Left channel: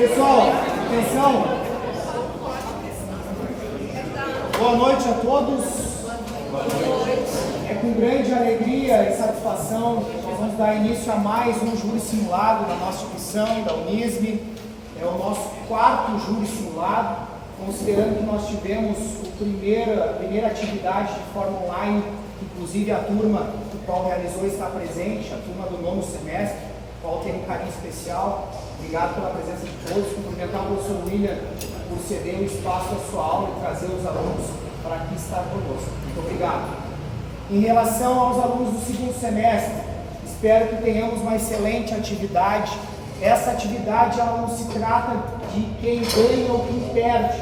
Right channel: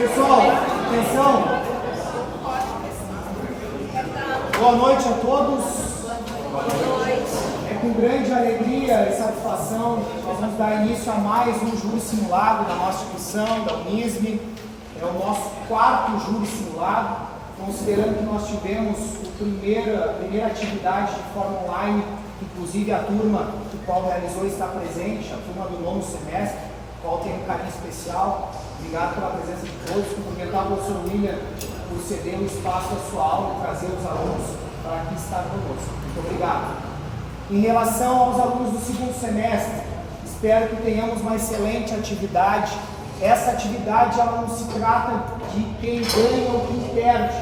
Pessoal, atenção. Boa noite a todos. É com grande alegria e satisfação que nós vamos dar início a mais um júri simulado da nossa instituição, da Unisme. É o nosso quarto júri simulado, considerando que nós tivemos a primeira atividade de forma online, inclusive a turma que o qual realizou está presente, a turma do nono semestre, qual tem um carinho especial. Obrigado pela presença de todos. Cumprimentar o professor William por ceder o espaço da sua aula e trazer os alunos para aqui estar conosco. Muito obrigado. Em relação aos alunos do segundo semestre, espero que tenhamos uma excelente atividade. Essa atividade ela não se trata de quem ganha ou quem perde,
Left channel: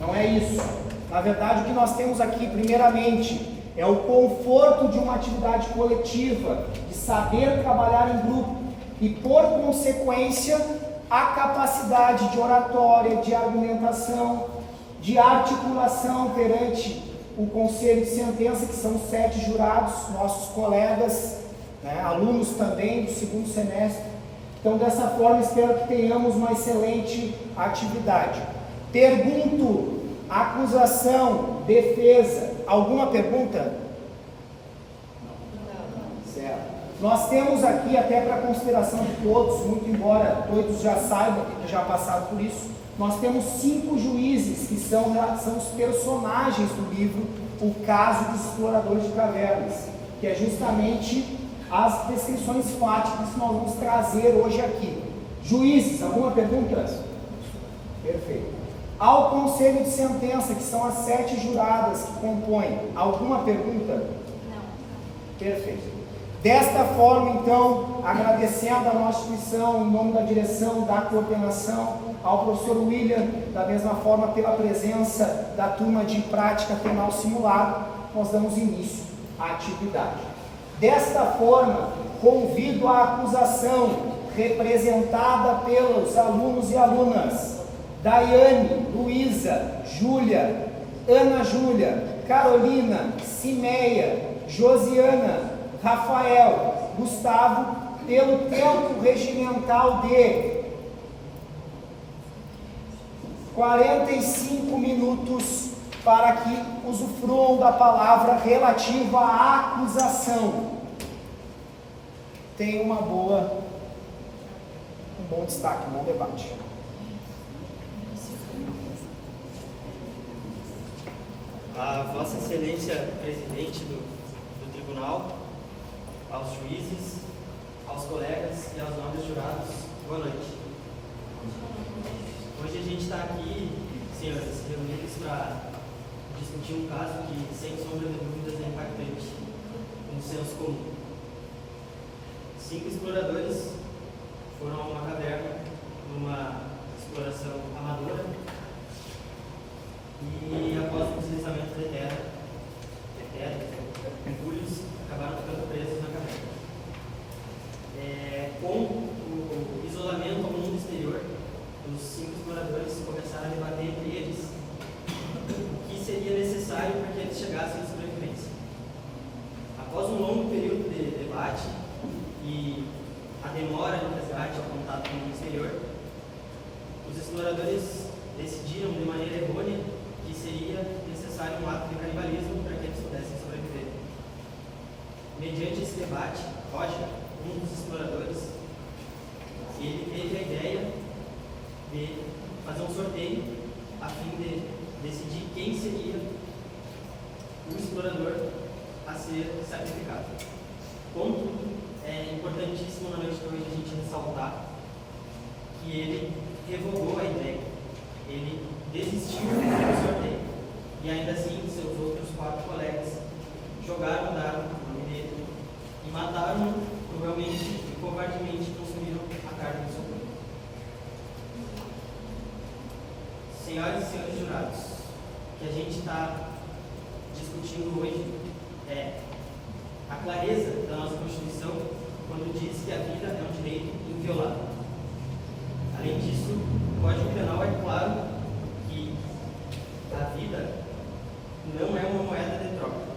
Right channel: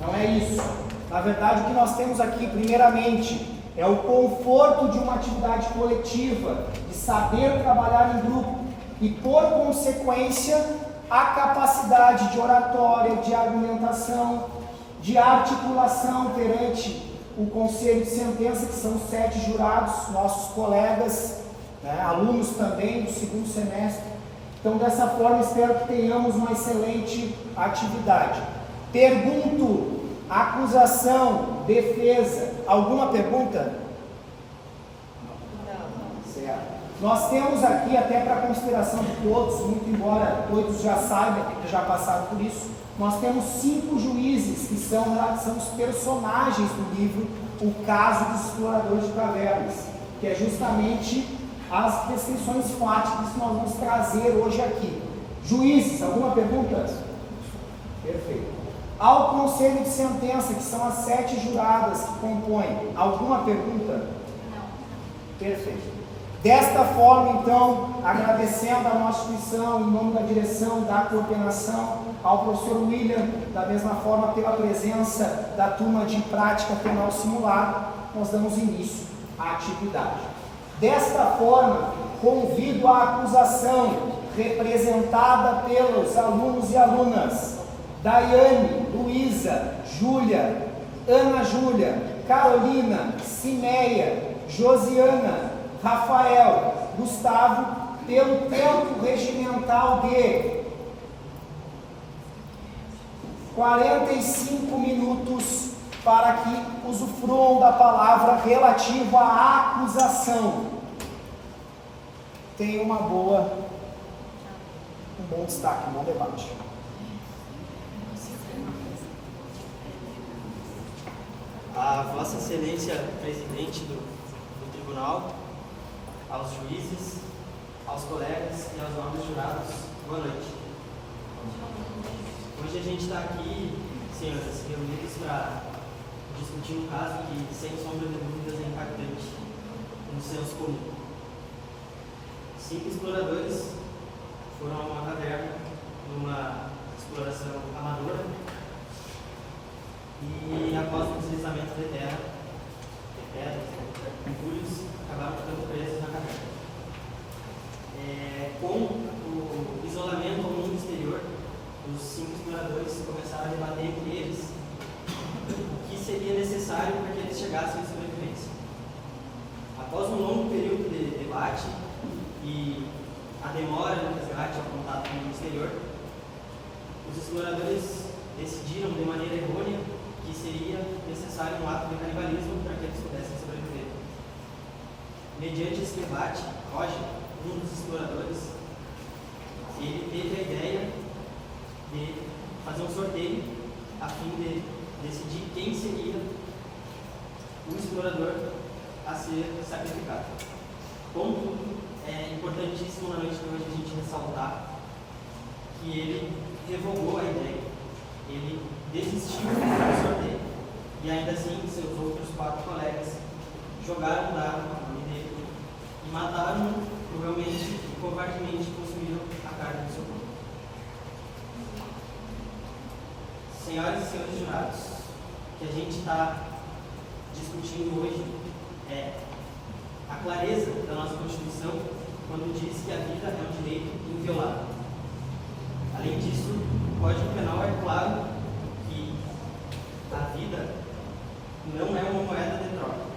não é isso. Na verdade, o que nós temos aqui, primeiramente, é o conforto de uma atividade coletiva, de saber trabalhar em grupo e, por consequência, a capacidade de oratória, de argumentação, de articulação perante o conselho de sentença, que são 7 jurados, nossos colegas, né, alunos também do segundo semestre. Então, dessa forma, espero que tenhamos uma excelente atividade. Pergunto, acusação, defesa, alguma pergunta? Não. Certo. Nós temos aqui, até para consideração de todos, muito embora todos já saibam, que já passaram por isso, nós temos 5 juízes que são os personagens do livro O Caso dos Exploradores de Cavernas, que é justamente as descrições fáticas que nós vamos trazer hoje aqui. Juízes, alguma pergunta? Perfeito. Ao conselho de sentença, que são as 7 juradas que compõem, alguma pergunta? Não. Perfeito. Desta forma, então, agradecendo a nossa instituição, em nome da direção, da coordenação, ao professor William, da mesma forma, pela presença da turma de prática penal simulada, nós damos início à atividade. Desta forma, convido a acusação representada pelos alunos e alunas Daiane, Luísa, Júlia, Ana Júlia, Carolina, Cimeia, Josiana, Rafael, Gustavo, pelo tempo regimental de 45 minutos para que usufruam da palavra relativa à acusação. Tenha um bom destaque, um bom debate. A Vossa Excelência Presidente do Tribunal, aos juízes, aos colegas e aos nobres jurados, boa noite. Hoje a gente está aqui, senhoras, reunidos para discutir um caso que, sem sombra de dúvidas, é impactante no senso comum. 5 exploradores foram a uma caverna numa exploração amadora e, após o deslizamento da terra, entulhos, acabaram ficando presos na caverna. Com o isolamento ao mundo exterior, os 5 exploradores começaram a debater entre eles o que seria necessário para que eles chegassem à sobrevivência. Após um longo período de debate e a demora no resgate ao contato com o mundo exterior, os exploradores decidiram de maneira errônea que seria necessário um ato de canibalismo para que eles pudessem sobreviver. Mediante esse debate, Roger, um dos exploradores, ele teve a ideia de fazer um sorteio a fim de decidir quem seria o explorador a ser sacrificado. Contudo, é importantíssimo na noite de hoje a gente ressaltar que ele revogou a ideia, ele desistiu do sorteio e ainda assim seus outros 4 colegas jogaram o dado no nome dele e mataram, provavelmente e covardemente consumiram a carne do seu corpo. Senhoras e senhores jurados, o que a gente está discutindo hoje é a clareza da nossa Constituição quando diz que a vida é um direito inviolável. Além disso, o Código Penal é claro que a vida não é uma moeda de troca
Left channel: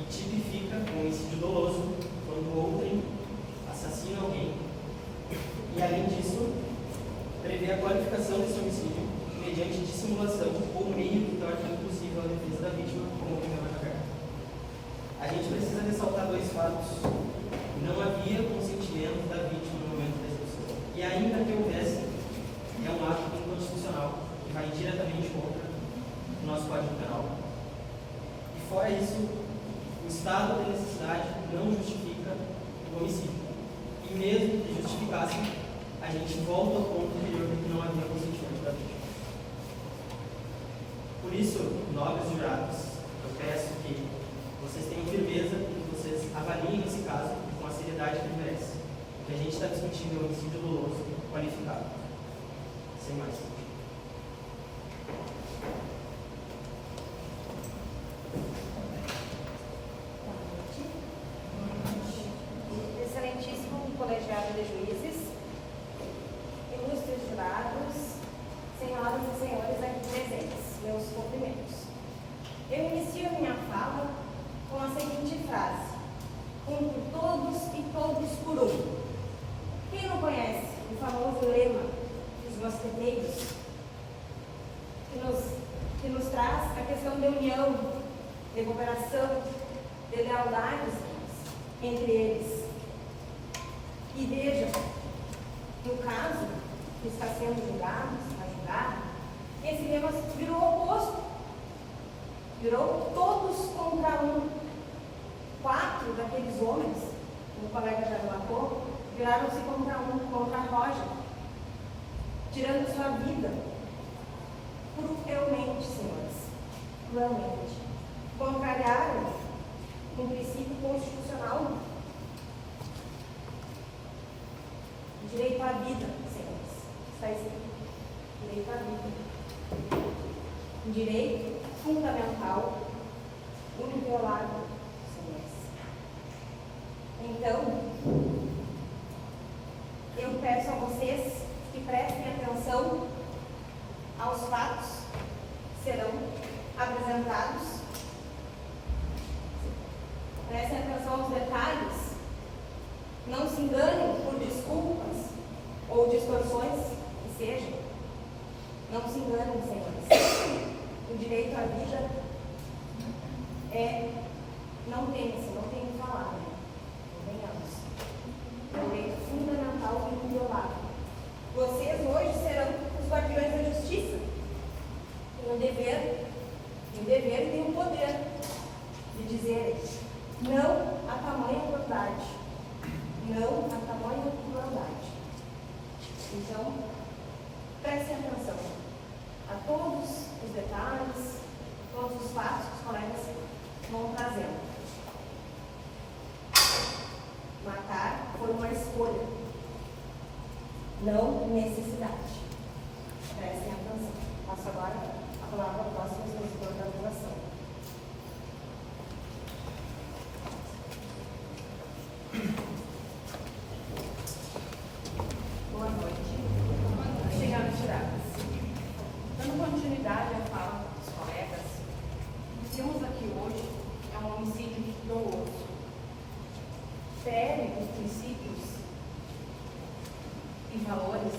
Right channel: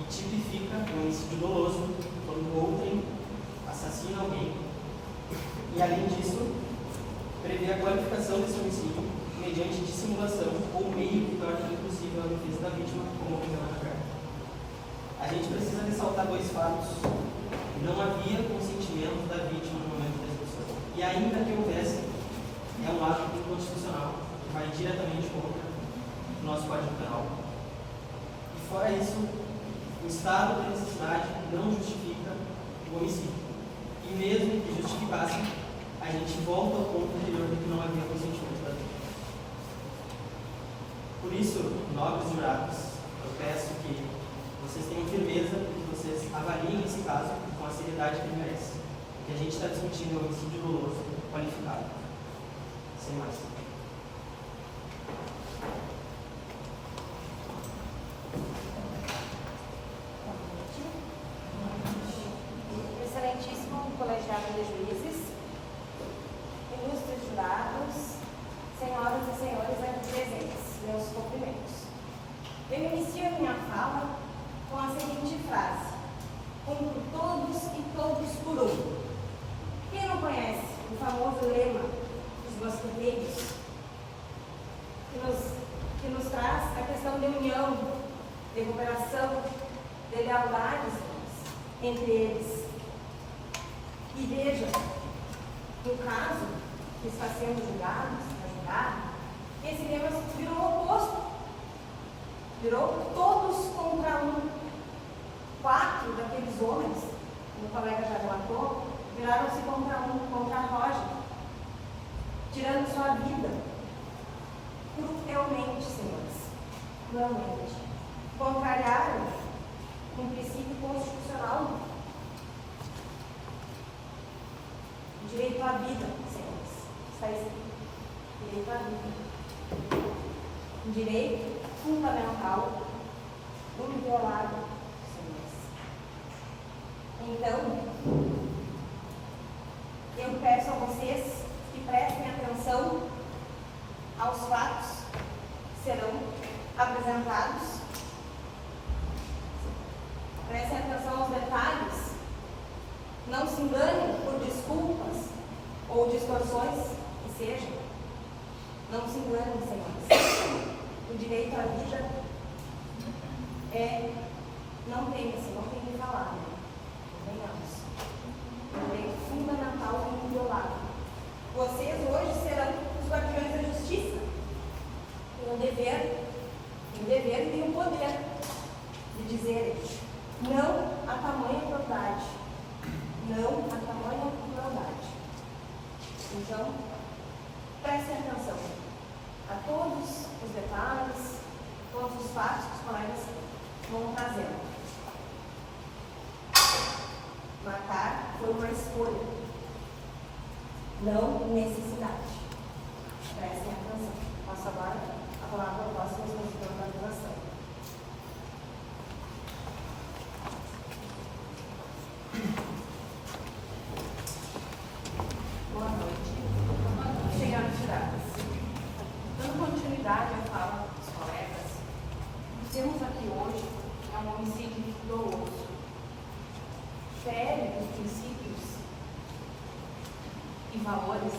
e tipifica o homicídio doloso quando outrem assassina alguém. E além disso, prevê a qualificação desse homicídio mediante dissimulação ou meio que torne impossível a defesa da vítima, como ocorreu na carta. A gente precisa ressaltar dois fatos. Não havia consentimento da vítima no momento da execução. E ainda que houvesse, é um ato inconstitucional que vai diretamente contra o nosso Código Penal. E fora isso, o estado de necessidade não justifica o homicídio. E mesmo que justificasse, a gente volta ao ponto anterior de que não havia consentimento da vítima. Por isso, nobres jurados, eu peço que vocês tenham firmeza e que vocês avaliem esse caso com a seriedade que ele merece. Porque a gente está discutindo um homicídio doloso qualificado. Sem mais. Excelentíssimo colegiado de juízes, ilustres jurados, senhoras e senhores aqui presentes, meus cumprimentos. Eu inicio a minha fala com a seguinte frase: um por todos e todos por um. Quem não conhece o famoso lema dos mosqueteiros, que nos traz a questão de união, de cooperação, de lealdade entre eles? E veja, no caso que está sendo julgado, esse lema virou o oposto. Virou todos contra um. 4 daqueles homens, o colega já relatou, viraram-se contra um, contra a Roger, tirando sua vida. Cruelmente, senhores, cruelmente. Contrariaram um princípio constitucional. Direito à vida, senhores. Está escrito. Direito à vida. Um direito fundamental, inviolável, senhores. Então, eu peço a vocês que prestem atenção aos fatos que serão apresentados. Prestem atenção aos detalhes. Não se enganem por desculpas ou distorções que sejam. Não se enganem, senhores. O direito à vida não tem que falar, né? Não venhamos. É um direito fundamental e inviolável. Vocês hoje serão os guardiões da justiça. Têm o dever e têm o poder de dizer não a tamanha crueldade. Não a tamanha crueldade. Então, prestem atenção a todos os detalhes, todos os fatos que os colegas vão trazendo. Matar foi uma escolha, não necessidade. Prestem atenção. Passo agora a palavra ao próximo expositor da organização. Boa noite. Senhoras e senhores, dando continuidade à fala dos colegas, o que temos aqui hoje é um homicídio doloso. Fere os princípios e valores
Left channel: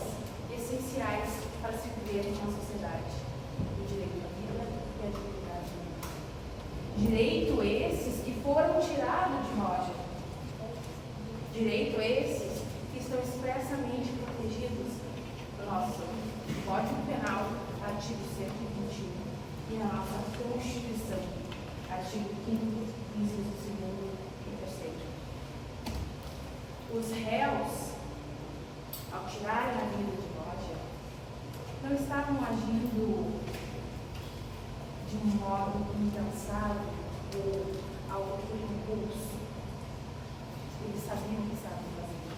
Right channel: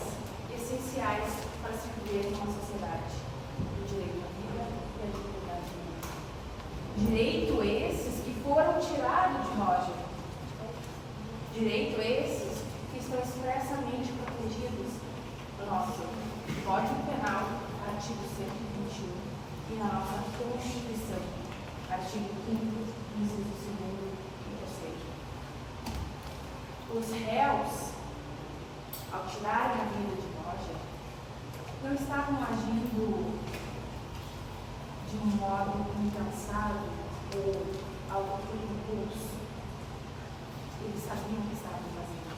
essenciais para se viver numa sociedade: o direito à vida e à dignidade humana. Direito esses que foram tirados de Roger. Direito esses que estão expressamente protegidos no nosso Código Penal, artigo 121, e na nossa Constituição, artigo 5º, inciso 2º e 3º. Os réus, ao tirarem a vida de Roger, não estavam agindo de um modo impensado ou algo por impulso. Eles sabiam o que estavam fazendo.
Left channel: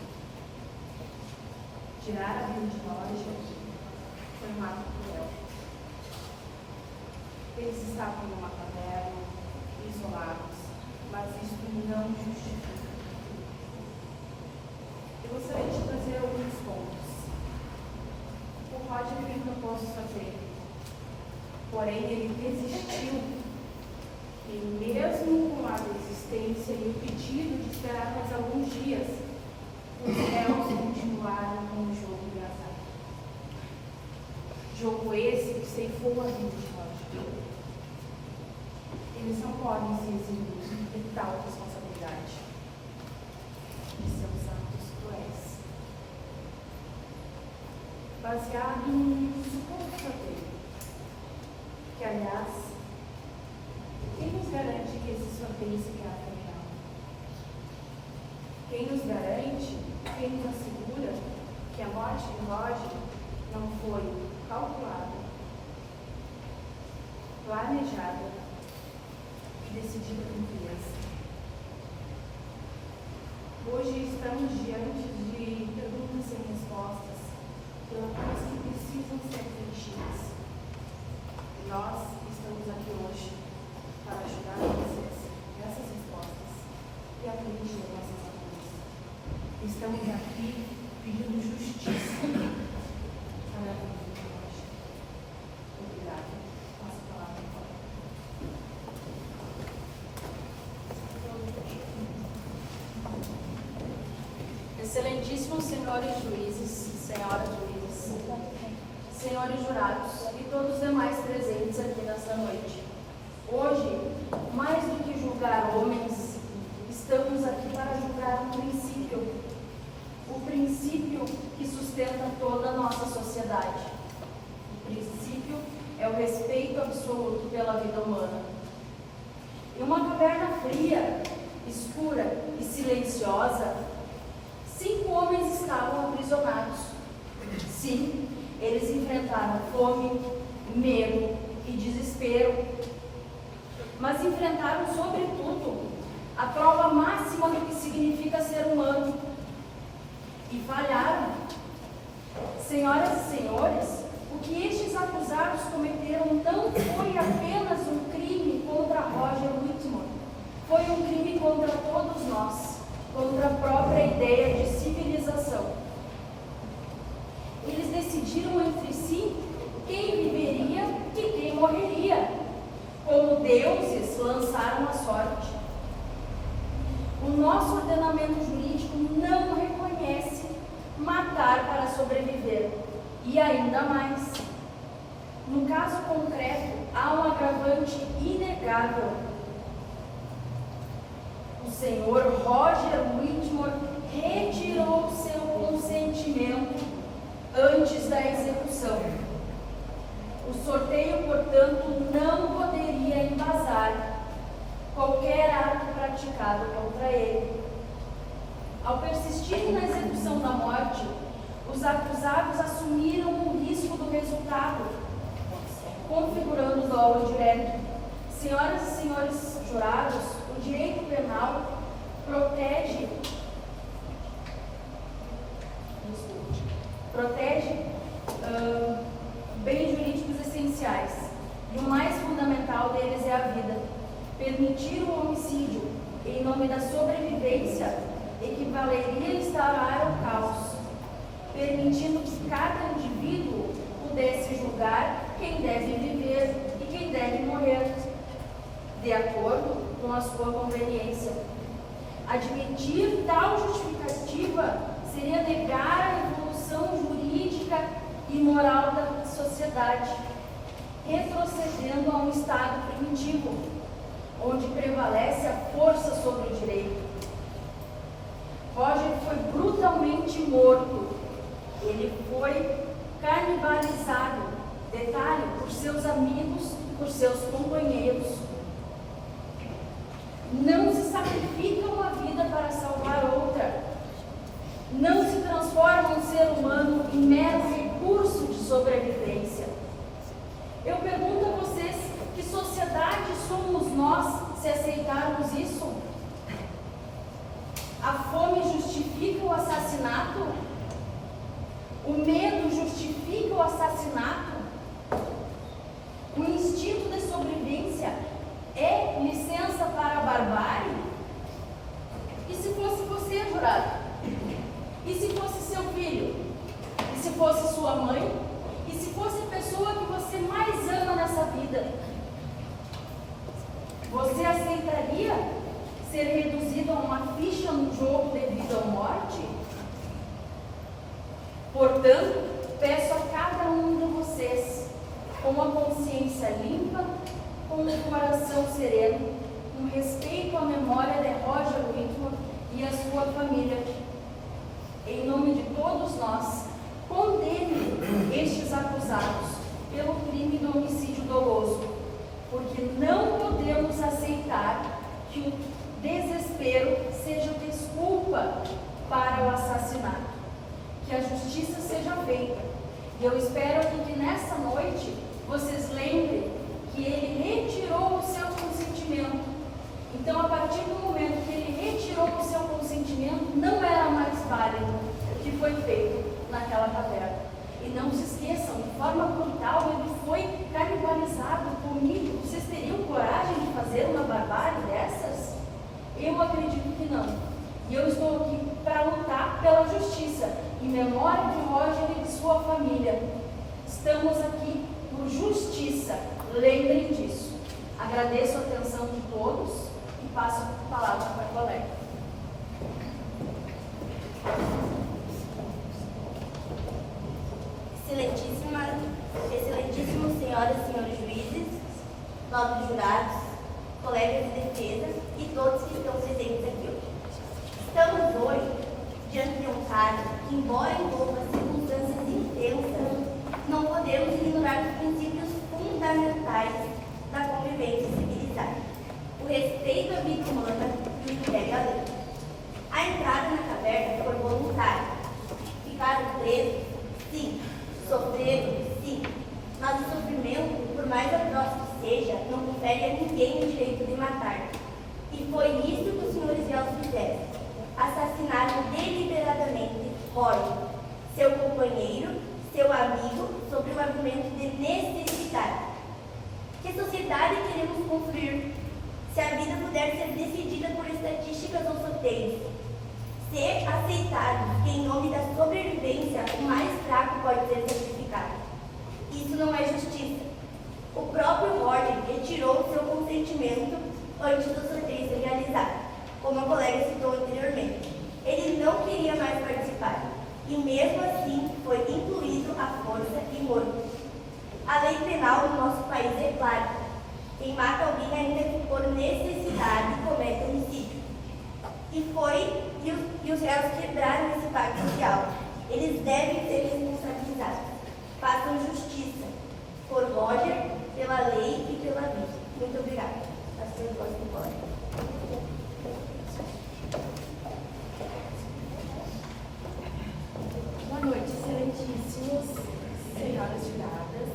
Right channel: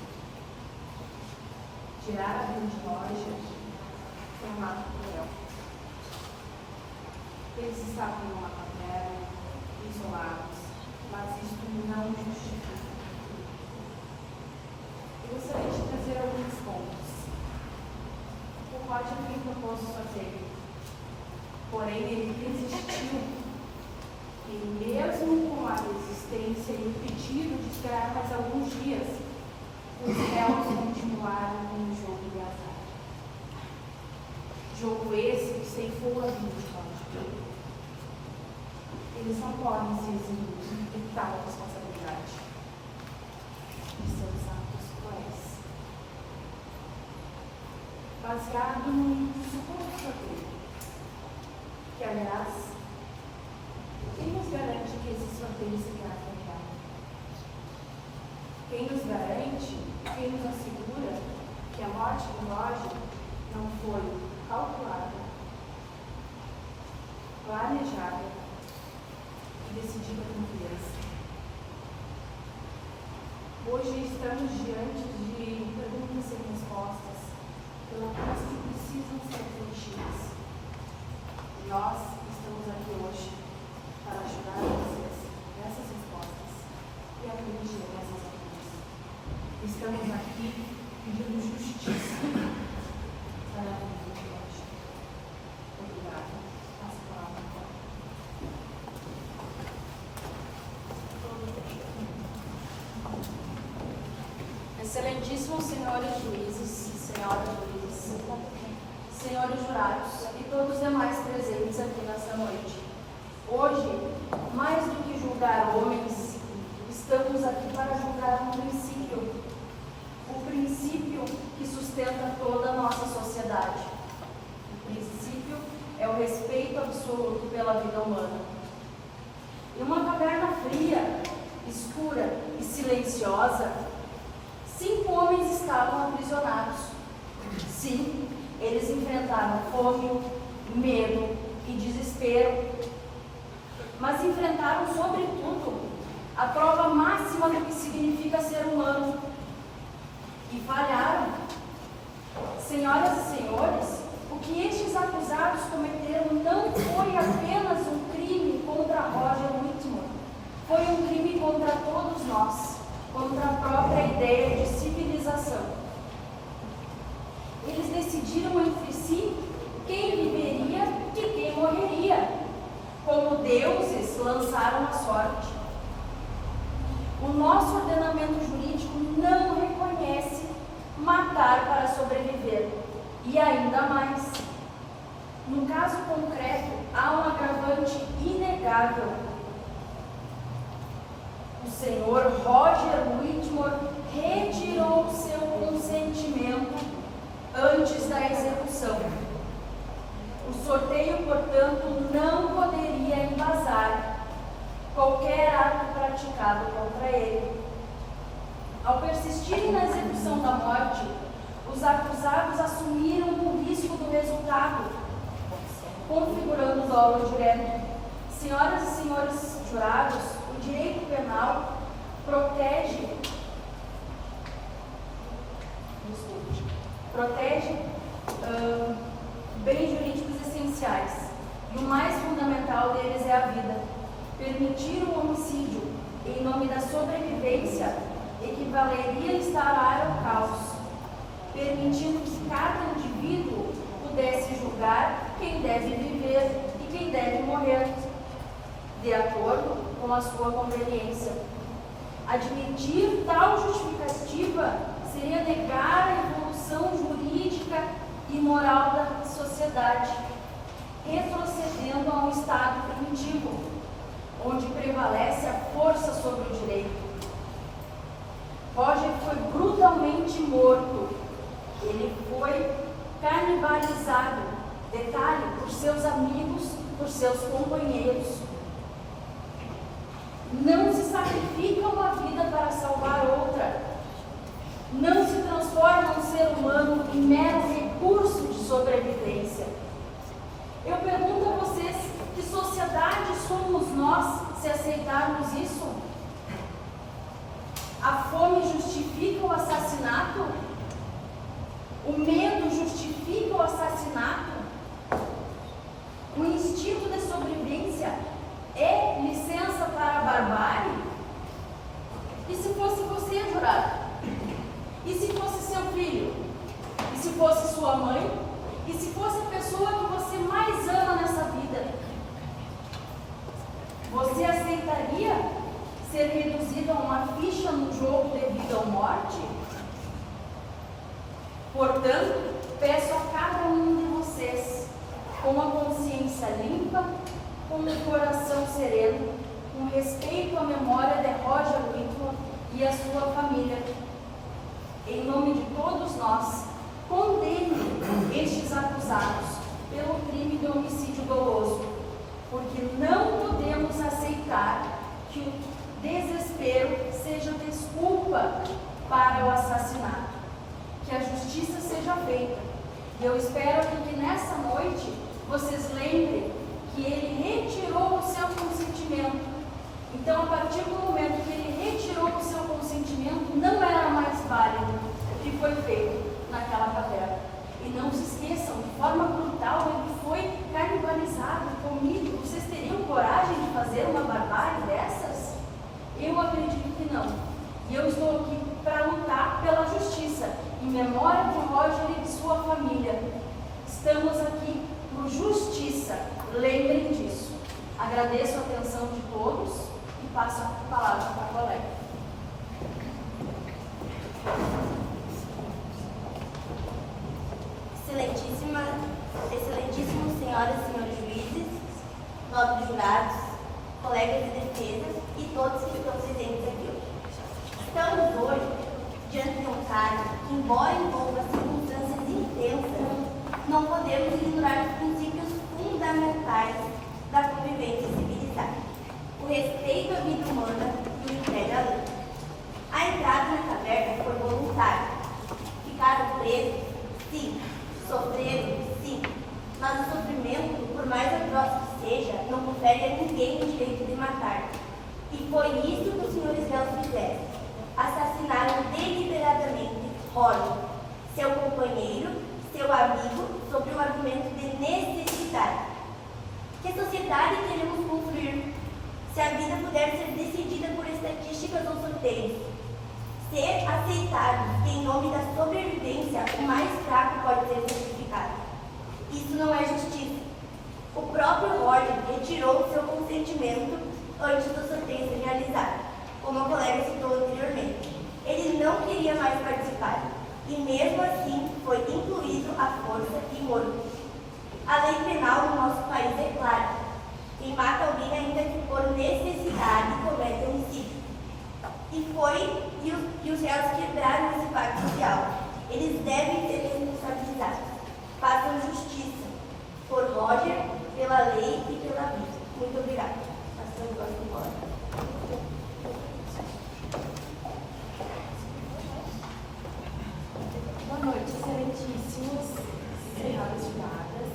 Tirar a vida de Roger foi um ato cruel. Eles estavam numa caverna, isolados, mas isso não justifica. Eu gostaria de trazer alguns pontos. O Roger fez o que eu posso fazer, porém ele desistiu. E mesmo com a desistência e o pedido de esperar mais alguns dias, os réus continuaram com o jogo de azar. ceifou a vida de Roger. Eles não podem se eximir de tal responsabilidade. E seus atos cruéis. Baseado no suposto dele, que, aliás, quem nos garante que esse sorteio se trata real? Quem nos garante, quem nos assegura que a morte de Roger não foi calculada, planejada e decidida com criança? Hoje estamos diante de perguntas sem respostas, pelas que precisam ser preenchidas. E nós estamos aqui hoje para ajudar vocês nessas respostas e a preencher nossas dúvidas. Estamos aqui pedindo justiça para a vida de hoje. Obrigada. Passo a palavra. Excelentíssimos senhores juízes, senhoras juízes, senhores jurados e todos os demais presentes aqui nesta noite. Hoje, mais do que julgar homens, estamos aqui para julgar um princípio, o princípio que sustenta toda a nossa sociedade. O princípio é o respeito absoluto pela vida humana. Em uma caverna fria, escura e silenciosa, 5 homens estavam aprisionados. Sim, eles enfrentaram fome, medo e desespero, mas enfrentaram, sobretudo, a prova máxima do que significa ser humano. E falharam. Senhoras e senhores, o que estes acusados cometeram não foi apenas um crime contra Roger Whitmore, foi um crime contra todos nós, contra a própria ideia de civilização. Eles decidiram entre si quem viveria e quem morreria. Como deuses, lançaram a sorte. O nosso ordenamento jurídico não reconhece matar para sobreviver. E ainda mais, no caso concreto, há um agravante inegável. O senhor Roger Whitmore retirou seu consentimento antes da execução. O sorteio, portanto, não poderia embasar qualquer ato praticado contra ele. Ao persistirem na execução da morte, os acusados assumiram o risco do resultado, configurando o dolo direto. Senhoras e senhores jurados, o direito penal protege bens jurídicos essenciais, e o mais fundamental deles é a vida. Permitir o homicídio em nome da sobrevivência equivaleria a instaurar o caos, permitindo que cada indivíduo pudesse julgar quem deve viver e quem deve morrer, de acordo com a sua conveniência. Admitir tal justificativa seria negar a evolução jurídica e moral da sociedade, retrocedendo a um estado primitivo, onde prevalece a força sobre o direito. Roger foi brutalmente morto. Ele foi canibalizado, detalhe, por seus amigos, por seus companheiros. Não se sacrifica uma vida para salvar outra. Não se transforma um ser humano em mero recurso de sobrevivência. Eu pergunto a vocês, que sociedade somos nós se aceitarmos isso? A fome justifica o assassinato? O medo justifica o assassinato? O instinto de sobrevivência é licença para a barbárie? E se fosse você, jurado? E se fosse seu filho? E se fosse sua mãe? E se fosse a pessoa que você mais ama nessa vida? Você aceitaria ser reduzido a uma ficha no jogo de vida ou morte? Portanto, peço a cada um de vocês, com a consciência limpa, com o coração sereno, com respeito à memória de Roger Whitman e a sua família. Em nome de todos nós, condene estes acusados pelo crime do homicídio doloso, porque não podemos aceitar que o desespero seja desculpa para o assassinato. Que a justiça seja feita. E eu espero que nessa noite vocês lembrem que ele retirou o seu consentimento. Então, a partir do momento que ele retirou o seu consentimento, não era mais válido o que foi feito naquela caverna. E não se esqueçam, de forma brutal, ele foi canibalizado, comido. Vocês teriam coragem de fazer uma barbárie dessas? Eu acredito que não. E eu estou aqui para lutar pela justiça, em memória de Roger e de sua família. Estamos aqui por justiça. Lembrem disso. Agradeço a atenção de todos e passo a palavra para a colega. Excelentíssimos senhoras e senhores juízes, nobres jurados, colegas de defesa e todos que estão presentes aqui hoje. Estamos hoje diante de um caso que, embora envolva circunstâncias intensas, não podemos ignorar os princípios fundamentais da convivência civilizada. O respeito à vida humana e o entrega à lei. A entrada na caverna foi voluntária. Ficaram presos? Sim. Sofreram? Sim. Mas o sofrimento, por mais atroz que seja, não confere a ninguém o direito de matar. E foi isso que os senhores réus fizeram. Assassinaram deliberadamente Roger, seu companheiro, seu amigo, sob o argumento de necessidade. Que sociedade queremos construir se a vida puder ser decidida por estatísticas ou sorteios? Ser aceitado que, em nome da sobrevivência, o mais fraco pode ser sacrificado. Isso não é justiça. O próprio Roger retirou seu consentimento antes do sorteio ser realizado, como a colega citou anteriormente. Ele não queria mais participar, e mesmo assim foi incluído à força e morto. A lei penal no nosso país é clara. Quem mata alguém ainda que por necessidade comete homicídio. E os réus quebraram esse pacto social. Eles devem ser responsabilizados. Façam justiça por Roger, pela lei e pela vida. Muito obrigada. Assim eu gosto de embora. Boa noite, excelentíssimos, senhoras e juradas.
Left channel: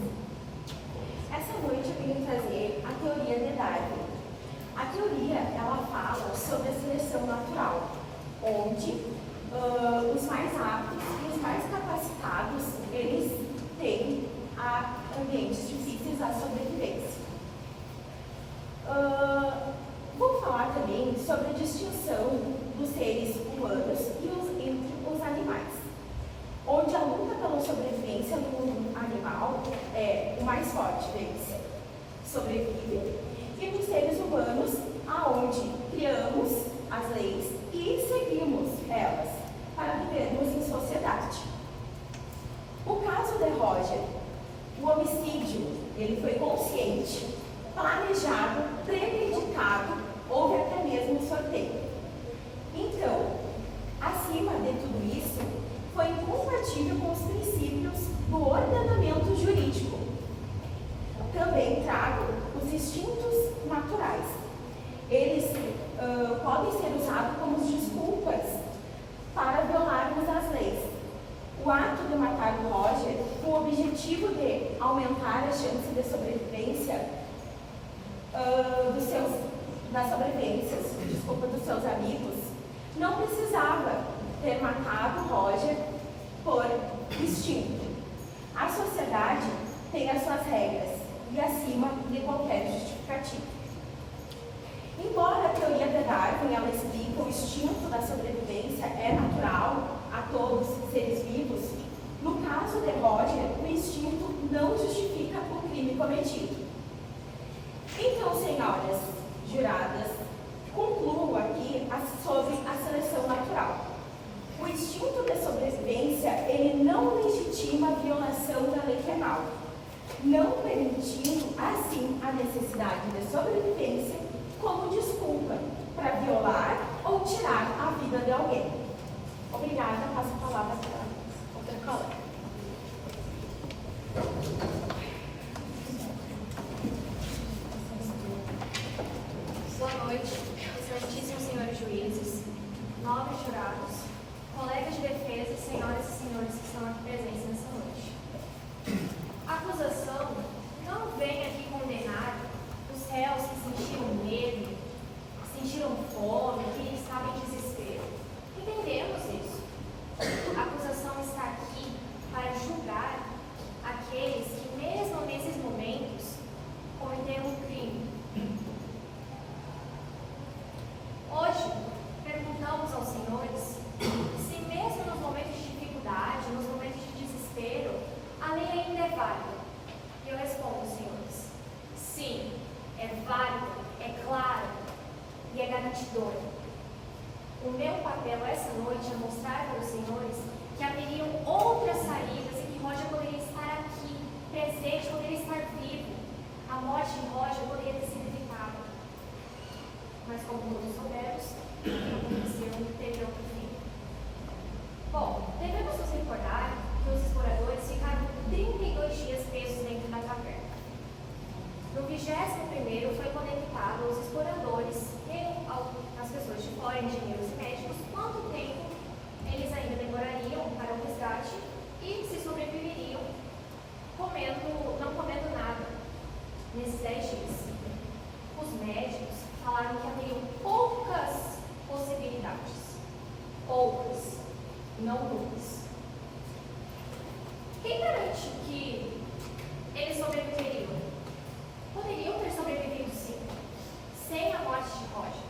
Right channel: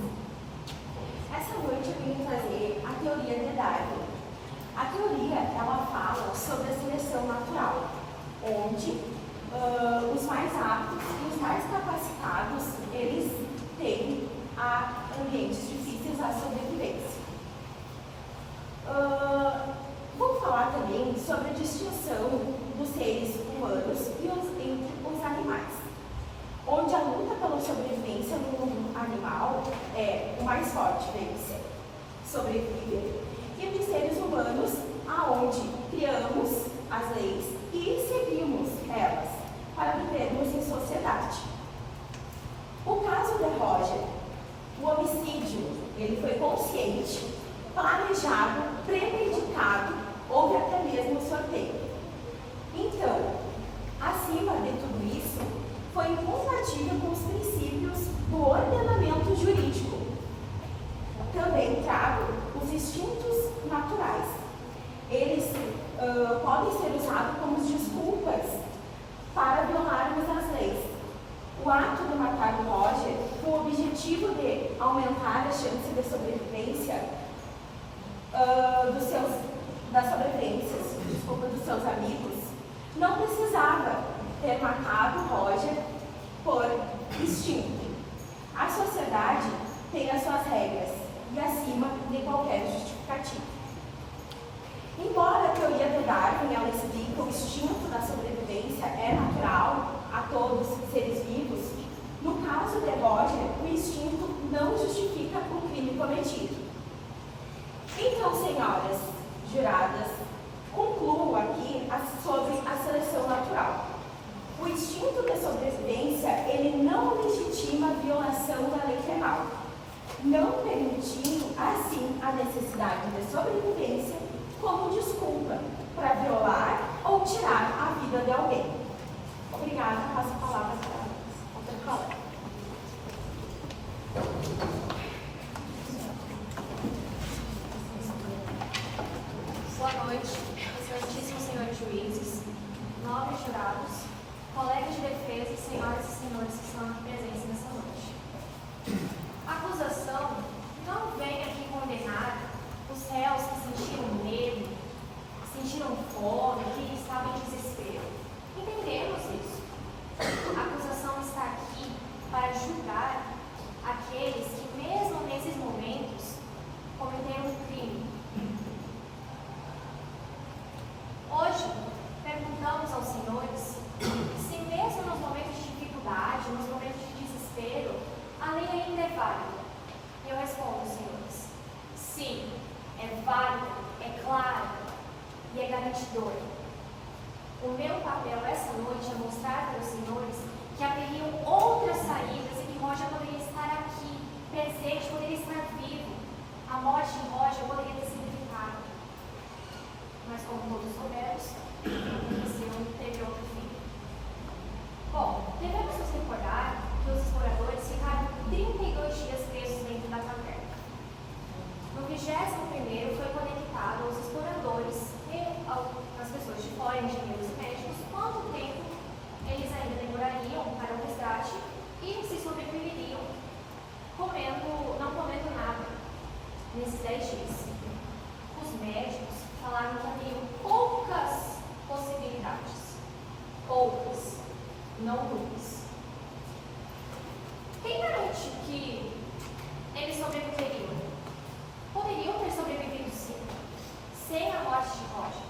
Essa noite eu vim trazer a teoria de Darwin. A teoria, ela fala sobre a seleção natural, onde os mais aptos e os mais capacitados, eles têm ambientes difíceis à sobrevivência. Vou falar também sobre a distinção dos seres humanos entre os animais, onde a luta pela sobrevivência no mundo animal é o mais forte deles. Sobrevive. E dos seres humanos, aonde criamos as leis e seguimos elas para vivermos em sociedade. O caso de Roger, o homicídio, ele foi consciente, planejado, premeditado, houve até mesmo sorteio. Então, acima de tudo isso, foi incompatível com os princípios do ordenamento jurídico. Também trago os instintos naturais. Eles podem ser usados como desculpas para violarmos as leis. O ato de matar o Roger, com o objetivo de aumentar as chances de sobrevivência dos seus amigos, não precisava ter matado o Roger por instinto. A sociedade tem as suas regras e acima de qualquer justificativa. Embora a teoria de Darwin ela explica o instinto da sobrevivência é natural a todos os seres vivos, no caso de Roger, o instinto não justifica o crime cometido. Então, senhoras juradas, concluo aqui sobre a seleção natural. O instinto de sobrevivência, ele não legitima a violação da lei penal. não permitindo, assim, a necessidade de sobrevivência como desculpa para violar ou tirar a vida de alguém. Obrigada, passo a palavra para a outra colega. Boa noite, excelentíssimos senhores juízes, nobres jurados, colegas de defesa, senhoras e senhores que estão aqui presentes nessa noite. A acusação não vem aqui condenar os réus que sentiram medo, que sentiram fome, que estavam em desespero. Entendemos isso. A acusação está aqui para julgar aqueles que, mesmo nesses momentos, cometeram um crime. Hoje, perguntamos aos senhores se mesmo nos momentos de dificuldade, nos momentos de desespero, a lei ainda é válida. E eu respondo, senhores, sim, é válida, é clara e é garantidora. O meu papel essa noite é mostrar para os senhores que haveriam outras saídas e que Roger poderia estar aqui, presente, poderia estar vivo. A morte de Roger poderia ter sido evitada. Mas como todos soubemos, aconteceu, teve outro fim. Bom, devemos nos recordar que os exploradores ficaram 32 dias presos dentro da caverna. No 21º foi conectado aos exploradores e às pessoas de fora, engenheiros e médicos, quanto tempo eles ainda demorariam para o resgate e se sobreviveriam não comendo nada nesses 10 dias. Os médicos falaram que haveriam poucas possibilidades. Poucas, não muitas. Quem garante que eles sobreviveriam? Poderiam ter sobrevivido sim, sem a morte de Roger.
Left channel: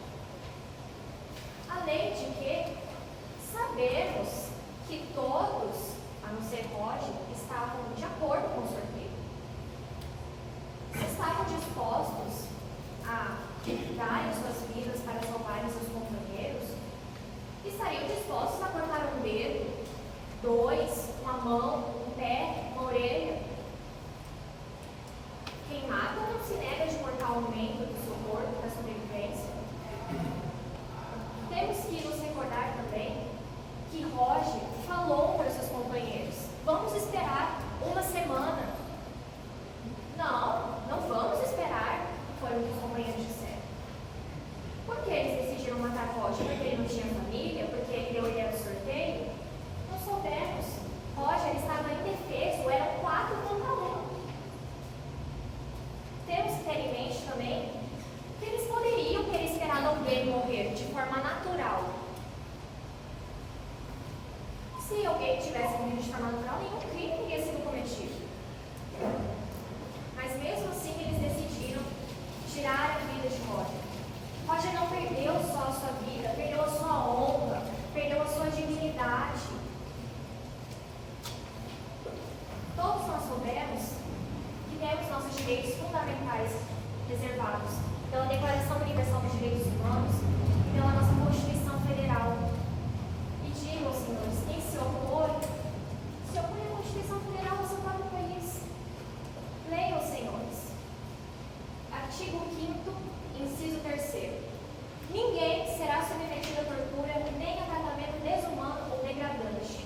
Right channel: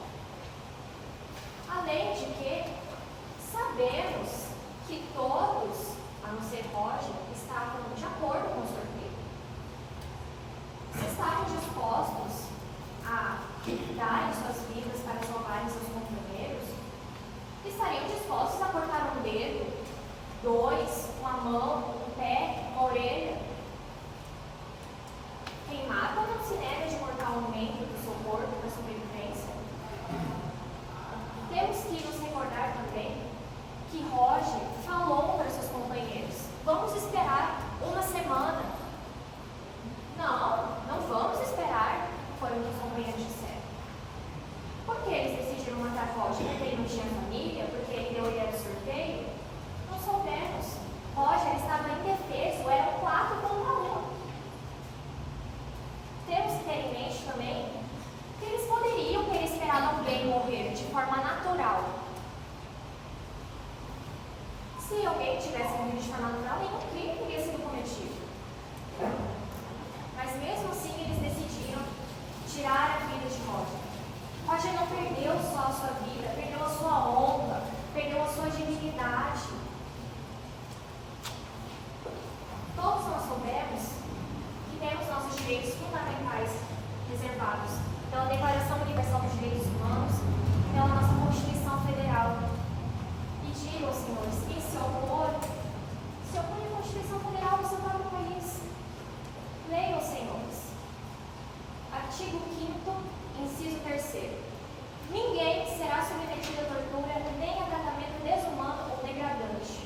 Além de que sabemos que todos, a não ser Roger, estavam de acordo com o sorteio. Estavam dispostos a darem suas vidas para salvarem seus companheiros, estariam dispostos a cortar um dedo, 2, uma mão, um pé, uma orelha. Quem mata não se nega de cortar um membro do seu corpo para sobrevivência. Temos que nos recordar também que Roger falou para seus companheiros: vamos esperar uma semana. Não vamos esperar, foi o que os companheiros disseram. Por que eles decidiram matar Roger? Porque ele não tinha família? Porque ele era do sorteio? Não soubemos. Roger estava indefeso, eram 4 contra 1. Temos que ter em mente também que eles poderiam ter esperado alguém morrer de forma natural. Se alguém tivesse morrido de forma natural, nenhum crime teria sido cometido. Mas mesmo assim eles decidiram tirar a vida de Roger. Roger não perdeu só a sua vida, perdeu a sua honra, perdeu a sua dignidade. Todos nós soubemos que temos nossos direitos fundamentais reservados pela Declaração Universal dos Direitos Humanos e pela nossa Constituição Federal. E digo aos senhores, quem se opõe à Constituição Federal do seu próprio país. Leiam, senhores. Artigo 5º, inciso 3º. Ninguém será submetido a tortura nem a tratamento desumano ou degradante.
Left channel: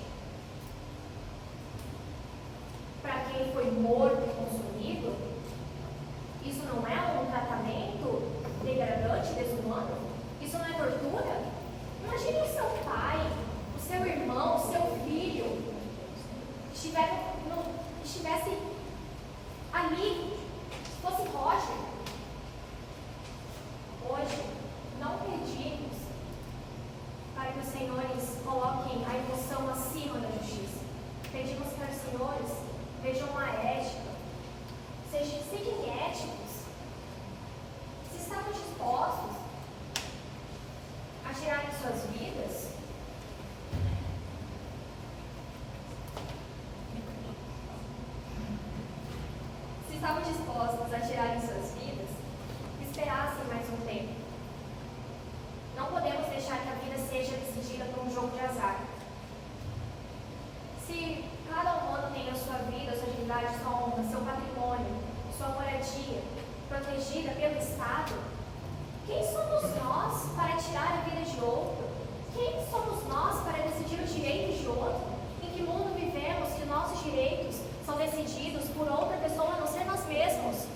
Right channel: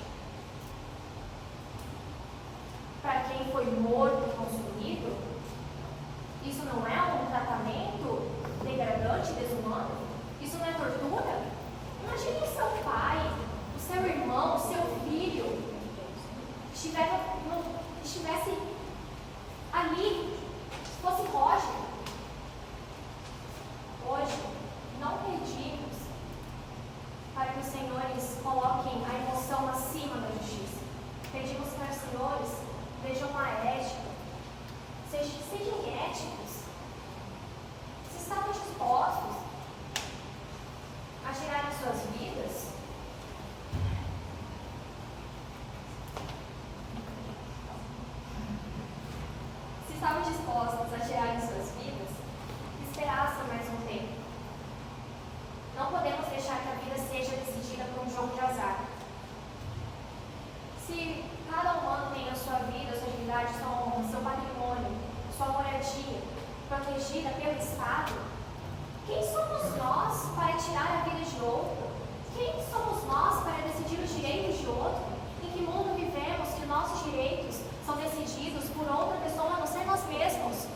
Para quem foi morto e consumido, isso não é um tratamento degradante, desumano? Isso não é tortura? Imagine o seu pai, o seu irmão, o seu filho estivesse ali, fosse Roger. Hoje, não pedimos para que os senhores coloquem a emoção acima da justiça. Pedimos para os senhores vejam a ética, sejam éticos. Se estavam dispostos a tirarem suas vidas, esperassem mais um tempo. Não podemos deixar que a vida seja decidida por um jogo de azar. Se cada humano tem a sua vida, a sua dignidade, sua honra, seu patrimônio, moradia, protegida pelo Estado, quem somos nós para tirar a vida de outro? Quem somos nós para decidir os direitos de outro? Em que mundo vivemos que nossos direitos são decididos por outra pessoa a não ser nós mesmos?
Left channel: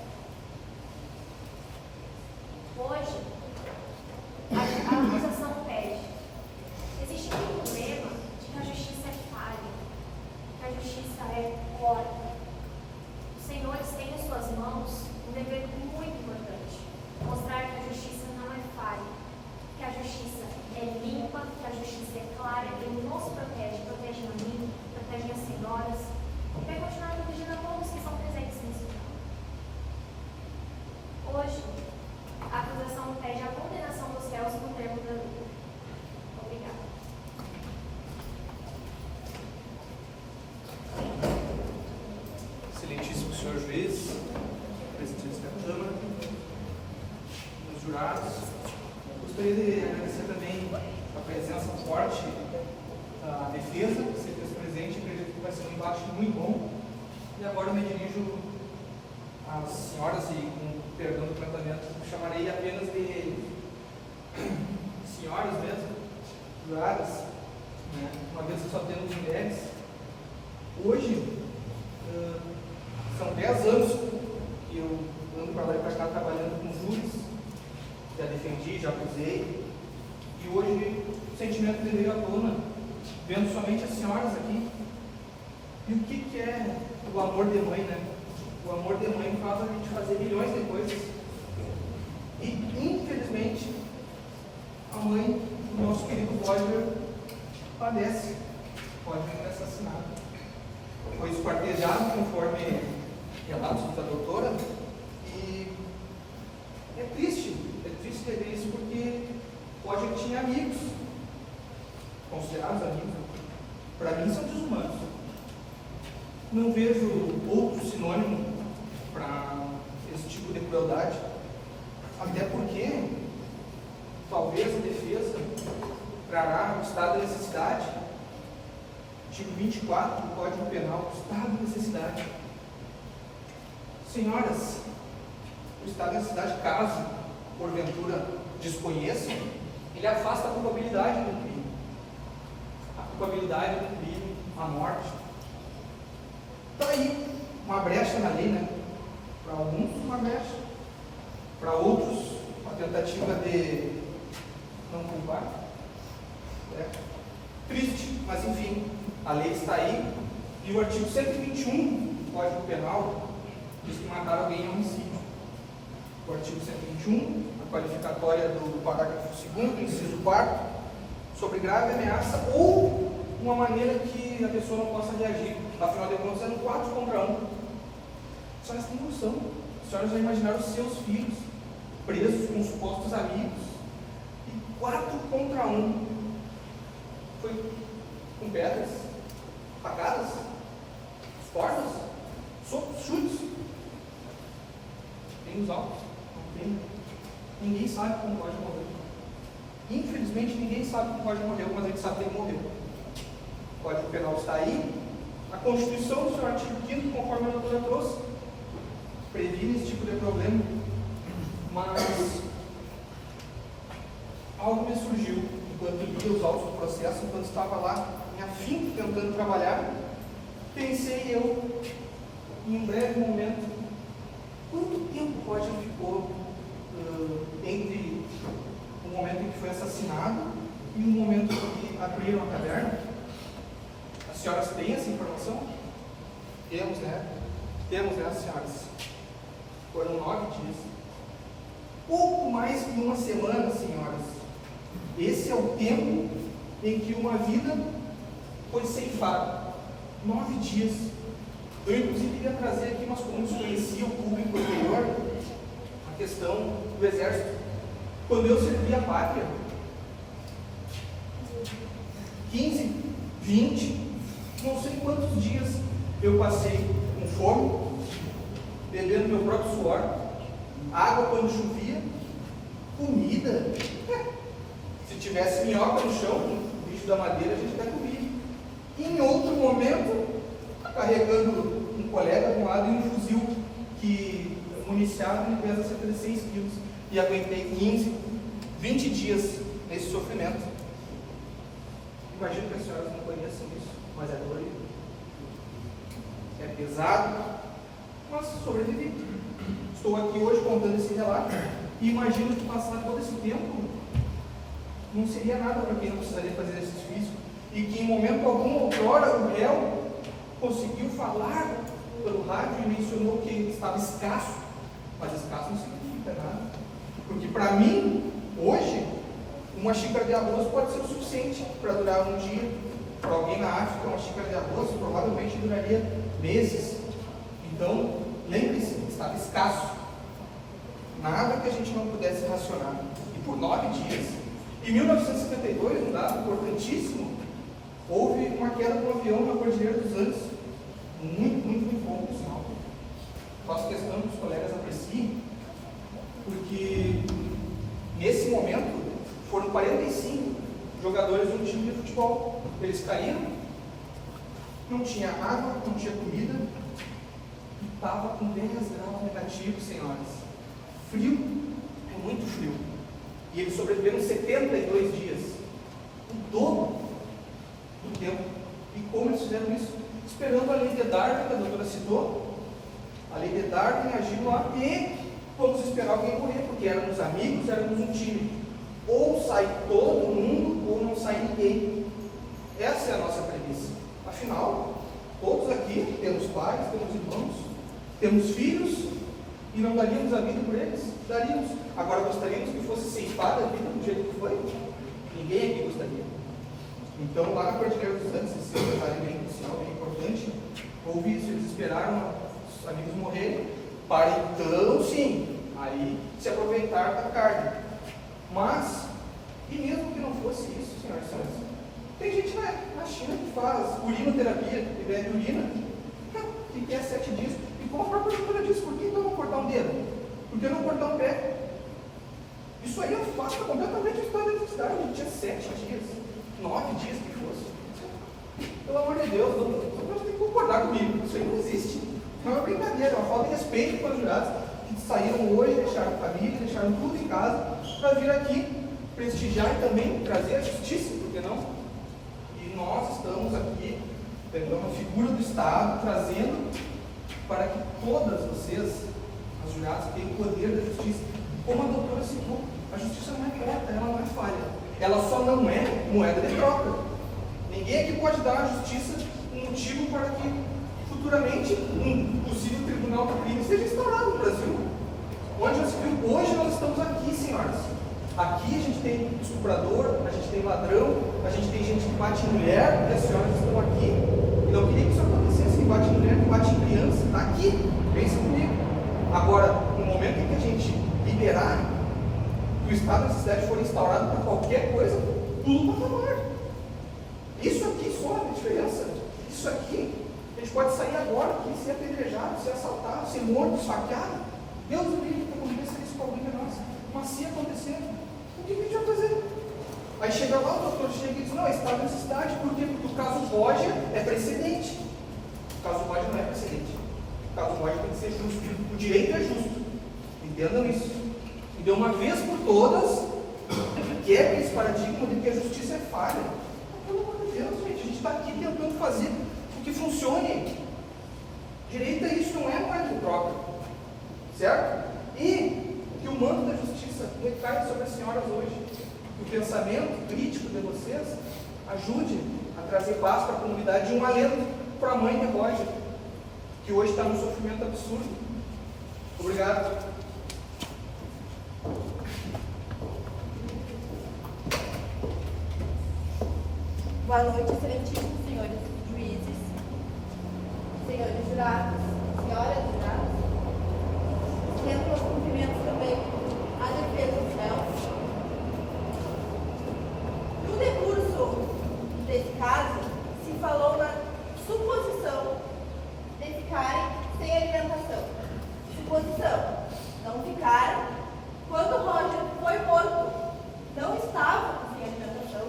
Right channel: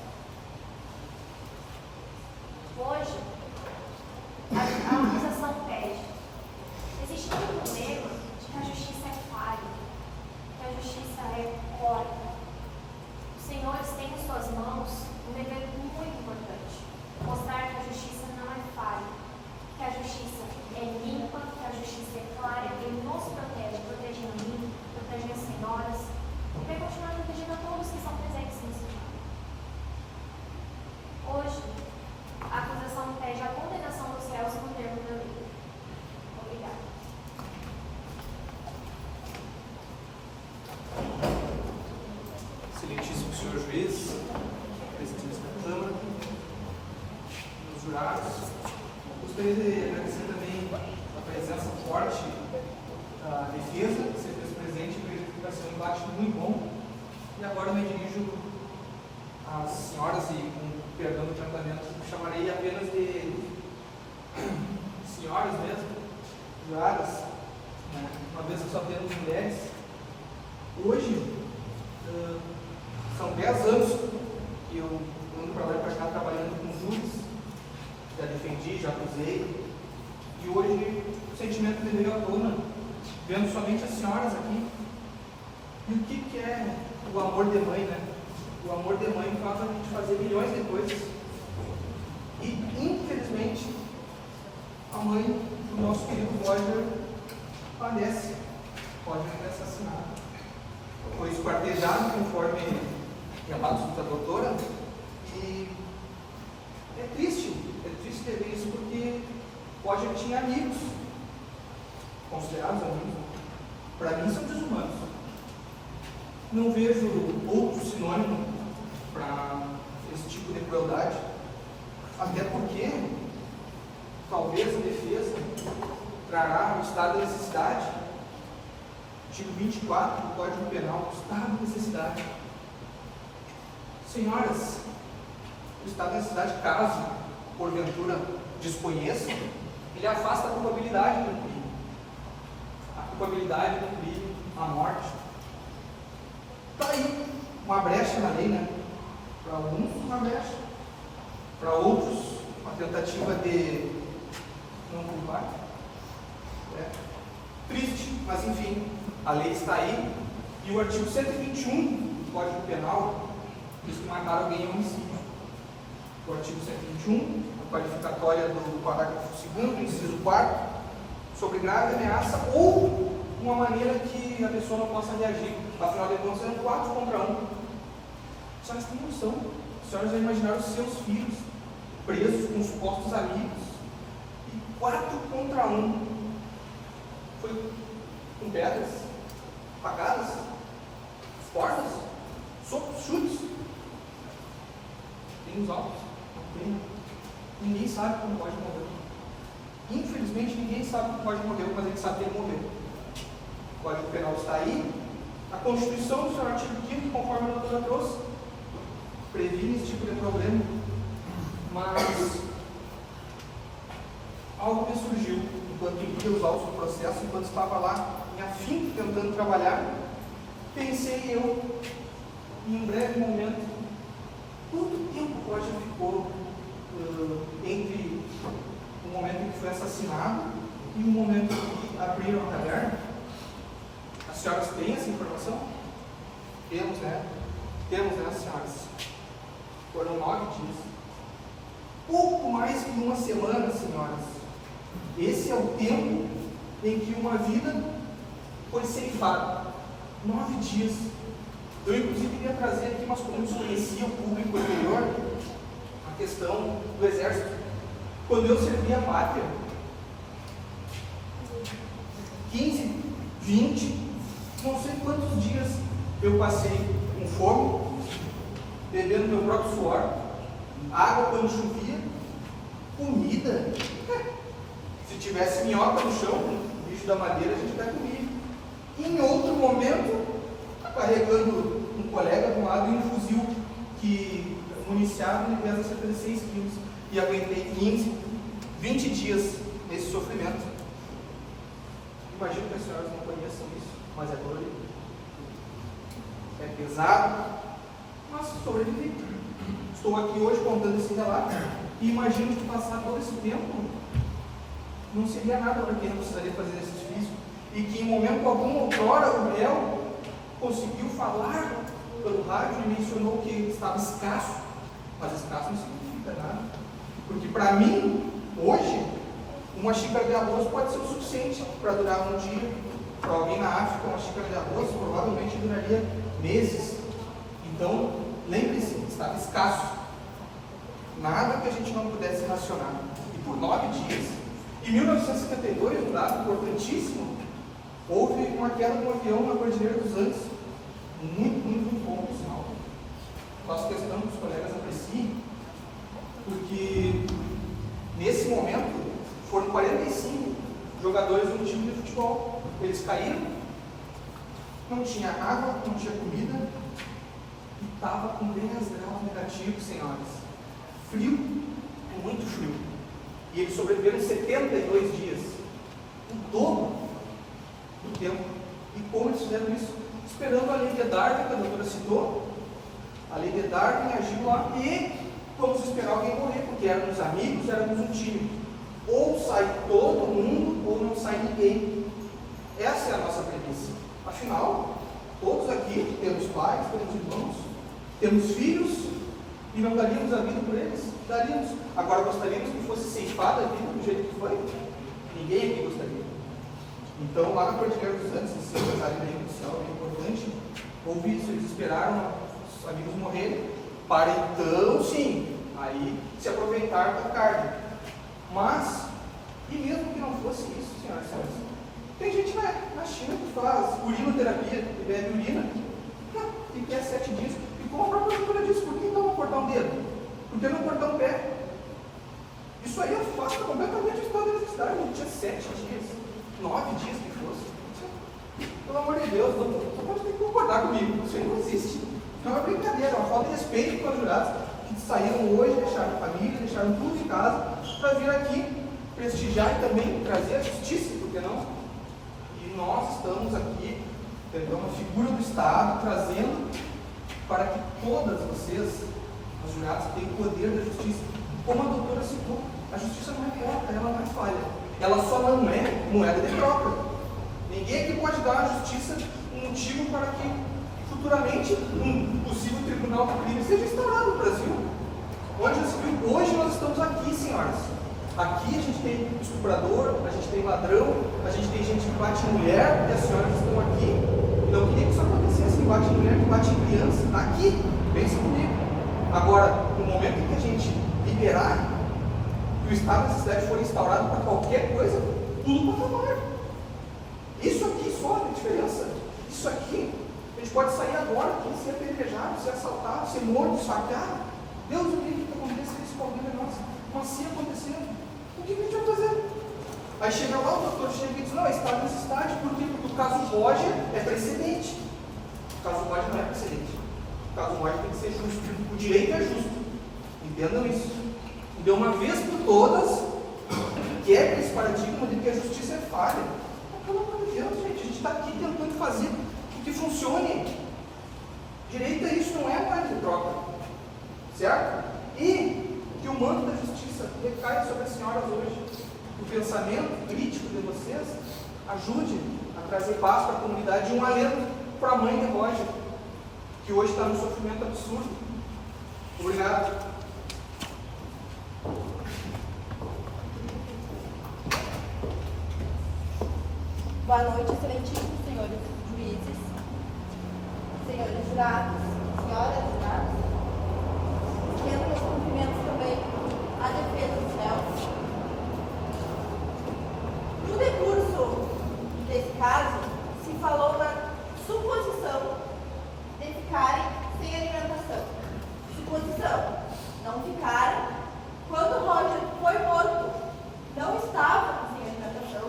Hoje, a acusação pede. Existe um problema de que a justiça é falha, que a justiça é porca. Os senhores têm em suas mãos um dever muito importante: mostrar que a justiça não é falha, que a justiça é limpa, que a justiça é clara, que ele nos protege, protege a mim, protege as senhoras, e vai continuar protegendo a todos que são presentes nesse lugar. Hoje, a acusação pede a condenação dos réus no termo da lei. Obrigada. Excelentíssimo senhor juiz, presidente da Câmara, meus jurados, gostaria de agradecer também a presença forte da defesa, do secretário presente. Acredito que vai ser um debate muito bom. E agora eu me dirijo às senhoras e, com perdão do tratamento, chamarei apenas de senhoras mesmo, juradas, né? Uma vez que só temos mulheres. Hoje, são 10 anos que eu ando para lá e para cá trabalhando com júris, já defendi, já acusei, e hoje o sentimento me veio à tona, vendo somente as senhoras aqui. E o que é o amor de mãe, né? O amor de mãe faz a gente fazer milhões de coisas. E, infelizmente, a mãe do nosso querido Roger padece. Roger foi assassinado. Foi esquartejado, conforme relatos da doutora. E é triste ver isso, porque Roger tinha amigos, considerados amigos. Para mim, são desumanos. Não vejo outro sinônimo para esse tipo de crueldade, até porque talvez a defesa trará o estado de necessidade, artigo 24 do Código Penal, o estado de necessidade. Senhoras, o estado de necessidade, caso porventura desconheça, ele afasta a culpabilidade do crime. A culpabilidade do crime, a morte. Está aí uma brecha na lei, né? Para alguns, uma brecha. Para outros, uma tentativa de não culpar. É triste, mas enfim, a lei está aí. E o artigo 121 do Código Penal diz que matar alguém é homicídio. O artigo 121, a qualificatória do parágrafo 2º, inciso 4º, sobre grave ameaça ou uma maneira que a pessoa não possa reagir. Afinal de contas, eram 4 contra 1. A senhora tem noção. A senhora já imaginaram os seus filhos presos com supostos amigos. E 4 contra 1. Foi com pedras, facadas, portas, socos, chutes. Tem os altos. Não tem. Ninguém sabe como pode morrer. Infelizmente, ninguém sabe como pode morrer, mas a gente sabe que ele morreu. O Código Penal está aí. A Constituição, do seu artigo 5º, conforme a doutora trouxe, previne esse tipo de problema. Mas algo me surgiu enquanto lia os autos do processo, enquanto estava lá em afinco tentando trabalhar. Pensei eu, em um breve momento, quanto tempo o Roger ficou entre o momento em que foi assassinado e o momento em que abriram a taverna? As senhoras têm essa informação? Temos, né? Temos, né, senhoras? Foram 9 dias. Pouco mais que uma semana, senhoras. Esse é o tempo em que uma vida foi ceifada. 9 dias. Eu, inclusive, queria trazer aqui, mas como desconhecia o público anterior, a questão do exército. Quando eu servia a pátria, 15, 20, não sei quantos dias eu passei com fome, bebendo meu próprio suor, água quando chovia, comida. Se tivesse minhoca no chão, o bicho da madeira, a gente até comia. Em outro momento, carregando um colega do lado e um fuzil iniciado ele pesa cerca de 6 quilos e aguentei 15, 20 dias nesse sofrimento. Imagino que as senhoras não conheçam isso, mas é dolorido, é pesado, mas sobrevivi. Estou aqui hoje contando esse relato e imagino que passar todo esse tempo não seria nada para quem não precisaria fazer exercício físico e que em momento algum, outrora, o réu conseguiu falar pelo rádio e mencionou que estava escasso, mas escasso não significa nada, porque para mim, hoje, uma xícara de arroz pode ser o suficiente para durar um dia. Para alguém na África, uma xícara de arroz provavelmente duraria meses. Então, lembre-se, estava escasso. Nada que a gente não pudesse racionar. E por 9 dias. Em 1952, um dado importantíssimo, houve uma queda de um avião na Cordilheira dos Andes. Muito bom, por sinal. Faço questão que os colegas apreciem, porque nesse momento foram 45 jogadores de um time de futebol. Eles caíram, não tinha água, não tinha comida, e estava com 10 graus negativos, senhoras. Frio, muito frio. E eles sobreviveram 72 dias, o dobro do tempo. E como eles fizeram isso? Esperando a lei de Darwin, que a doutora citou. A lei de Darwin agiu lá e vamos esperar alguém morrer, porque éramos amigos, éramos um time. Ou sai todo mundo, ou não sai ninguém. Essa é a nossa premissa. Afinal, todos aqui temos pais, temos irmãos, temos filhos, e não daríamos a vida por eles? Daríamos. Agora gostaríamos que fosse ceifada a vida do jeito que foi? Ninguém aqui gostaria. Então, lá na Cordilheira dos Andes, esse detalhe bem inicial, bem importante, houve isso, eles esperaram os amigos morrerem, para então, sim, aí se aproveitar da carne. Mas, e mesmo que não fosse isso, senhoras e senhores, tem gente na China que faz urinoterapia, que bebe urina, e quer 7 dias, e como a própria doutora disse, por que então não cortar um dedo? Por que não cortar um pé? Isso aí afasta completamente o estado da necessidade, não tinha 7 dias. 9 dias que fosse. Pelo amor de Deus, você pode ter que concordar comigo. Isso aí não existe. Não é uma brincadeira, é uma falta de respeito com os jurados que saíram hoje, deixaram família, deixaram tudo em casa para vir aqui prestigiar e também trazer a justiça, por que não? E nós estamos aqui, tentando a figura do Estado, trazendo para que todas vocês, os jurados, tenham o poder da justiça. Como a doutora citou, a justiça não é grata, ela não é falha. Ela só não é moeda de troca. Ninguém aqui pode dar à justiça um motivo para que futuramente um possível tribunal de crime seja instalado no Brasil. Onde já se viu? Hoje nós estamos aqui, senhoras. Aqui a gente tem estuprador, a gente tem ladrão, a gente tem gente que bate em mulher, e as senhoras estão aqui. Não queria que isso acontecesse, que bate em mulher, que bate em criança. Está aqui, pensa comigo. Agora, no momento em que a gente liberar, que o estado de necessidade for instaurado para qualquer coisa, tudo passa mal. Isso aqui só é a diferença. Isso aqui, a gente pode sair agora aqui, ser apedrejado, ser assaltado, ser morto, esfaqueado. Deus me livre que aconteça isso com alguém de nós. Mas se acontecendo, o que a gente vai fazer? Aí chega lá, o doutor chega e diz, não, é estado de necessidade, porque o caso Roger é precedente. O caso Roger não é precedente. O caso Roger tem que ser justo. O direito é justo. Entendam isso. E de uma vez por todas, quebra esse paradigma de que a justiça é falha. Pelo amor de Deus, gente, a gente está aqui tentando fazer o que funcione. Direito é isso, não é moeda de troca. Certo? E que o manto da justiça recai sobre as senhoras hoje. O pensamento crítico de vocês ajude a trazer paz para a comunidade e um alento para a mãe de Roger, que hoje está num sofrimento absurdo. Obrigado. Boa noite, excelentíssimos senhores juízes, senhores jurados, senhoras jurados. Quero meus cumprimentos também à defesa dos réus. No decurso desse caso, se falou na suposição de ficarem sem alimentação. Suposição, não ficaram. Quando o Roger foi morto, não estava sem alimentação.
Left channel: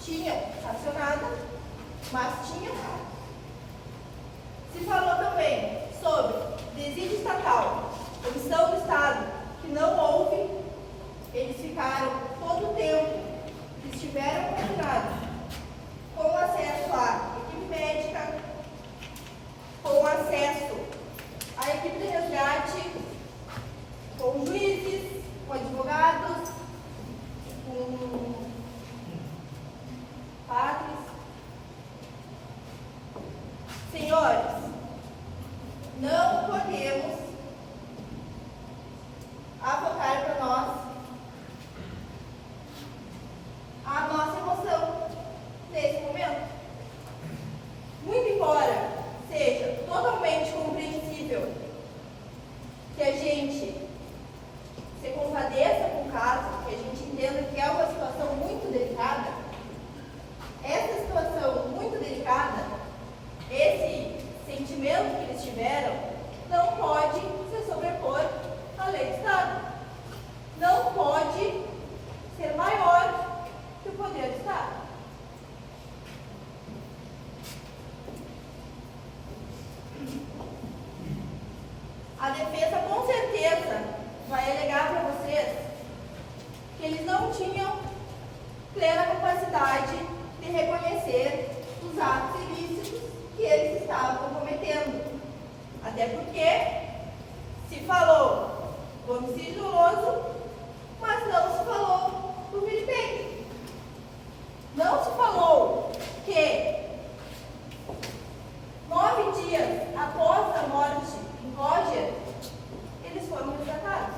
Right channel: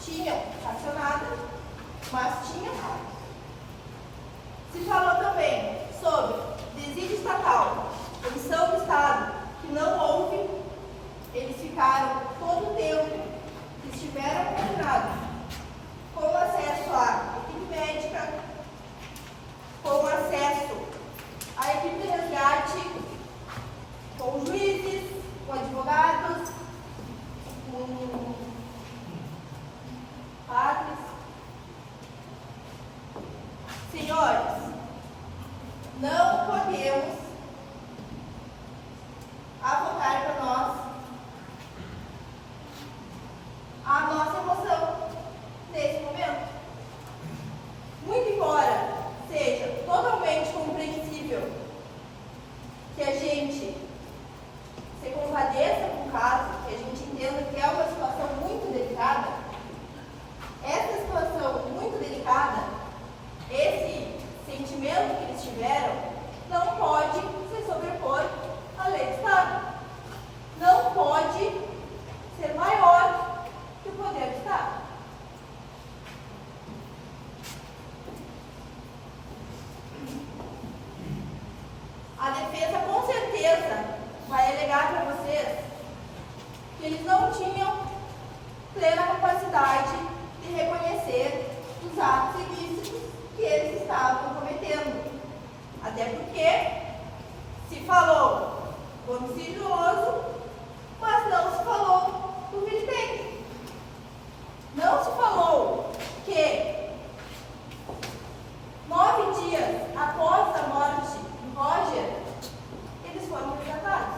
Tinha racionada, mas tinha carne. Se falou também sobre desídio estatal, Comissão do Estado, que não houve, eles ficaram todo o tempo que estiveram confinados, com acesso à equipe médica, com acesso à equipe de resgate, com juízes, com advogados, com padres. Senhores, não podemos avocar para nós a nossa emoção nesse momento. Muito embora seja totalmente compreensível que a gente se compadeça com o caso, que a gente entenda que é uma situação muito delicada, essa situação muito delicada, esse sentimento que eles tiveram, não pode se sobrepor à lei do Estado. Não pode ser maior que o poder do Estado. A defesa com certeza vai alegar para vocês que eles não tinham plena capacidade de reconhecer os atos ilícitos que eles estavam cometendo. Até porque se falou do homicídio doloso, mas não se falou do vilipêndio. Não se falou que 9 dias após a morte do Roger, eles foram resgatados.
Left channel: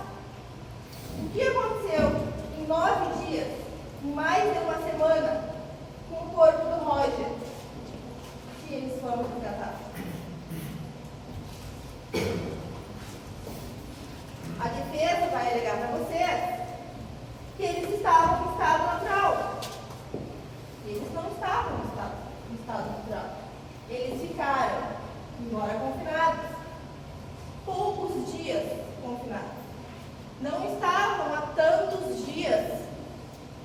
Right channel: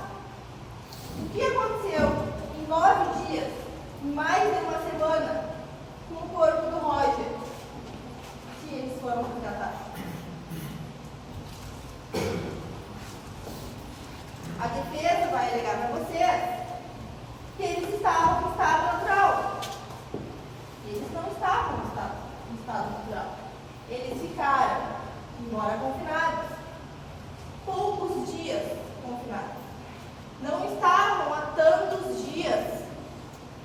O que aconteceu em 9 dias, em mais de uma semana, com o corpo do Roger, se eles foram resgatados? A defesa vai alegar para vocês que eles estavam em estado natural. Eles não estavam em estado natural. Eles ficaram, embora confinados, poucos dias confinados. Não estavam há tantos dias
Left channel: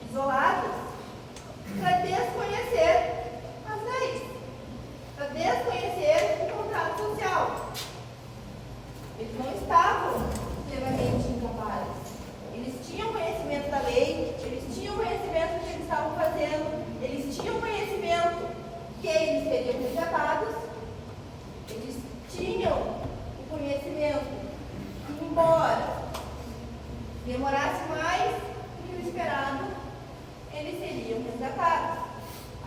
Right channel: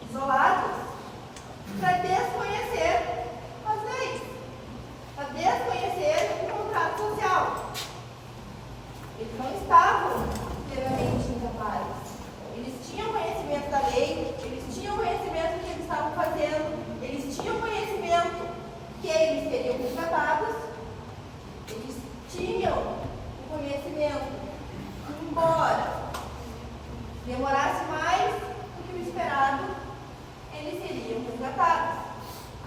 isolados para desconhecer as leis, para desconhecer o contrato social. Eles não estavam plenamente incapazes. Eles tinham conhecimento da lei, eles tinham conhecimento do que eles estavam fazendo, eles tinham conhecimento que eles seriam resgatados, eles tinham o conhecimento que, embora demorasse mais do que o esperado, eles seriam resgatados.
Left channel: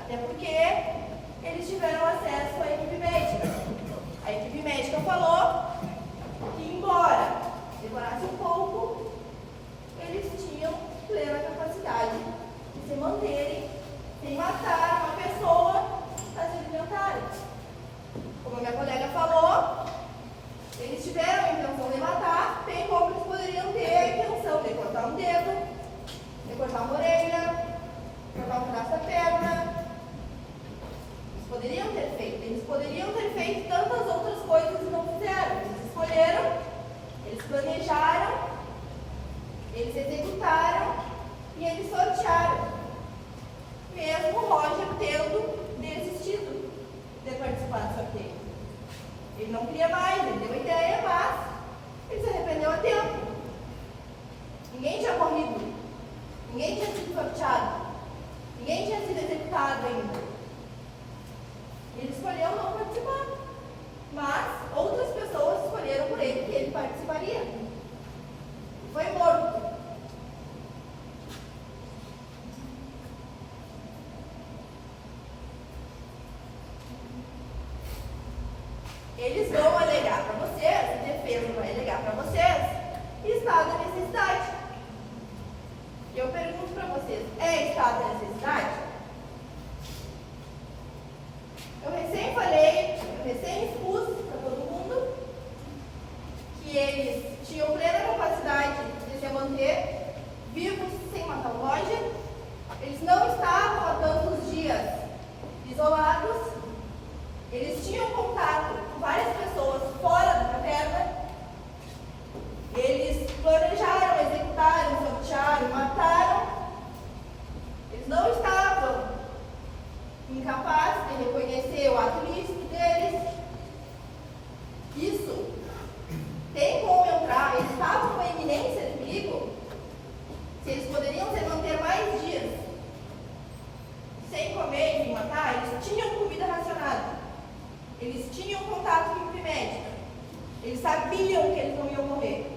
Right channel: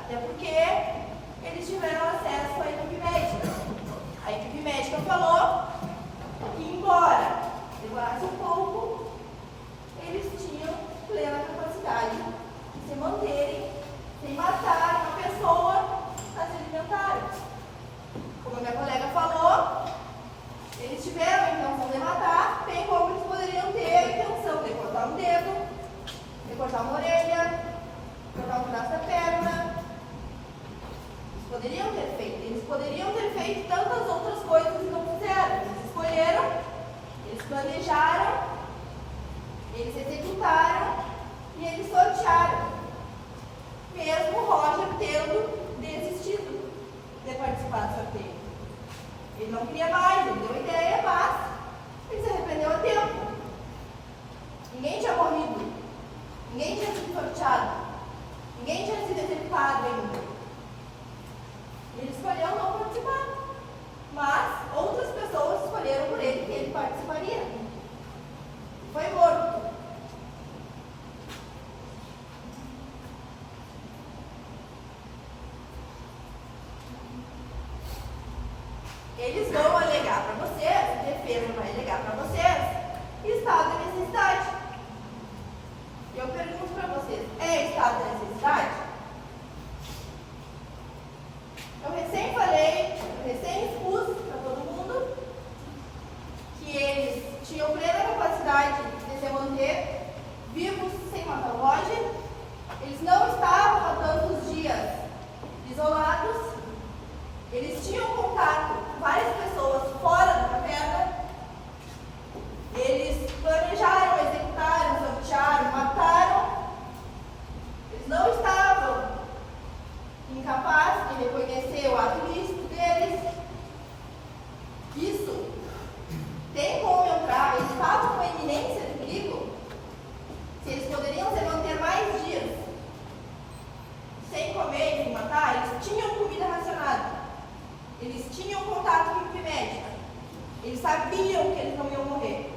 Até porque eles tiveram acesso à equipe médica. A equipe médica falou que, embora demorasse um pouco, eles tinham plena capacidade de se manterem sem matar uma pessoa para se alimentarem. Como a minha colega falou, eles tiveram a intenção de matar, bem como eles poderiam ter a intenção de cortar um dedo, de cortar uma orelha, cortar um pedaço da perna. Eles poderiam ter feito. Eles poderiam ter feito tantas outras coisas e não fizeram. Eles escolheram, eles planejaram, eles executaram e eles sortearam. Mesmo o Roger tendo desistido de participar do sorteio. Ele não queria mais, ele deu a ideia, mas ele se arrependeu a tempo. Ninguém tinha morrido, ninguém tinha sido sorteado, ninguém tinha sido executado ainda. Ele escolheu não participar, mas outras pessoas escolheram por ele que ele participaria. E foi morto. Eles vão alegar para vocês, a defesa vai alegar para vocês, estado de necessidade. Eu pergunto para vocês, é estado de necessidade? Eu recém expus para todo mundo que eles tinham plena capacidade de se manter vivos sem matar o Roger. Eles não estavam há tantos dias isolados. Eles tinham contato com várias pessoas fora da caverna. Eles planejaram, executaram, sortearam, mataram. Eles não estavam incapazes de reconhecer o ato ilícito deles. Isso tem como entrar, Eles sabiam que eles não iam morrer.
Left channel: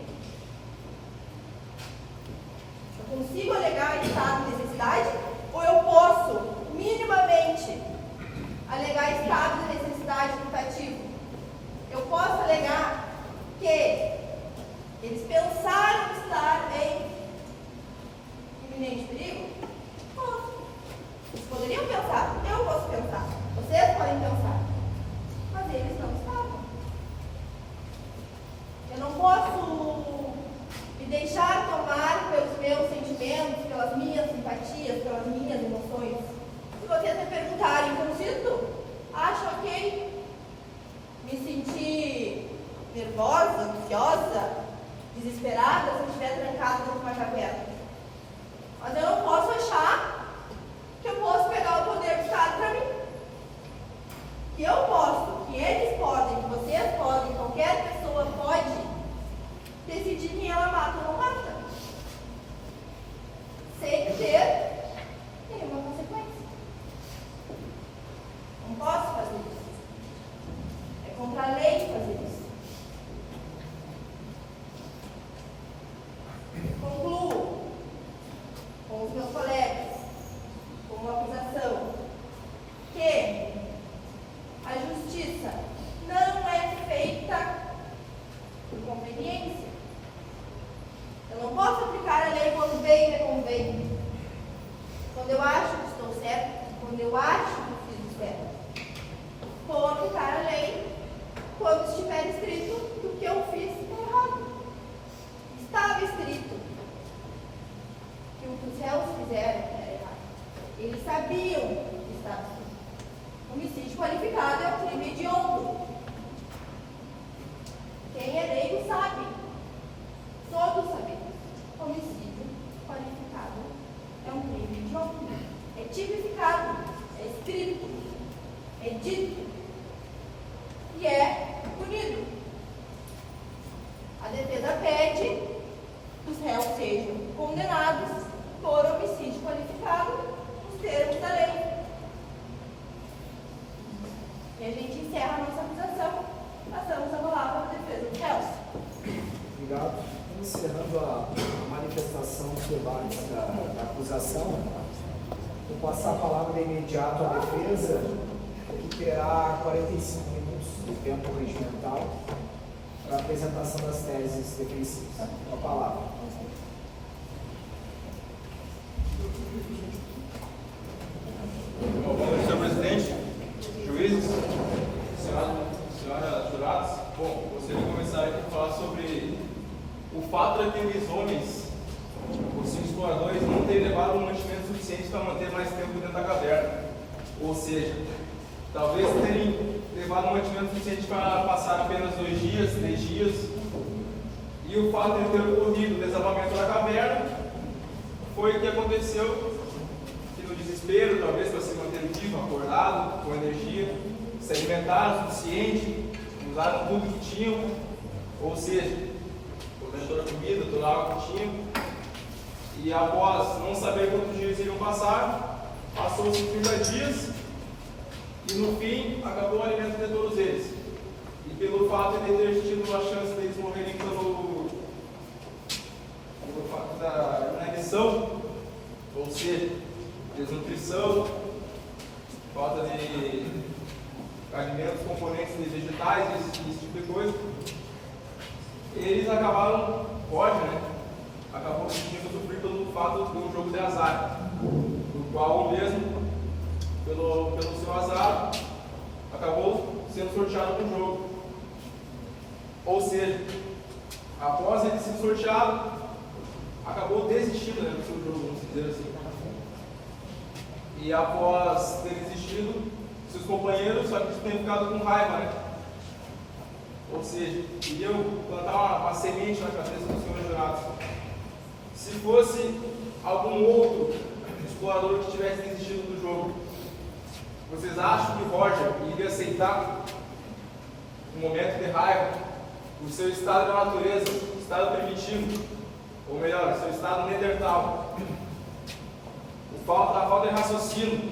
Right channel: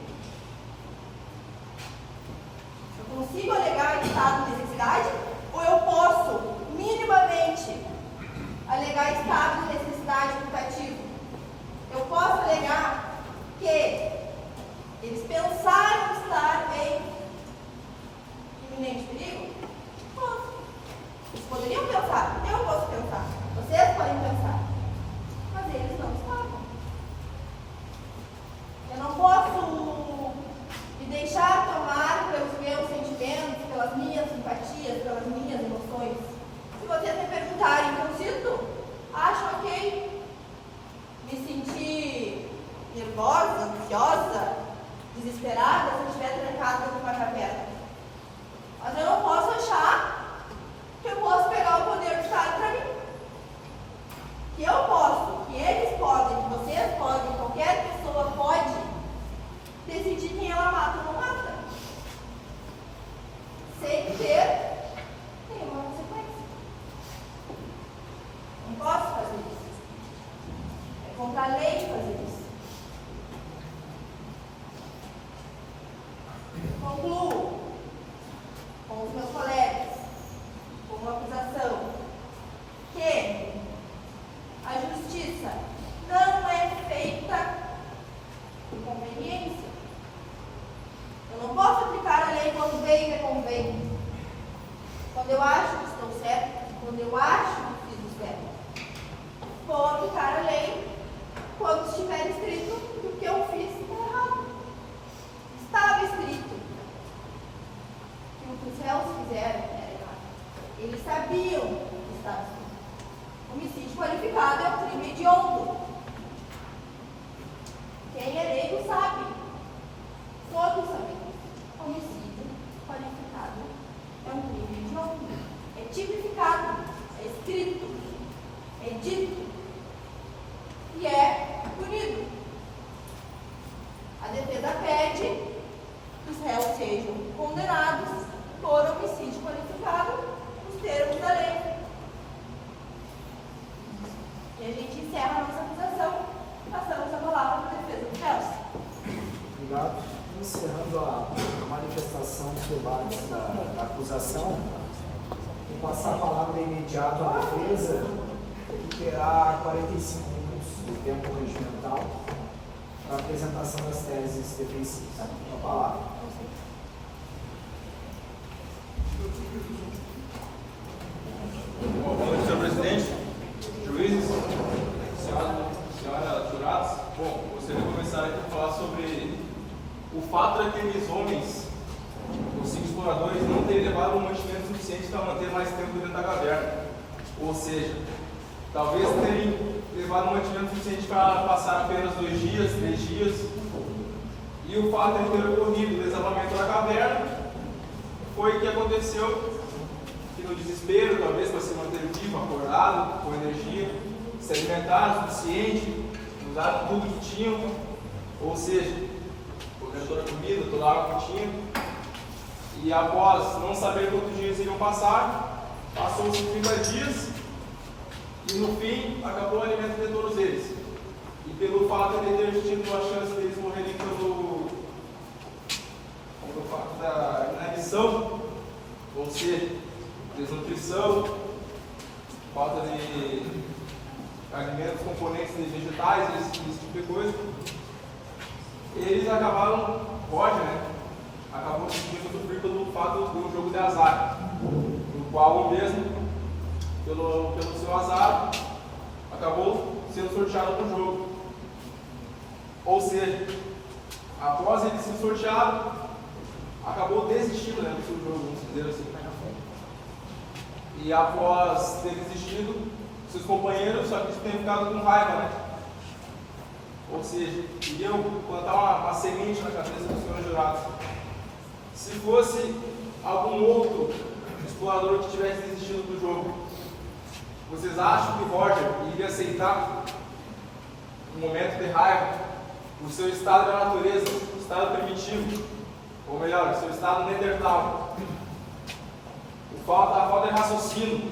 Eu consigo alegar estado de necessidade ou eu posso, minimamente, alegar estado de necessidade putativo? Eu posso alegar que eles pensaram estar em iminente perigo? Posso. Eles poderiam pensar, eu posso pensar, vocês podem pensar, mas eles não estavam. Eu não posso me deixar tomar pelos meus sentimentos, pelas minhas simpatias, pelas minhas emoções. Se vocês me perguntarem, então sinto, acho ok me sentir nervosa, ansiosa, desesperada se eu estiver trancada dentro de uma caverna. Mas eu não posso achar que eu posso pegar o poder do Estado para mim. Que eu posso, que eles podem, que vocês podem, qualquer pessoa pode decidir quem ela mata ou não mata. Sem ter nenhuma consequência. Não posso fazer isso. É contra a lei fazer isso. Concluo com os meus colegas, com uma acusação, que a justiça não é feita por conveniência. Eu não posso aplicar a lei quando bem me convém, quando eu acho que estou certo, quando eu acho que fiz o certo. Vou aplicar a lei quando estiver escrito que o que eu fiz está errado. Estava escrito que o que os réus fizeram era errado. Eles sabiam o que estava escrito. Homicídio qualificado é um crime hediondo. Quem é leigo sabe. Todos sabemos. Homicídio qualificado é um crime hediondo. É tipificado, é escrito, é dito e é punido. A defesa pede que os réus sejam condenados por homicídio qualificado nos termos da lei. E a gente encerra a nossa acusação. Passamos a palavra para a defesa dos réus. Obrigado. Encerrando a manifestação dos debates da acusação, vou passar a palavra imediato à defesa, que terá 45 minutos de tempo regimental para a apresentação das teses defensivas. Com a palavra. Boa noite, senhor presidente, juízes, senhora jurados. Bom, gostaria de começar aqui a falar sobre o fato daqueles homens, os 5 exploradores, não terem levado um mantimento suficiente para manter mais tempo dentro da caverna. Ou seja, talvez terem levado um mantimento suficiente para passar apenas 2 dias, 3 dias. E o fato de ter ocorrido o desabamento da caverna foi o que aconteceu, que no desespero, talvez para se manter vivo, acordado, com energia, se alimentaram o suficiente, usaram tudo que tinham, ou seja, toda a comida, toda a água que tinham, e após não saber quantos dias iriam passar, passou-se 30 dias, e no fim acabou o alimento de todos eles. E pelo fato de ter tido a chance deles morrerem pelo fato da inanição, ou seja, desnutrição, falta de alimentos, componentes de vegetais, esse tipo de coisa, eles acabaram, acabou decidindo sofrer pelo fato do jogo de azar, no qual o mesmo, pelo seu azar, acabou sendo sorteado no jogo. Ou seja, após ele ser sorteado, acabou desistindo do seu jogo, vamos dizer assim. E após ter desistido, seus companheiros só que tinham ficado com raiva, Ou seja, iriam plantar uma semente na cabeça dos senhores jurados. Se fosse algum outro explorador que tivesse desistido do jogo, vocês acham que Roger iria aceitar, no momento de raiva, o seu estado de natureza, estado primitivo, ou melhor, o seu estado neandertal, a falta de raciocínio,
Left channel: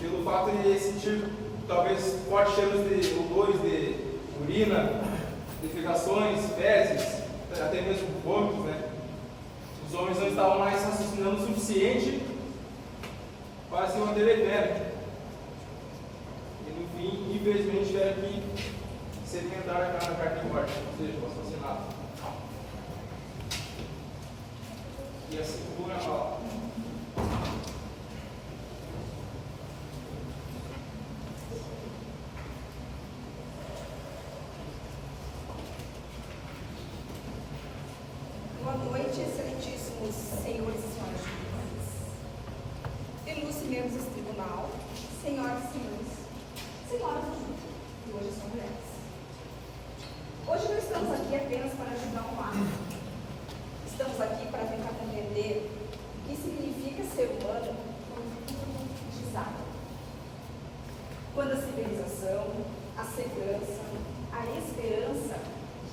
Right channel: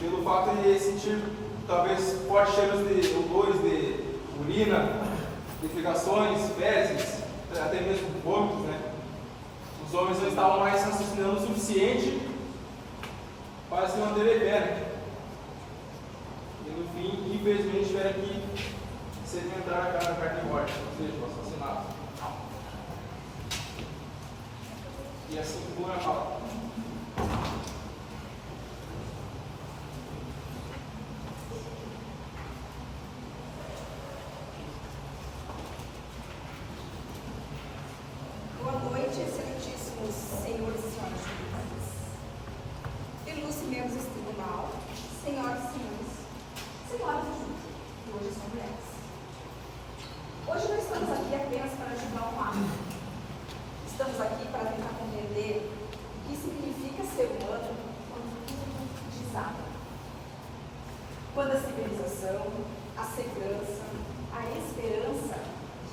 pelo fato de sentir talvez fortes cheiros de odores de urina, defecações, fezes, até mesmo vômitos, né? Os homens não estavam mais raciocinando o suficiente para se manter em pé, né? E no fim, infelizmente, tiveram que sedimentar a carne de morte, ou seja, o assassinato. E assim como a fala. Boa noite, excelentíssimos senhores e senhoras juízes, ilustres membros desse tribunal, senhoras e senhores, senhoras e senhores, que hoje são mulheres. Hoje não estamos aqui apenas para julgar um ato. Estamos aqui para tentar compreender o que significa ser humano quando tudo desaba. Quando a civilização, a segurança, a esperança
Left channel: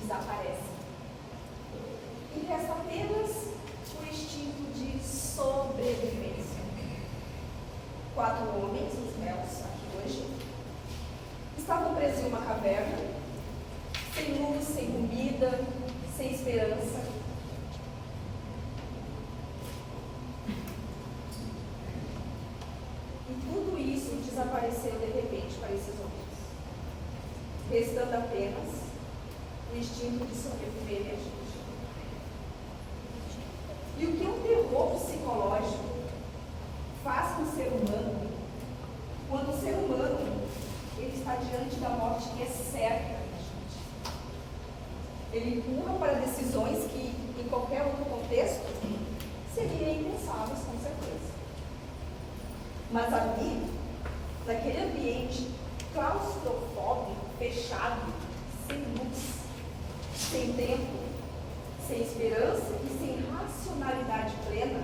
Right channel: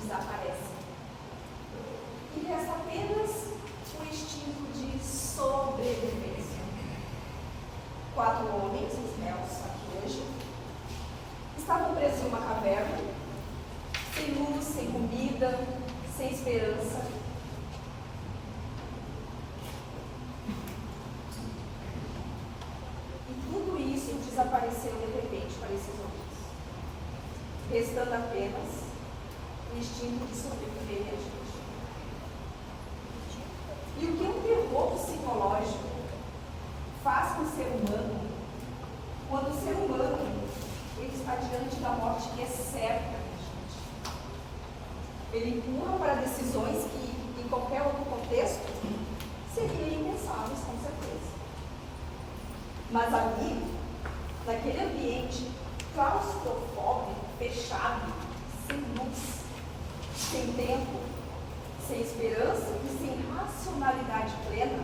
desaparecem. E resta apenas o instinto de sobrevivência. 4 homens, os réus aqui hoje, estavam presos em uma caverna, sem luz, sem comida, sem esperança. E tudo isso desapareceu de repente para esses homens, restando apenas o instinto de sobreviver e agir. E o que um terror psicológico faz com o ser humano, quando o ser humano ele está diante da morte que é certa, ele empurra para decisões que, em qualquer outro contexto, seriam impensáveis, com certeza. Mas ali, naquele ambiente claustrofóbico, fechado, sem luz, sem tempo, sem esperança e sem racionalidade plena,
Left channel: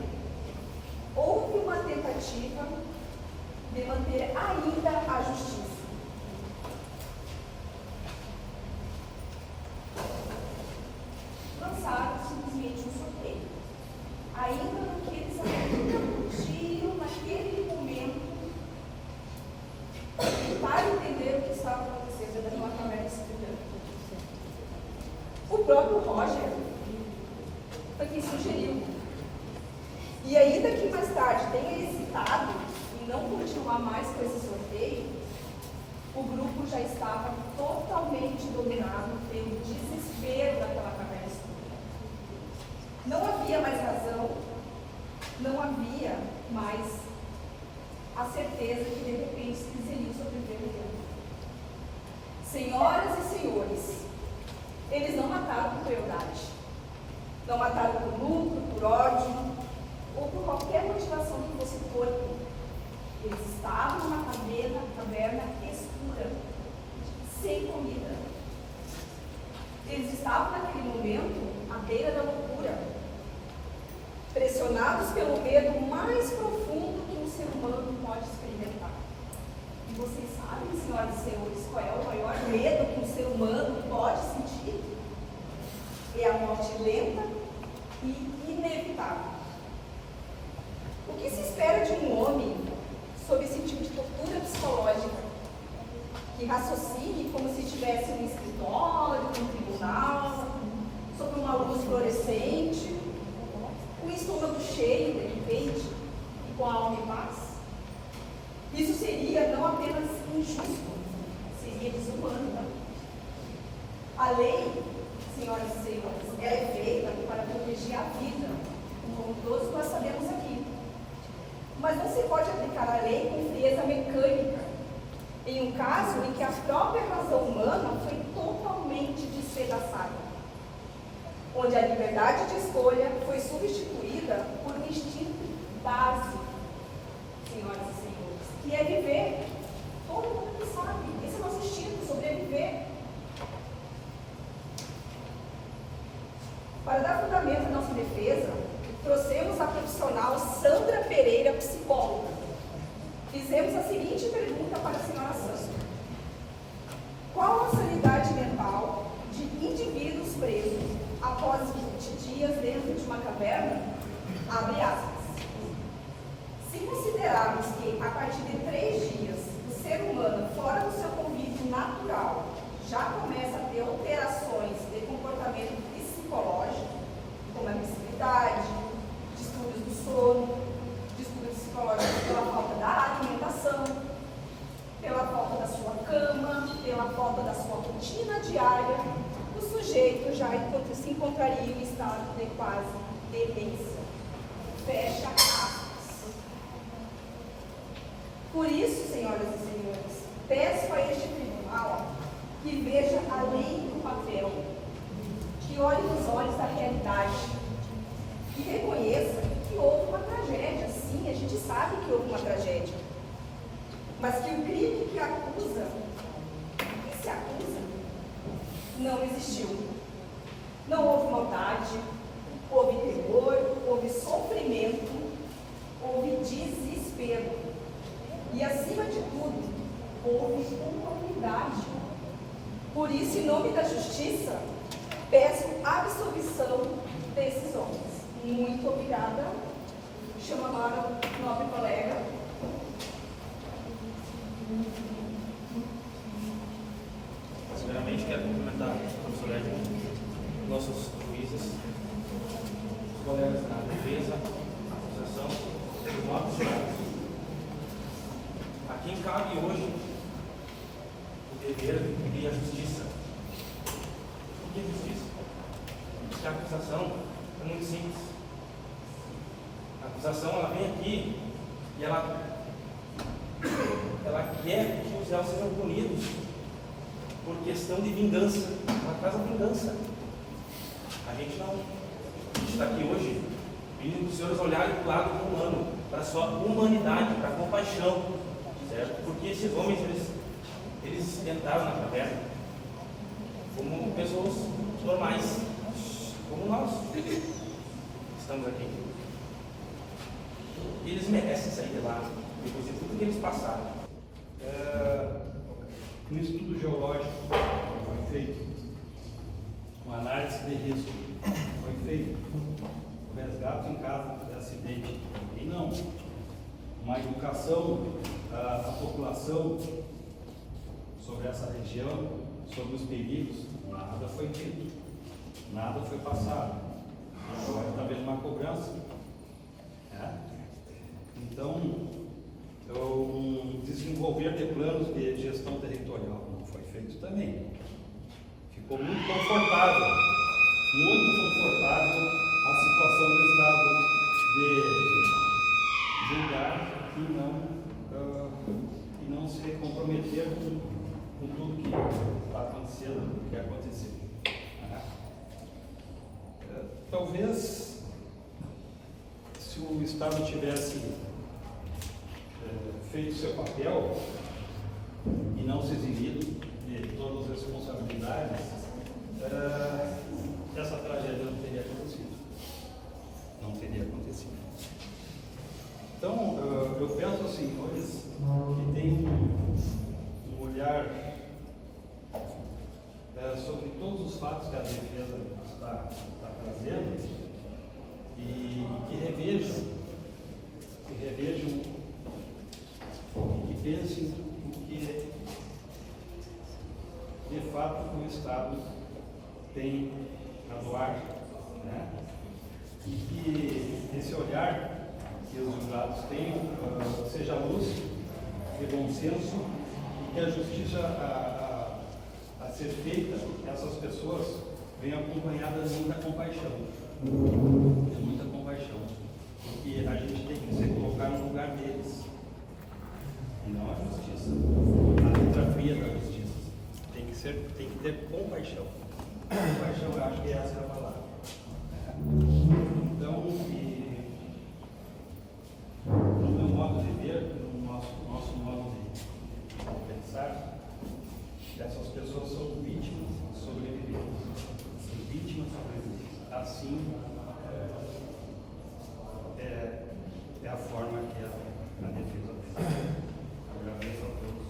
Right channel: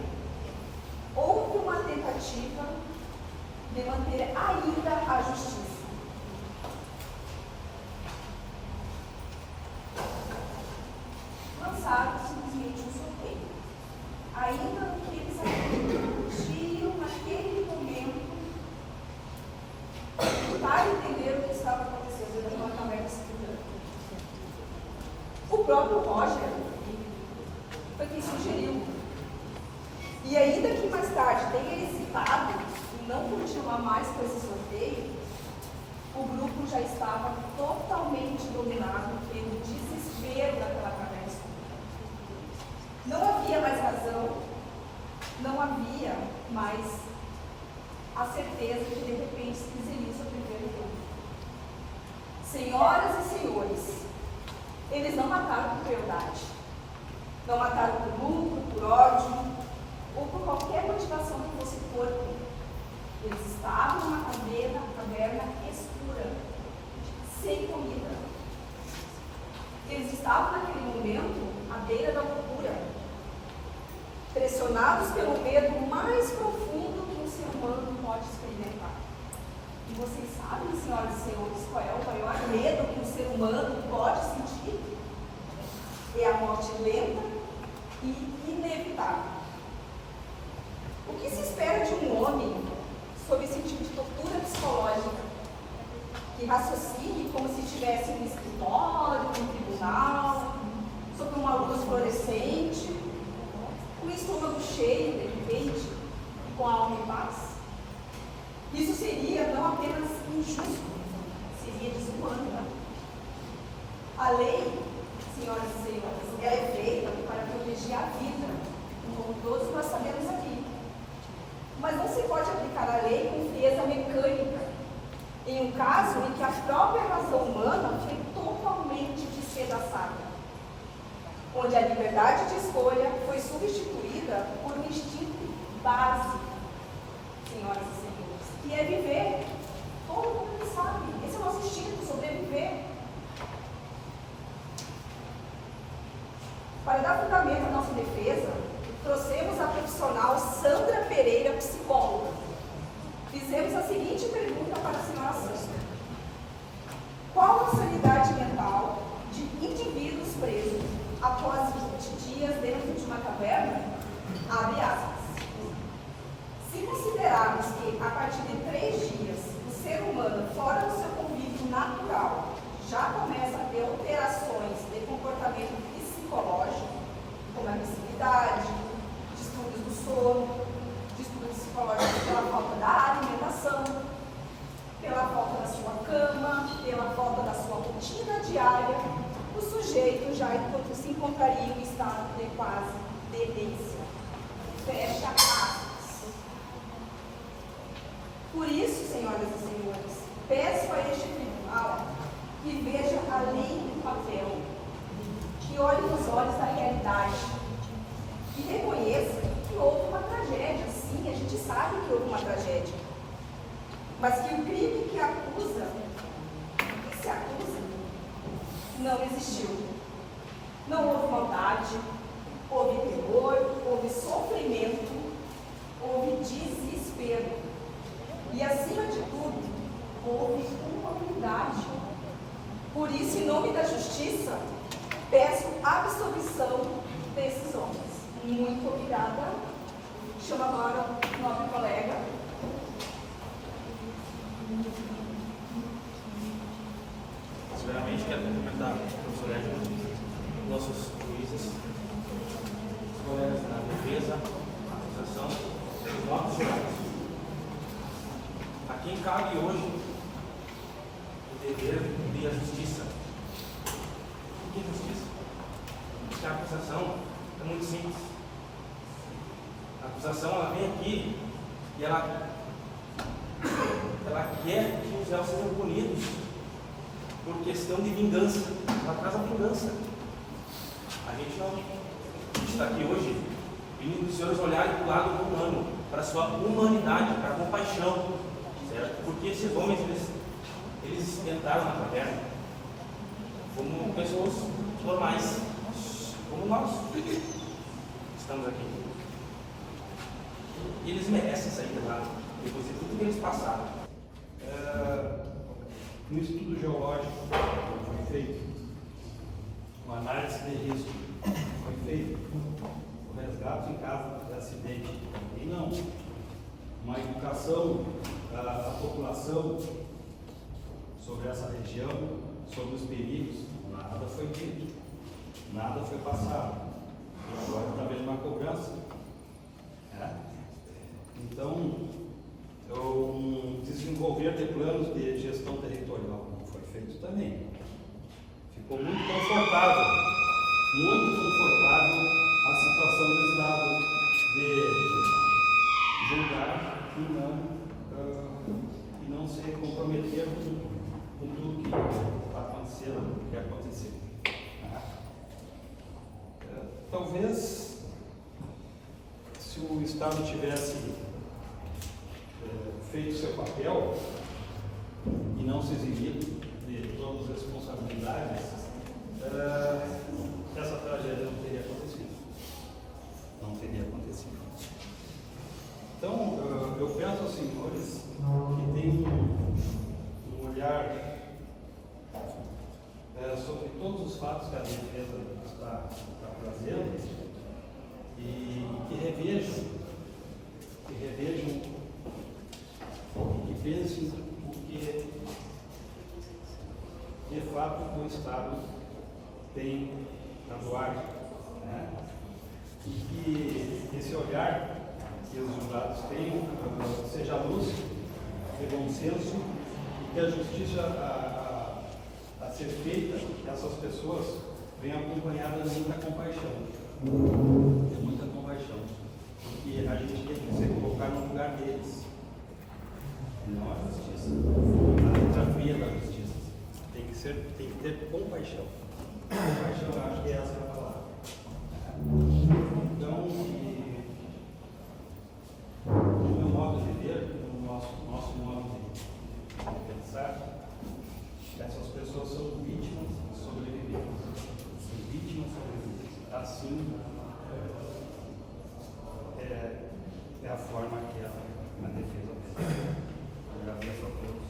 houve uma tentativa de manter ainda a justiça. Lançaram simplesmente um sorteio, ainda no que eles ainda podiam, naquele momento, tentar entender o que estava acontecendo naquela caverna escura. O próprio Roger foi quem sugeriu. E ainda que mais tarde tenha hesitado em não continuar mais com esse sorteio, o grupo já estava totalmente dominado pelo desespero daquela caverna escura. Não havia mais razão, não havia mais a certeza que de repente eles iriam sobreviver no tempo. Senhoras e senhores, eles não mataram por crueldade, não mataram por lucro, por ódio, ou por qualquer motivação que fosse corpo. Eles estavam numa caverna escura, sem comida. Eles estavam naquele momento à beira da loucura, pressionados pelo medo mais profundo que um ser humano pode experimentar. E vocês sabem, senhoras e senhores, qual é o maior medo que um ser humano pode sentir? É a morte lenta e inevitável. O que se espera de um homem sob esse tipo de tortura psicológica? Que raciocine como se estivesse em um escritório, em um tribunal, sob uma luz fluorescente, com o estômago cheio, de repente, e com a alma em paz? Isso seria não apenas injusto, seria desumano. A lei, senhoras e senhores, ela é feita para proteger a vida, como todos nós sabemos aqui. Mas não se pode aplicar a lei com frieza mecânica, em um caso em que a própria razão humana foi totalmente despedaçada, onde a liberdade de escolha foi substituída por um instinto básico, senhoras e senhores, e é viver. Todo mundo sabe, esse é o nosso instinto, sobreviver. Para dar fundamento à nossa defesa, trouxemos a profissional Sandra Pereira, psicóloga. Fizemos a seguinte pergunta para a senhora Sandra: qual a sanidade mental de indivíduos presos após 20 dias dentro de uma caverna? Abre aspas. Se considerarmos que, a partir de 3 dias, o ser humano, fora do seu convívio natural, já começa a ter alterações sujeito já se encontraria em estado de quase demência. Fecha aspas. Por isso, senhoras e senhores, peço a este tribunal que veja a lei no papel, que olhe nos olhos da realidade e reconheça que houve uma tragédia. Sim, a gente sabe que houve uma tragédia, mas que o crime que acusa, que se acusa, não existiu. Não houve maldade, houve terror, houve sofrimento, houve desespero. E, acima de tudo, houve humanidade. Por isso, em nome da justiça, peço a absolvição desses homens. Muito obrigada. Chamo agora o nobre colega. Primeiramente, quero cumprimentar o professor Edmund, nossos juízes, os colegas da defesa, a acusação, os nossos jurados. A quem cabe hoje o dever de cumprir a justiça. O que é justiça? Porque a acusação é muito simples. A acusação, ela vem aqui e ela quer que os réus sejam punidos por questão de vingança. Ela traz a vingança. A gente não está aqui hoje pedindo os senhores olharem para o lado humano, para a sua humanidade, para a compaixão, certo? Porque esses homens, eles entraram na caverna como pessoas normais, como nós estamos aqui. E eles merecem sair de lá, depois de tudo que eles passaram. No estudo geológico foi feito, uma análise de risco foi feito, o resgate em caso de acidente e não, uma educação à população sobre essa região, sobre os perigos, nada foi dito, nada foi passado. Agora está vendo uma cobrança. Então, desenvolver de planos de gestão territorial não foi feito também. Ficou muito confortável a situação do Estado de julgar e não se comprometer com tudo que está acontecendo, que aconteceu. Talvez, se o Estado tivesse feito seu papel e não se eximido de todas as responsabilidades, essa tragédia não teria acontecido. Não teria acontecido. Então, eu penso aos senhores que têm um olhar sobre todos os fatos que a defesa está trazendo e que revejam e pensem o que de fato o Estado tem a doar, né? E que esse olhar que os jurados têm seja luz de bom senso e que a justiça a ser feita, que essas pessoas venham acompanhadas de muita compaixão. É muita compaixão. Porque a gente tem que se colocar no lugar deles. E não a justiça. A letra fria da justiça. Tem que ter compaixão. Compaixão, eu acho que essa é a palavra. Então, no meu modo de ver, no nosso modo de pensar, essas pessoas são vítimas sobreviventes. São vítimas sobreviventes. Assim, é a forma que a defesa fez. Agradeço a todos.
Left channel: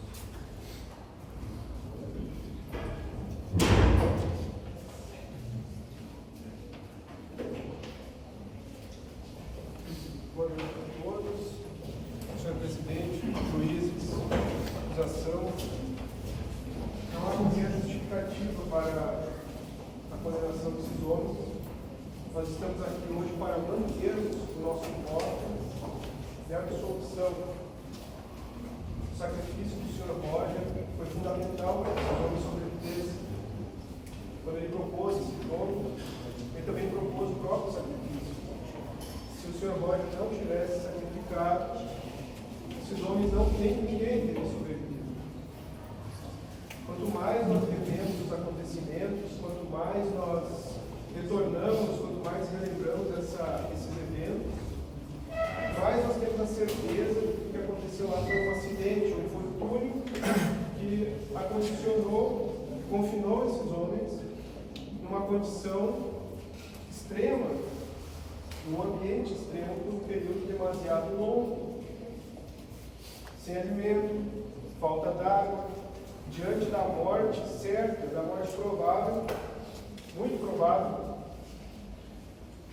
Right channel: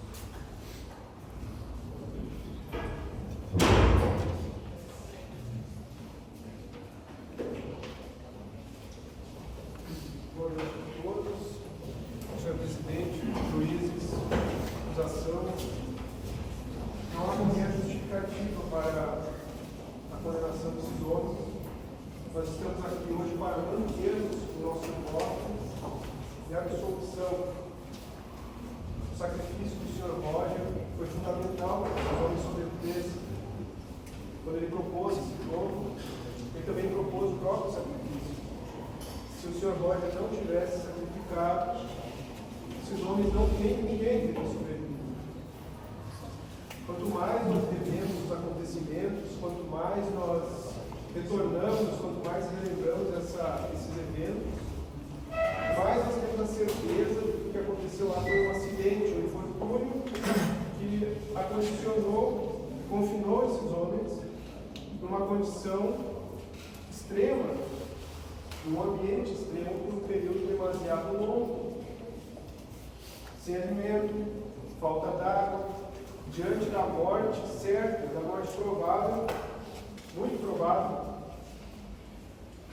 Boa noite a todos. Senhor presidente, juízes, acusação. Não há qualquer justificativa para a condenação desses homens. Nós estamos aqui hoje para mantermos o nosso voto e a absolvição. O sacrifício do Sr. Roger foi fundamental para que os homens sobrevivessem. quando ele propôs esse jogo, ele também propôs o próprio sacrifício. Se o Sr. Roger não tivesse sacrificado, esses homens não têm ninguém teria sobrevivido. Quanto mais nós vivemos os acontecimentos, quanto mais nós retornamos, quanto mais relembramos esses eventos, mais nós temos a certeza de que o que aconteceu lá foi um acidente, um infortúnio que confinou esses homens numa condição extrema, num ambiente extremo por um período demasiado longo, sem alimento, falta d'água, diante da morte certa, da morte provável, muito provável,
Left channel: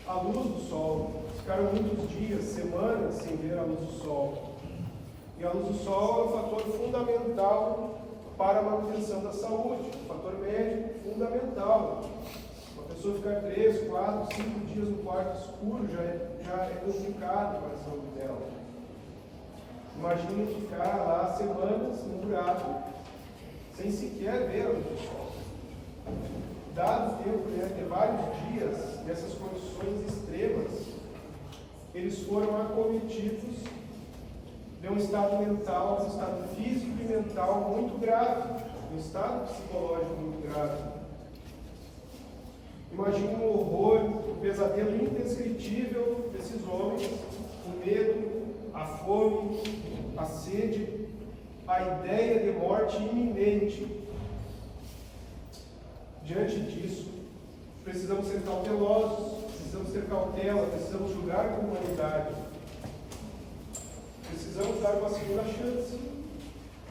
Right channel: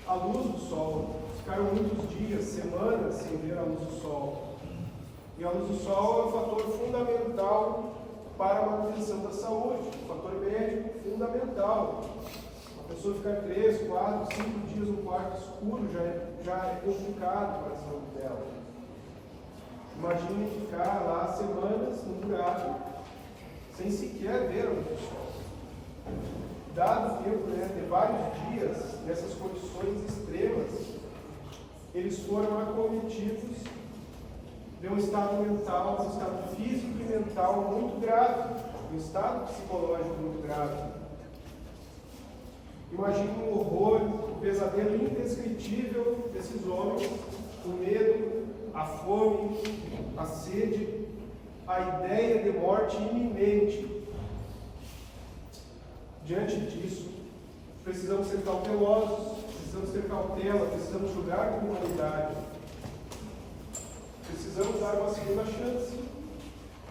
à luz do sol. Ficaram muitos dias, semanas sem ver a luz do sol. E a luz do sol é um fator fundamental para a manutenção da saúde, um fator médico fundamental. Uma pessoa ficar 3, 4, 5 dias no quarto escuro já é complicado para a saúde dela. Imagine ficar lá semanas no buraco, sem sequer ver a luz do sol. Dado o tempo de vários dias, nessas condições extremas, eles foram acometidos de um estado mental, um estado físico e mental muito grave, um estado psicológico muito grave. Imagine o horror, o pesadelo indescritível desses homens, o medo, a fome, a sede, a ideia de morte iminente. Diante disso, precisamos ser cautelosos, precisamos ter cautela, precisamos julgar com humanidade. Precisamos dar uma segunda chance,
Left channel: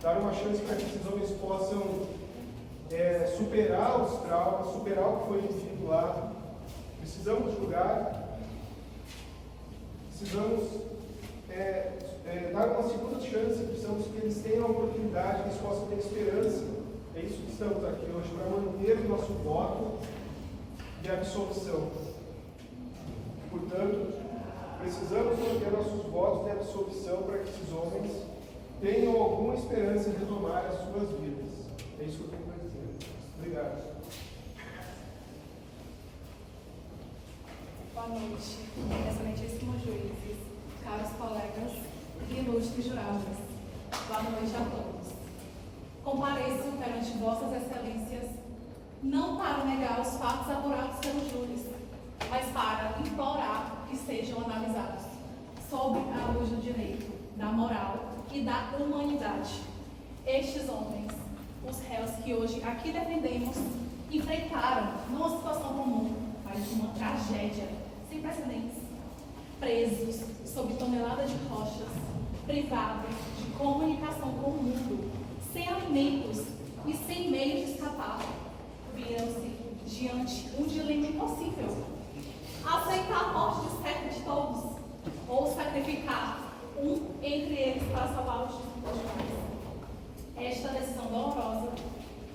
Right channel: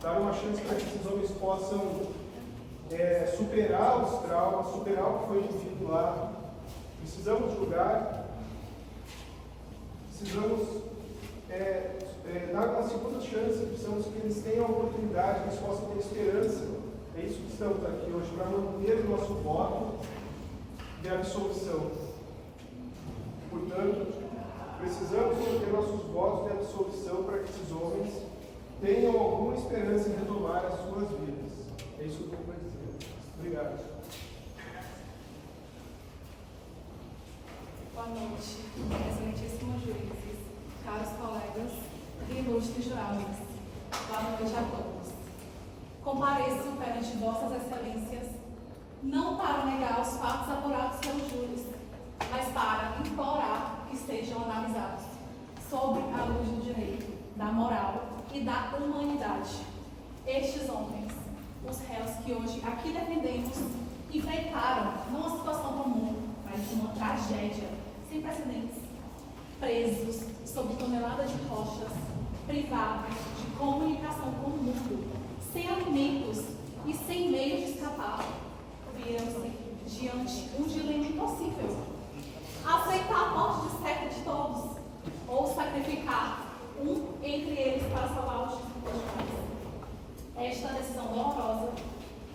dar uma chance para que esses homens possam superar os traumas, superar o que foi vivido lá. Precisamos julgar, precisamos dar uma segunda chance, precisamos que eles tenham a oportunidade, que eles possam ter esperança. É isso que estamos aqui hoje, para manter o nosso voto de absolvição. Portanto, precisamos manter nossos votos de absolvição para que esses homens tenham alguma esperança em retomar as suas vidas. É isso que eu tenho para dizer. Obrigado. Boa noite, excelentíssimos juízes, caros colegas e ilustres jurados. Boa noite a todos. Compareço perante vossas excelências, não para negar os fatos apurados pelos júris, mas para implorar que sejam analisados sob a luz do direito, da moral e da humanidade. Estes homens, os réus que hoje aqui defendemos, enfrentaram não uma situação comum, mas uma tragédia sem precedentes. Presos sob toneladas de rochas, privados de comunicação com o mundo, sem alimentos e sem meios de escapar, viram-se diante um dilema impossível: aceitar a morte certa de todos ou sacrificar um entre eles para salvar os demais. Esta decisão dolorosa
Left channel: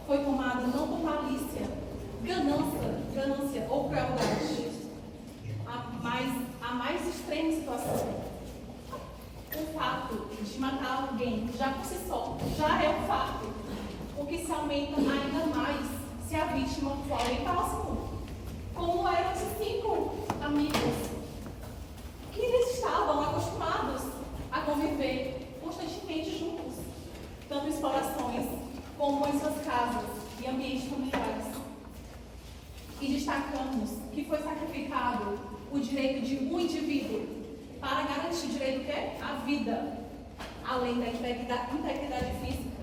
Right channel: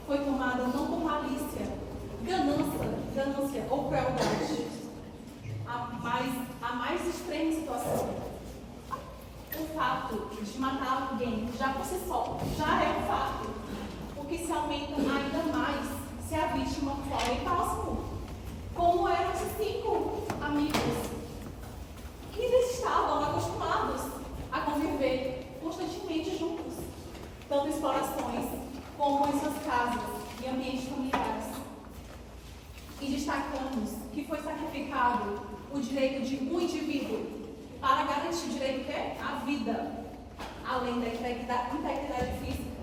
foi tomada não por malícia, ganância ou crueldade, a mais extrema situação. O fato de matar alguém já por si só já é um fato, o que se aumenta ainda mais se a vítima for alguém próximo, como eram os 5 amigos que eles estavam acostumados a conviver constantemente juntos, tanto em explorações como em suas casas e ambientes familiares. E destacamos que foi sacrificado o direito de um indivíduo para garantir o direito que é a vida, além da integridade física.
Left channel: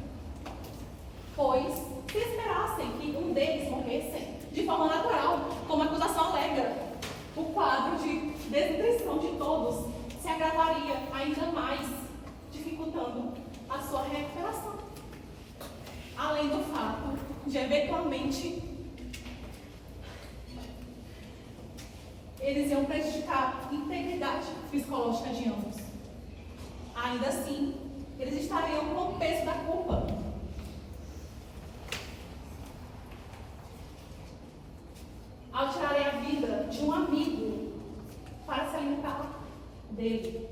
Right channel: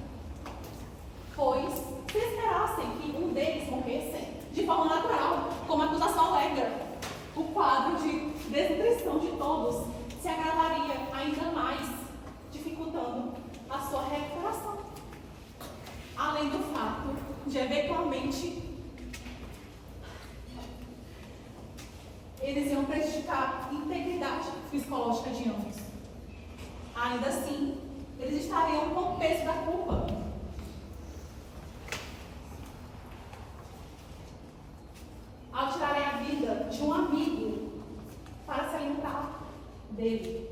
Pois, se esperassem que um deles morresse de forma natural, como a acusação alega, o quadro de desnutrição de todos se agravaria ainda mais, dificultando a sua recuperação. Além do fato de, eventualmente, eles iam prejudicar a integridade psicológica de ambos. Ainda assim, eles estariam com o peso da culpa. Ao tirarem a vida de um amigo para se alimentar dele,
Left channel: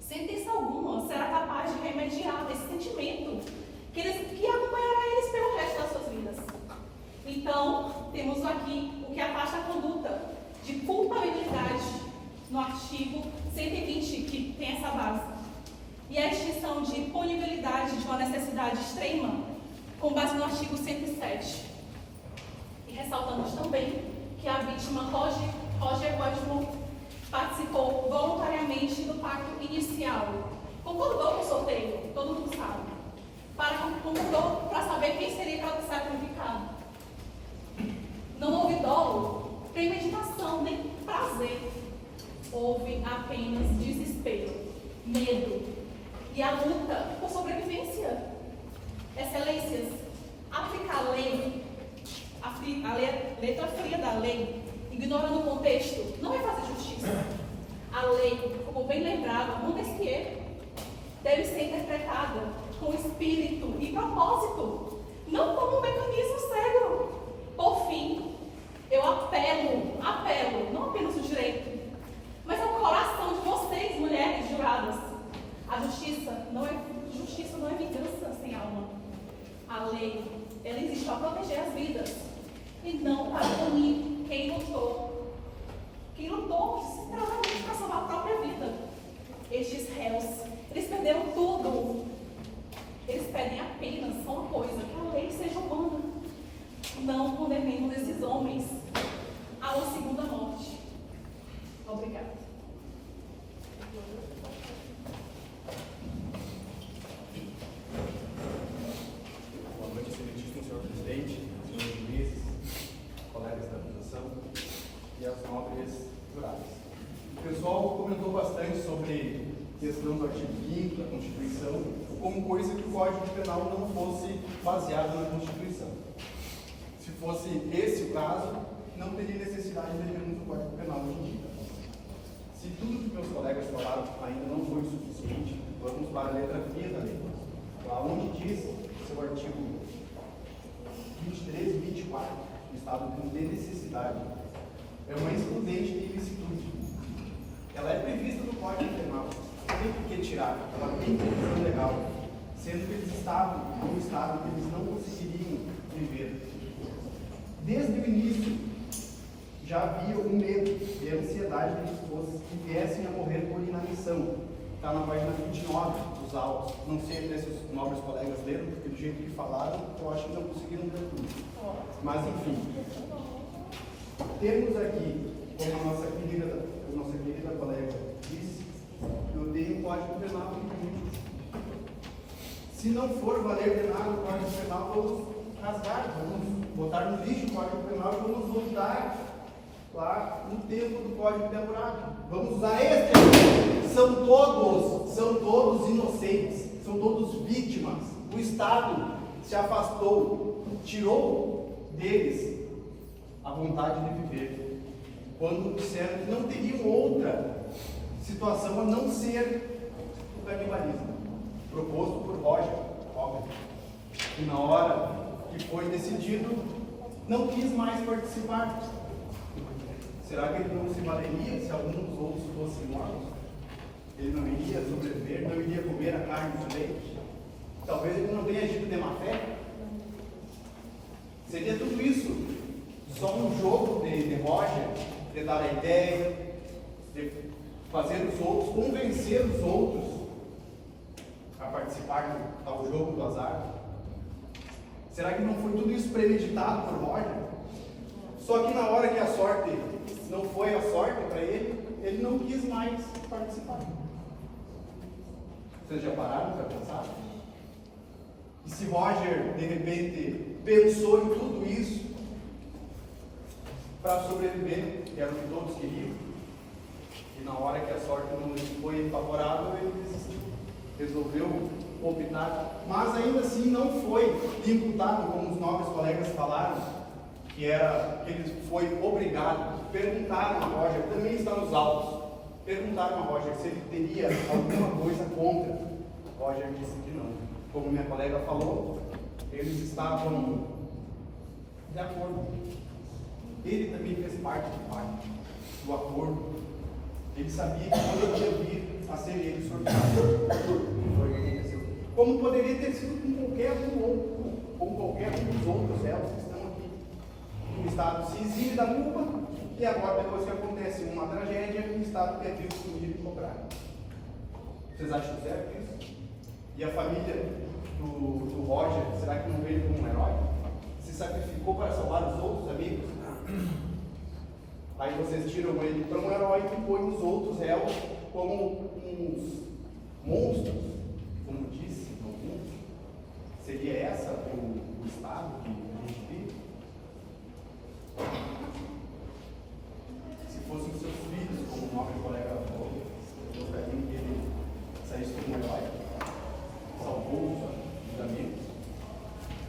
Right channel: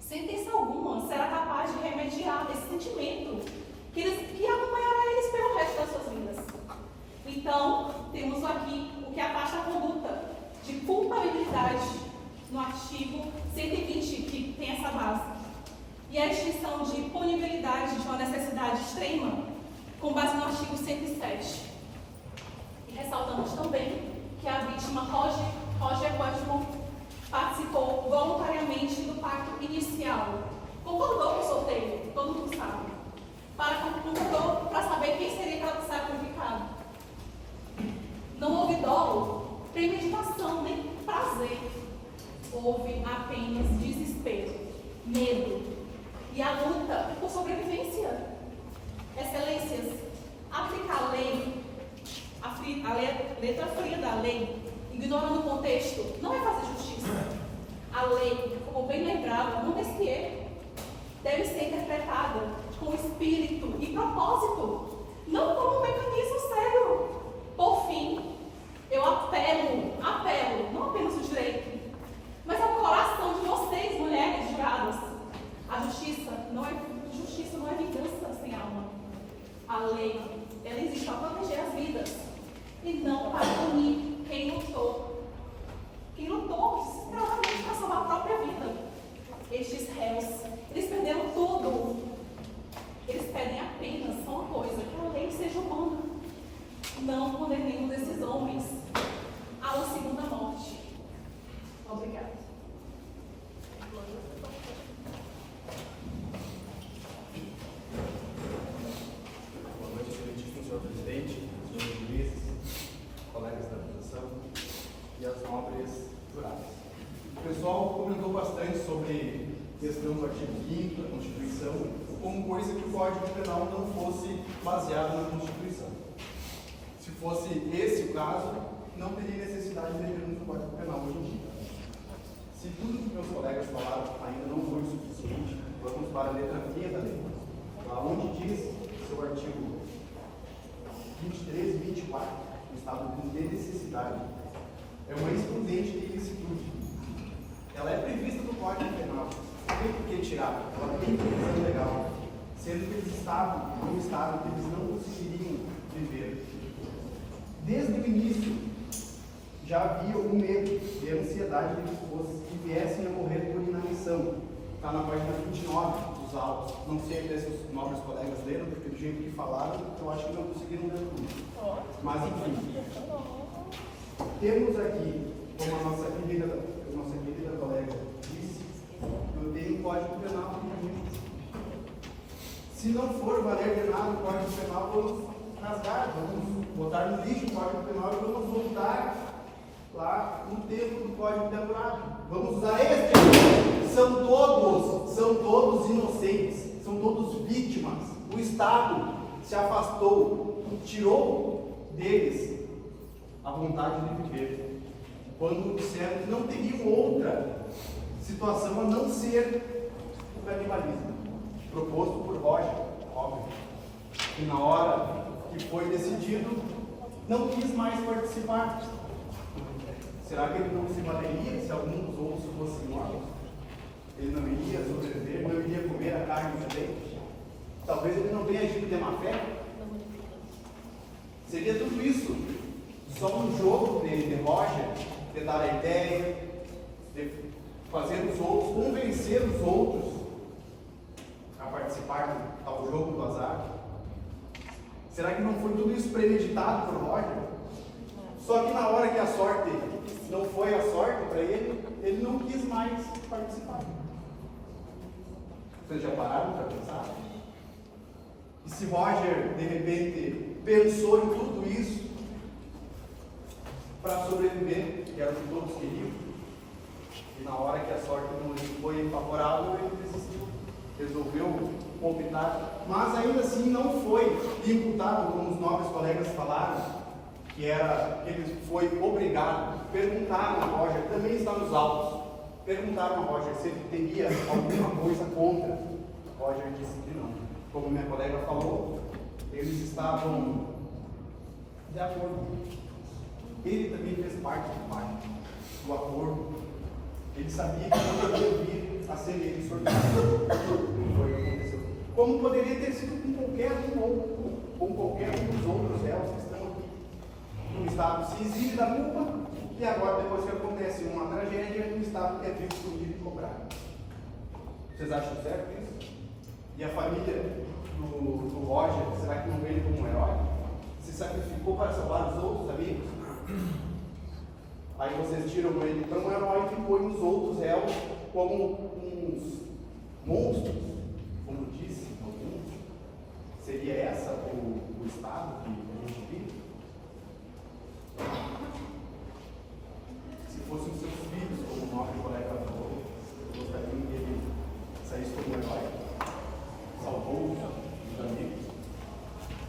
sentença alguma será capaz de remediar esse sentimento que acompanhará eles pelo resto das suas vidas. Então, Então, temos aqui o que afasta a conduta de culpabilidade no artigo 120, que tem essa base. E a extinção de punibilidade de uma necessidade extrema, com base no artigo 107. E ressaltamos também que a vítima Roger Godman participou voluntariamente do pacto inicial. Concordou com o sorteio, todo mundo sabe. Concordou para saber quem seria sacrificado. Não houve dolo, premeditação, nem prazer. Houve apenas desespero, medo e a luta por sobrevivência. Excelências, aplicar a lei, a letra fria da lei, ignorando o contexto, não é fazer justiça. A lei, como bem lembrado, Montesquieu, deve ser interpretada com espírito e propósito, não como um mecanismo cego. Por fim, eu apelo, não apenas o direito, mas ao coração de vocês, mulheres juradas. A justiça não é vingança sem alma. A lei, ela existe para proteger as vidas e não para punir quem lutou desesperadamente para salvar a própria vida. Estes réus, eles perderam tudo. Eles pedem apenas só uma coisa, que a lei seja humana. Não condenemos esses homens a uma segunda morte. Obrigada. Boa noite, excelentíssimo senhor presidente, senhores juízes, colegas da acusação e as nobres juradas. O pessoal comentou bastante sobre a questão do artigo 5º da Constituição, como coisa que o Código Penal não fosse baseado na Constituição. Se fosse esse o caso, não teria necessidade de termos o Código Penal hoje em dia. Se tudo que meus colegas falaram ainda não foi suficiente, vamos para a letra fria da lei. Lá onde diz, seu artigo 23 e 24, o estado de necessidade é uma excludente de ilicitude. Ela é prevista no Código Penal. Não tem por que tirar, ela tem previsão legal, sendo que eles estavam num estado que eles não conseguiriam viver. Desde o início, já havia o medo e a ansiedade de que viessem a morrer por inanição. Está na página 29 dos autos. Não sei se os nobres colegas leram, porque do jeito que falaram, eu acho que não conseguiram ler tudo. Mas, enfim, temos aqui, como a nossa querida colega disse, eu tenho um Código Penal aqui. Se não for valer de nada o Código Penal, vamos rasgar, vamos botar no lixo o Código Penal e vamos voltar lá no tempo do Código Temporário. Vamos usar este. São todos inocentes, são todos vítimas. O Estado se afastou, tirou deles a vontade de viver, quando disseram que não teriam outra situação a não ser o canibalismo, proposto por Roger, óbvio, que na hora que foi decidido, não quis mais participar. Será que ele não se valeria se algum dos outros fossem mortos? Ele não iria sobreviver, não iria comer a carne também? Talvez ele não tenha agido de má fé? Seria tudo isso só um jogo de Roger, de dar a ideia, de fazer os outros, convencer os outros a participar ao jogo do azar? Será que não foi tudo isso premeditado por Roger? Só que na hora que a sorte não foi a sorte para ele, ele não quis mais participar. Vocês já pararam para pensar? E se Roger, de repente, pensou em tudo isso para sobreviver, que era o que todos queriam, e na hora que a sorte não foi favorável, ele desistiu, resolveu optar, mas ainda assim não foi imputado, como os nobres colegas falaram, que ele foi obrigado. Perguntaram a Roger, também está nos autos, perguntaram a Roger se ele teria alguma coisa contra. Roger disse que não. Como minha colega falou, eles estavam de acordo. Ele também fez parte do acordo. Ele sabia que poderia vir a ser ele sorteado. Foi o que aconteceu. Como poderia ter sido com qualquer um dos outros réus que estão aqui. Estado se exime da culpa e agora, depois que acontece uma tragédia, o Estado quer vir excluir e cobrar. Vocês acham certo isso? E a família do Roger, será que não vê ele como um herói? Se sacrificou para salvar os outros amigos? Aí vocês tiram ele para um herói e põem os outros réus como uns monstros, como disse alguns. Seria essa o estado que a gente vive? Se fossem seus filhos, como o nosso colega falou, eu gostaria que ele saísse como um herói, salvou os amigos,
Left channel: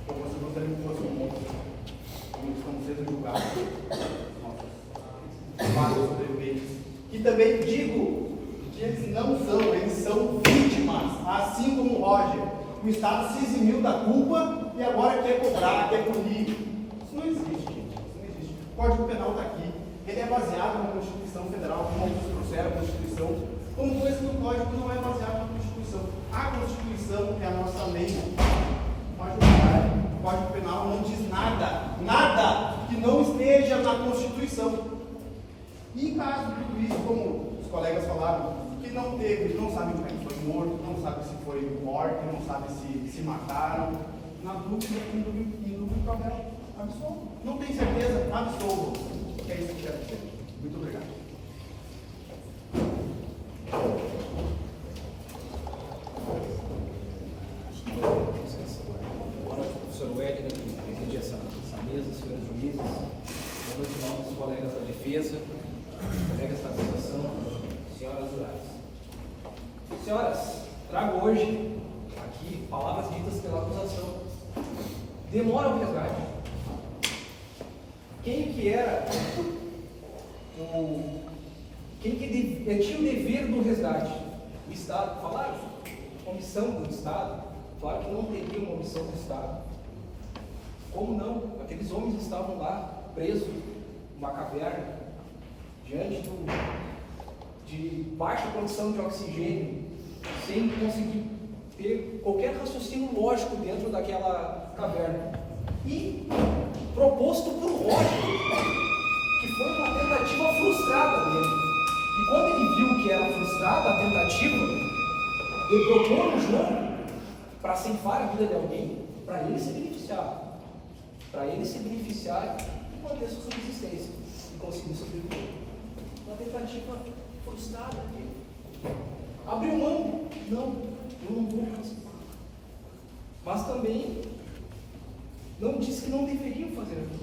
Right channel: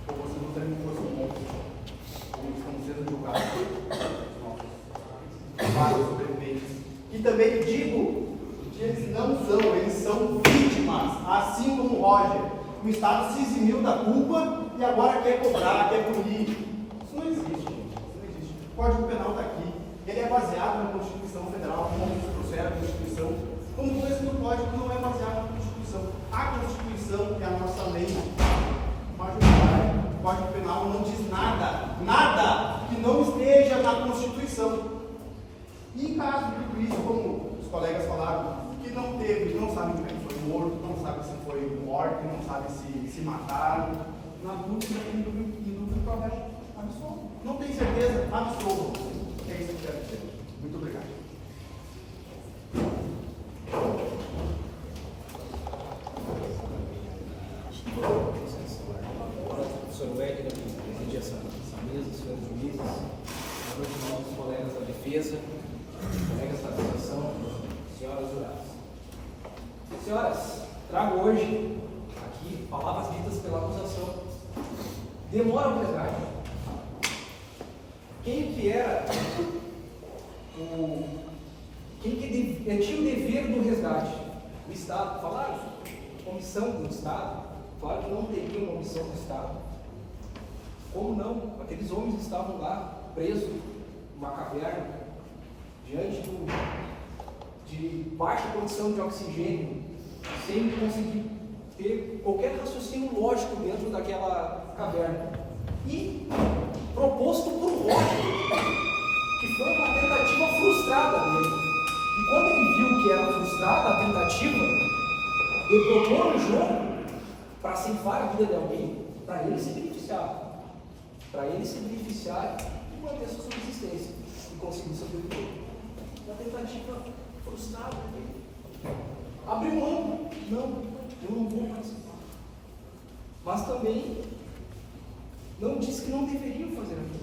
ou vocês gostariam que fosse um monstro, como estão sendo julgados vários sobreviventes. E também digo que eles não são, eles são vítimas, assim como o Roger. O Estado se eximiu da culpa e agora quer cobrar, quer punir. Isso não existe, gente. Isso não existe. O Código Penal está aqui. Ele é baseado na Constituição Federal, como alguns trouxeram a Constituição, como esse do Código não é baseado na Constituição. A Constituição é a nossa lei majoritária. O Código Penal não diz nada que não esteja na Constituição. E em caso de tudo isso, como os colegas falaram, que não teve, não sabe como é que foi morto, não sabe se foi morto, não sabe se mataram, na dúvida, em dúvida para o réu, absolvo. Não tem certeza, absolvo. É isso que eu quero dizer. Muito obrigado. Professor Wegner, que preside essa mesa, senhores juízes, boa noite, nossos colegas da defesa, colegas da acusação, senhoras juradas. Senhoras, trago hoje aqui palavras ditas pela acusação. Demora o resgate. Quem que era quem que tinha o dever do resgate? O Estado. Falaram comissão do Estado. Claro que não teria uma omissão do Estado. Como não? Aqueles homens estavam lá, presos numa caverna, diante de baixa condição de oxigênio, sem conseguir ter qualquer raciocínio lógico dentro daquela caverna. E proposto por Roger, que foi uma tentativa frustrada dele. E quando ele viu que era frustrada a tentativa, ele propôs um jogo para ceifar a vida de alguém, para ele se beneficiar. Para ele se beneficiar e manter sua subsistência e conseguir sobreviver. Uma tentativa frustrada dele. Abriu mão. Não, eu não vou participar. Mas também não disse que não deveriam fazer aquilo.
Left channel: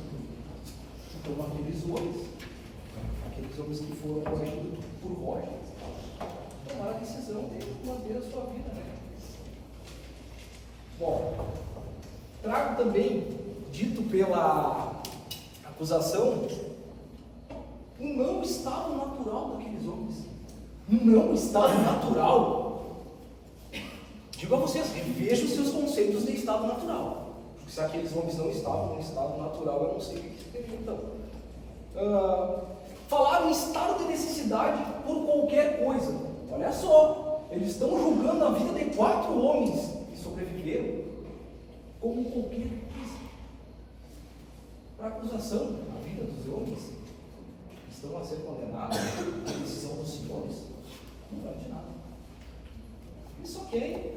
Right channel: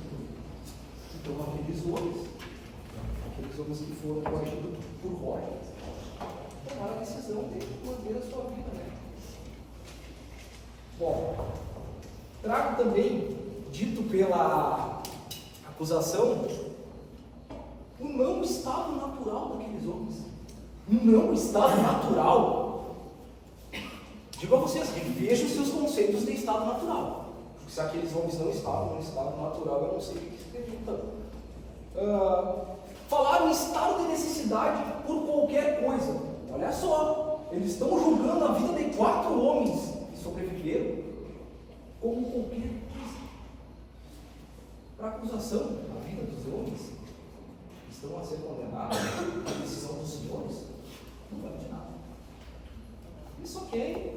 Então aqueles homens que foram coagidos por Roger, tomaram a decisão de manter a sua vida, né? Bom, trago também, dito pela acusação, o não estado natural daqueles homens. Não estado natural. Digo a vocês, revejam os seus conceitos de estado natural. Porque se aqueles homens não estavam no estado natural, eu não sei o que seria então. Falaram em estado de necessidade por qualquer coisa. Olha só, eles estão julgando a vida de 4 homens que sobreviveram como qualquer coisa. Para a acusação, a vida dos homens que estão a ser condenados, a decisão dos senhores, não vale de nada. Eles só querem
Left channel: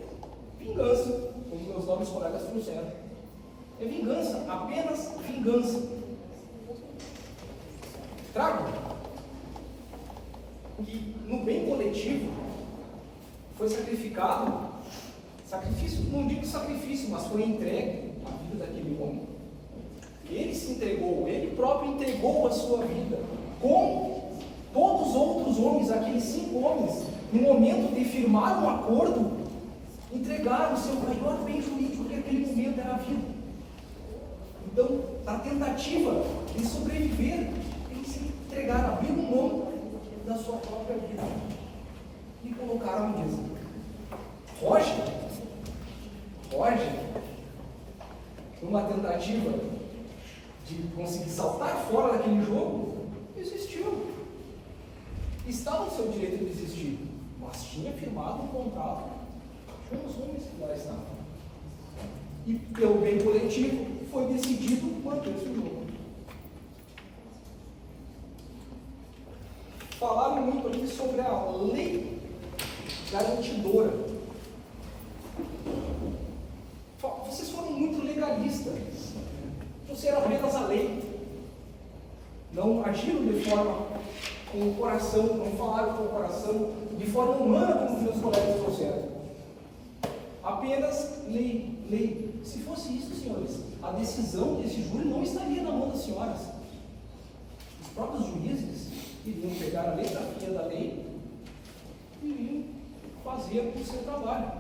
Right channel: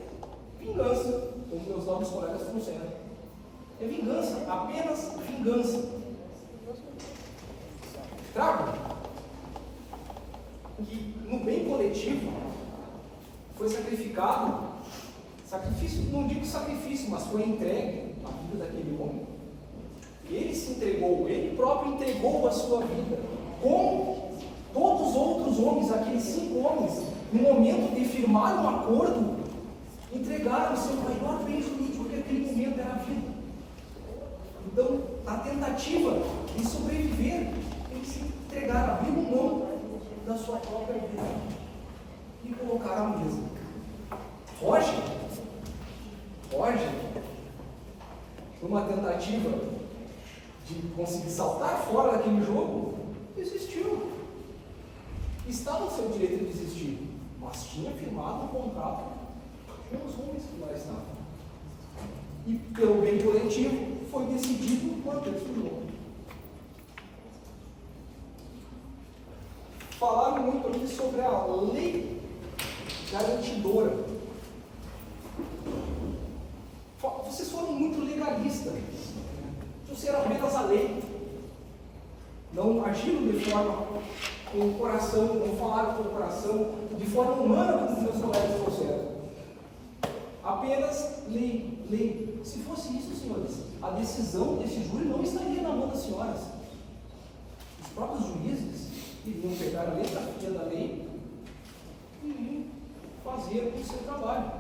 vingança, como meus novos colegas trouxeram. É vingança, apenas vingança. Trago que no bem coletivo foi sacrificado, sacrifício, não digo sacrifício, mas foi entregue a vida daquele homem. Ele se entregou, ele próprio entregou a sua vida, como todos os outros homens, aqueles 5 homens, no momento de firmar um acordo, entregaram o seu maior bem jurídico, que naquele momento era a vida. Então, a tentativa de sobreviver, tem que se entregar, abrir mão da sua própria vida e colocar à mesa. Roger, numa tentativa de conseguir saltar fora daquele jogo, desistiu. Estava no seu direito de desistir, mas tinha firmado um contrato com os homens que lá estavam. E pelo bem coletivo foi decidido manter-se o jogo. falaram muito ali sobre a lei garantidora. Vocês foram muito legalistas. Trouxeram apenas a lei. Não agiram de forma com o coração, não falaram com o coração, de forma humana, como os meus colegas trouxeram. Apenas lei, lei. Se fosse isso, senhores, a decisão desse júri não estaria na mão das senhoras. Os próprios juízes iriam pegar a letra fria da lei e iriam fazer o seu trabalho.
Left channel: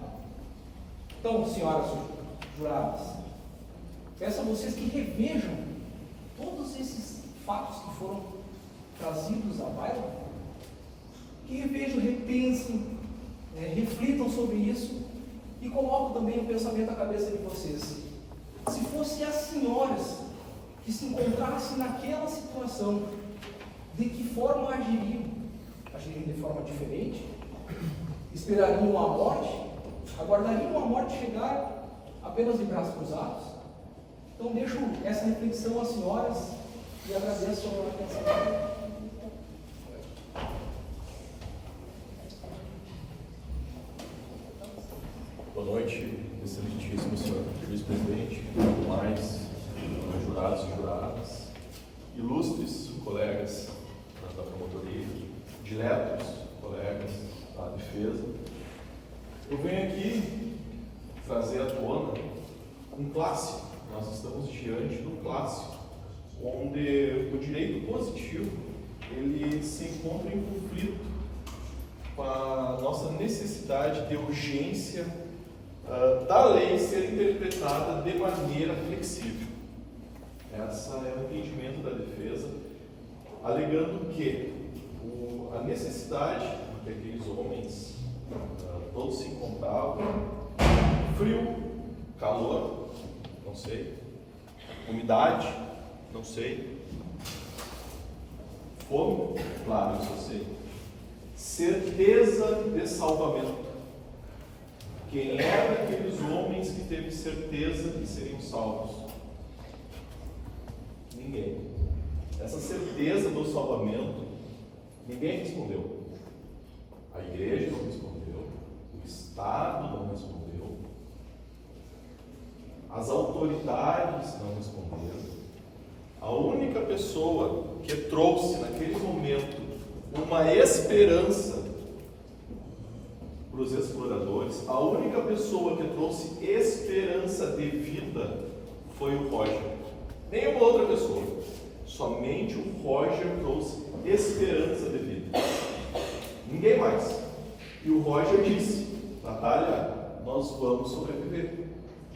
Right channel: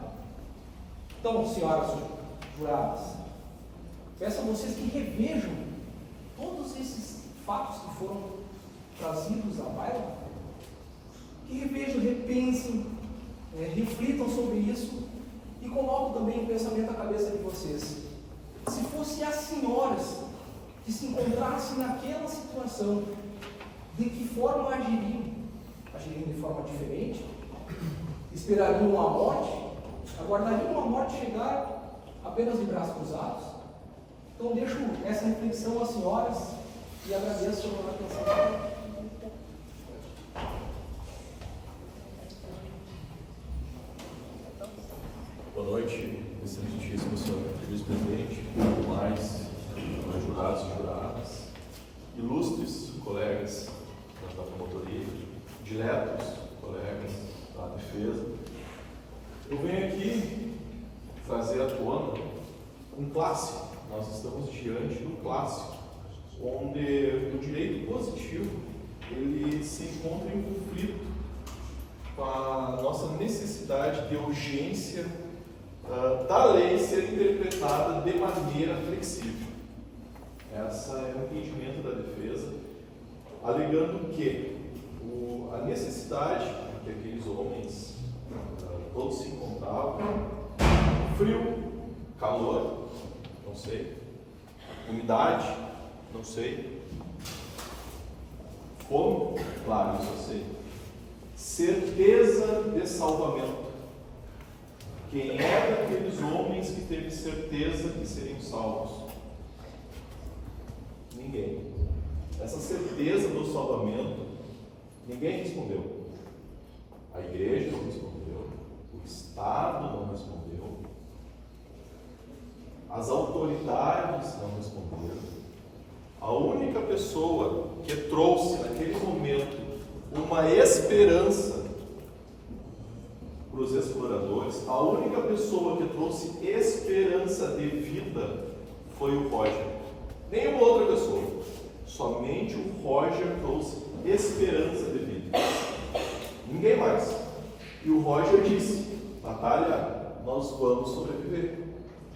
Então, senhoras juradas, peço a vocês que revejam todos esses fatos que foram trazidos à baila, que revejam, repensem, reflitam sobre isso e coloquem também o pensamento à cabeça de vocês. Se fossem as senhoras que se encontrassem naquela situação, de que forma agiriam? Agiriam de forma diferente? Esperariam a morte? Aguardariam a morte chegar apenas de braços cruzados? Então deixo essa reflexão às senhoras e agradeço a atenção. Boa noite, excelentíssimo senhor vice-presidente, demais jurados e juradas, ilustres colegas da promotoria, diletos colegas da defesa. Eu venho aqui trazer à tona um clássico. Nós estamos diante de um clássico, onde o direito positivo ele se encontra em conflito com a nossa necessidade de urgência da lei ser interpretada de maneira flexível. Esse é o entendimento da defesa, alegando que a necessidade que aqueles homens todos se encontravam, frio, calor, não sei, umidade, não sei, fome, claro, isso eu sei, certeza de salvamento. Quem é daqueles homens que teve certeza de serem salvos? Ninguém. Essa certeza do salvamento, ninguém respondeu. A igreja não respondeu, o Estado não respondeu, as autoridades não responderam. A única pessoa que trouxe naquele momento uma esperança para os exploradores, a única pessoa que trouxe esperança de vida foi o Roger. Nenhuma outra pessoa. Somente o Roger trouxe esperança de vida. Ninguém mais. E o Roger disse: Natália, nós vamos sobreviver.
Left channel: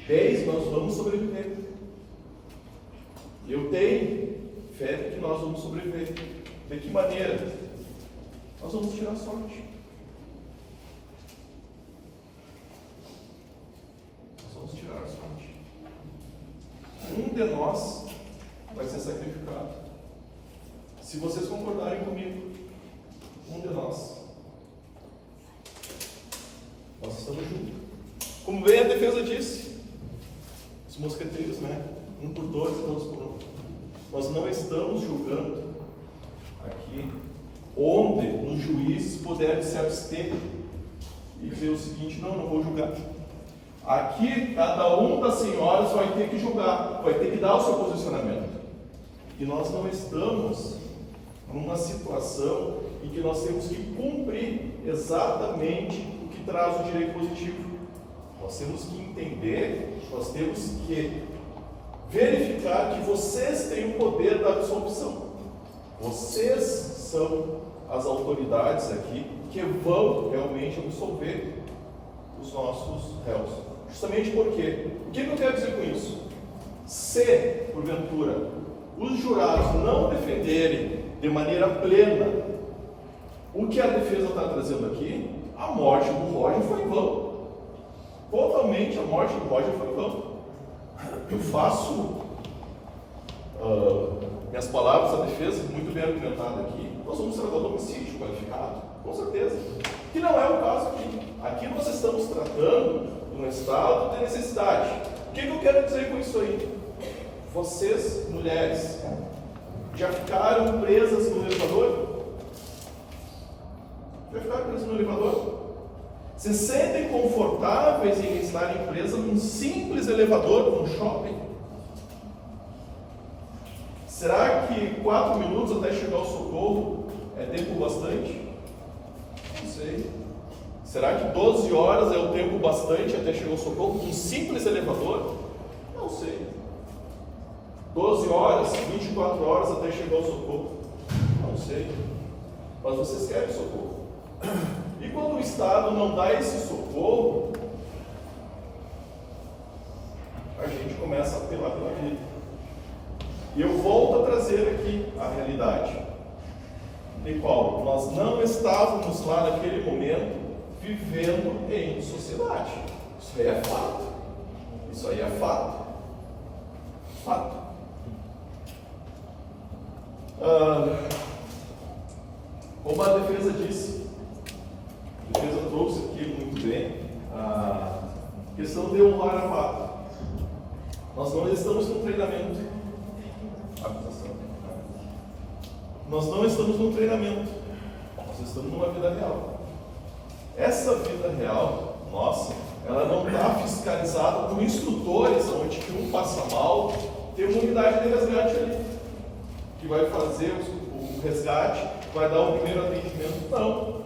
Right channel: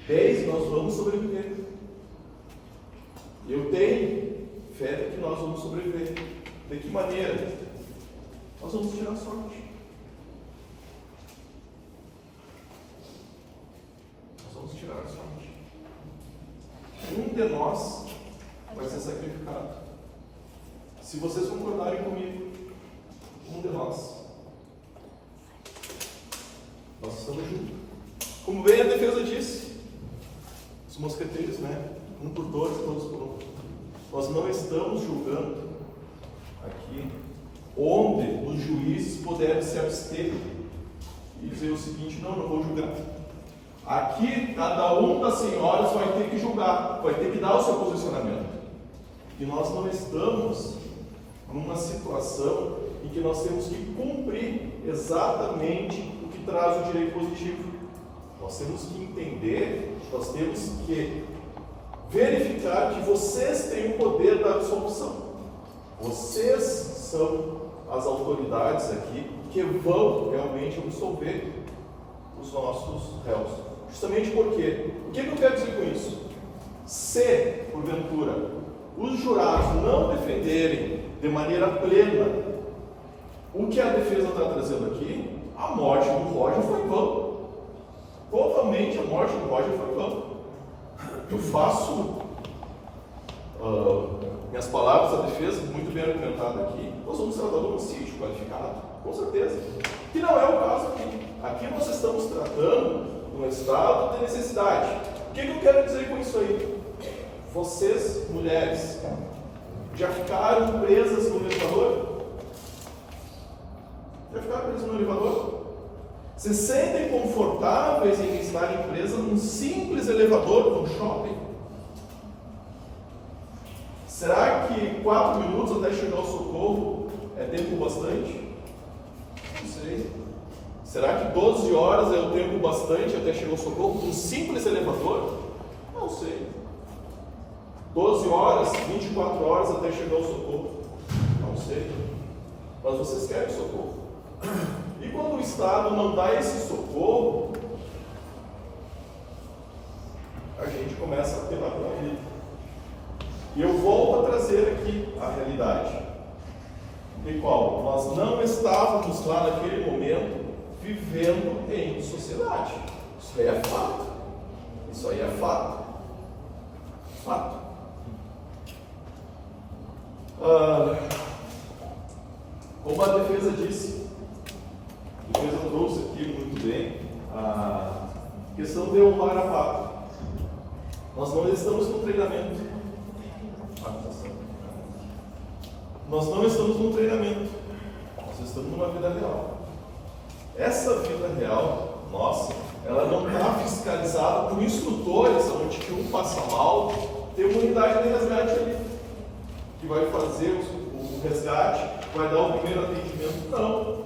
10, nós vamos sobreviver. Eu tenho fé de que nós vamos sobreviver. De que maneira? Nós vamos tirar sorte. Nós vamos tirar a sorte. Um de nós vai ser sacrificado. Se vocês concordarem comigo, um de nós. Nós estamos juntos. Como bem a defesa disse, os mosqueteiros, né? Um por dois, todos por um. Nós não estamos julgando aqui onde os juízes puderem se abster e dizer o seguinte: não vou julgar. Aqui, cada um das senhoras vai ter que julgar, vai ter que dar o seu posicionamento. E nós não estamos numa situação em que nós temos que cumprir exatamente o que traz o direito positivo. Nós temos que entender, nós temos que verificar que vocês têm o poder da absolvição. Vocês são as autoridades aqui que vão realmente absolver os nossos réus. Justamente porque, o que eu quero dizer com isso? Se, porventura, os jurados não defenderem de maneira plena o que a defesa está trazendo aqui, a morte do Roger foi em vão. Totalmente a morte do Roger foi em vão. Eu faço minhas palavras da defesa, muito bem argumentada aqui. Nós vamos tratar do homicídio qualificado, com certeza. Que não é o caso aqui. Aqui nós estamos tratando de um estado de necessidade. O que eu quero dizer com isso aí? Vocês, mulheres, já ficaram presas no elevador? Quer ficar preso no elevador? Se sentem confortáveis em estar presos num simples elevador num shopping? Será que 4 minutos até chegar ao socorro é tempo bastante? Não sei. Será que 12 horas é o tempo bastante até chegar ao socorro num simples elevador? Não sei. 12 horas, 24 horas até chegar ao socorro? Não sei. Mas vocês querem socorro. E quando o Estado não dá esse socorro, a gente começa a apelar pela vida. E eu volto a trazer aqui a realidade. De qual? Nós não estávamos lá naquele momento vivendo em sociedade. Isso aí é fato. Isso aí é fato. Fato. Como a defesa disse, a defesa trouxe aqui muito bem a questão de honrar a fato. Nós não estamos num treinamento. Nós não estamos num treinamento. Nós estamos numa vida real. Essa vida real, nossa, ela não está fiscalizada por instrutores, onde que um passa mal, tem uma unidade de resgate ali, que vai fazer o resgate, vai dar o primeiro atendimento. Não.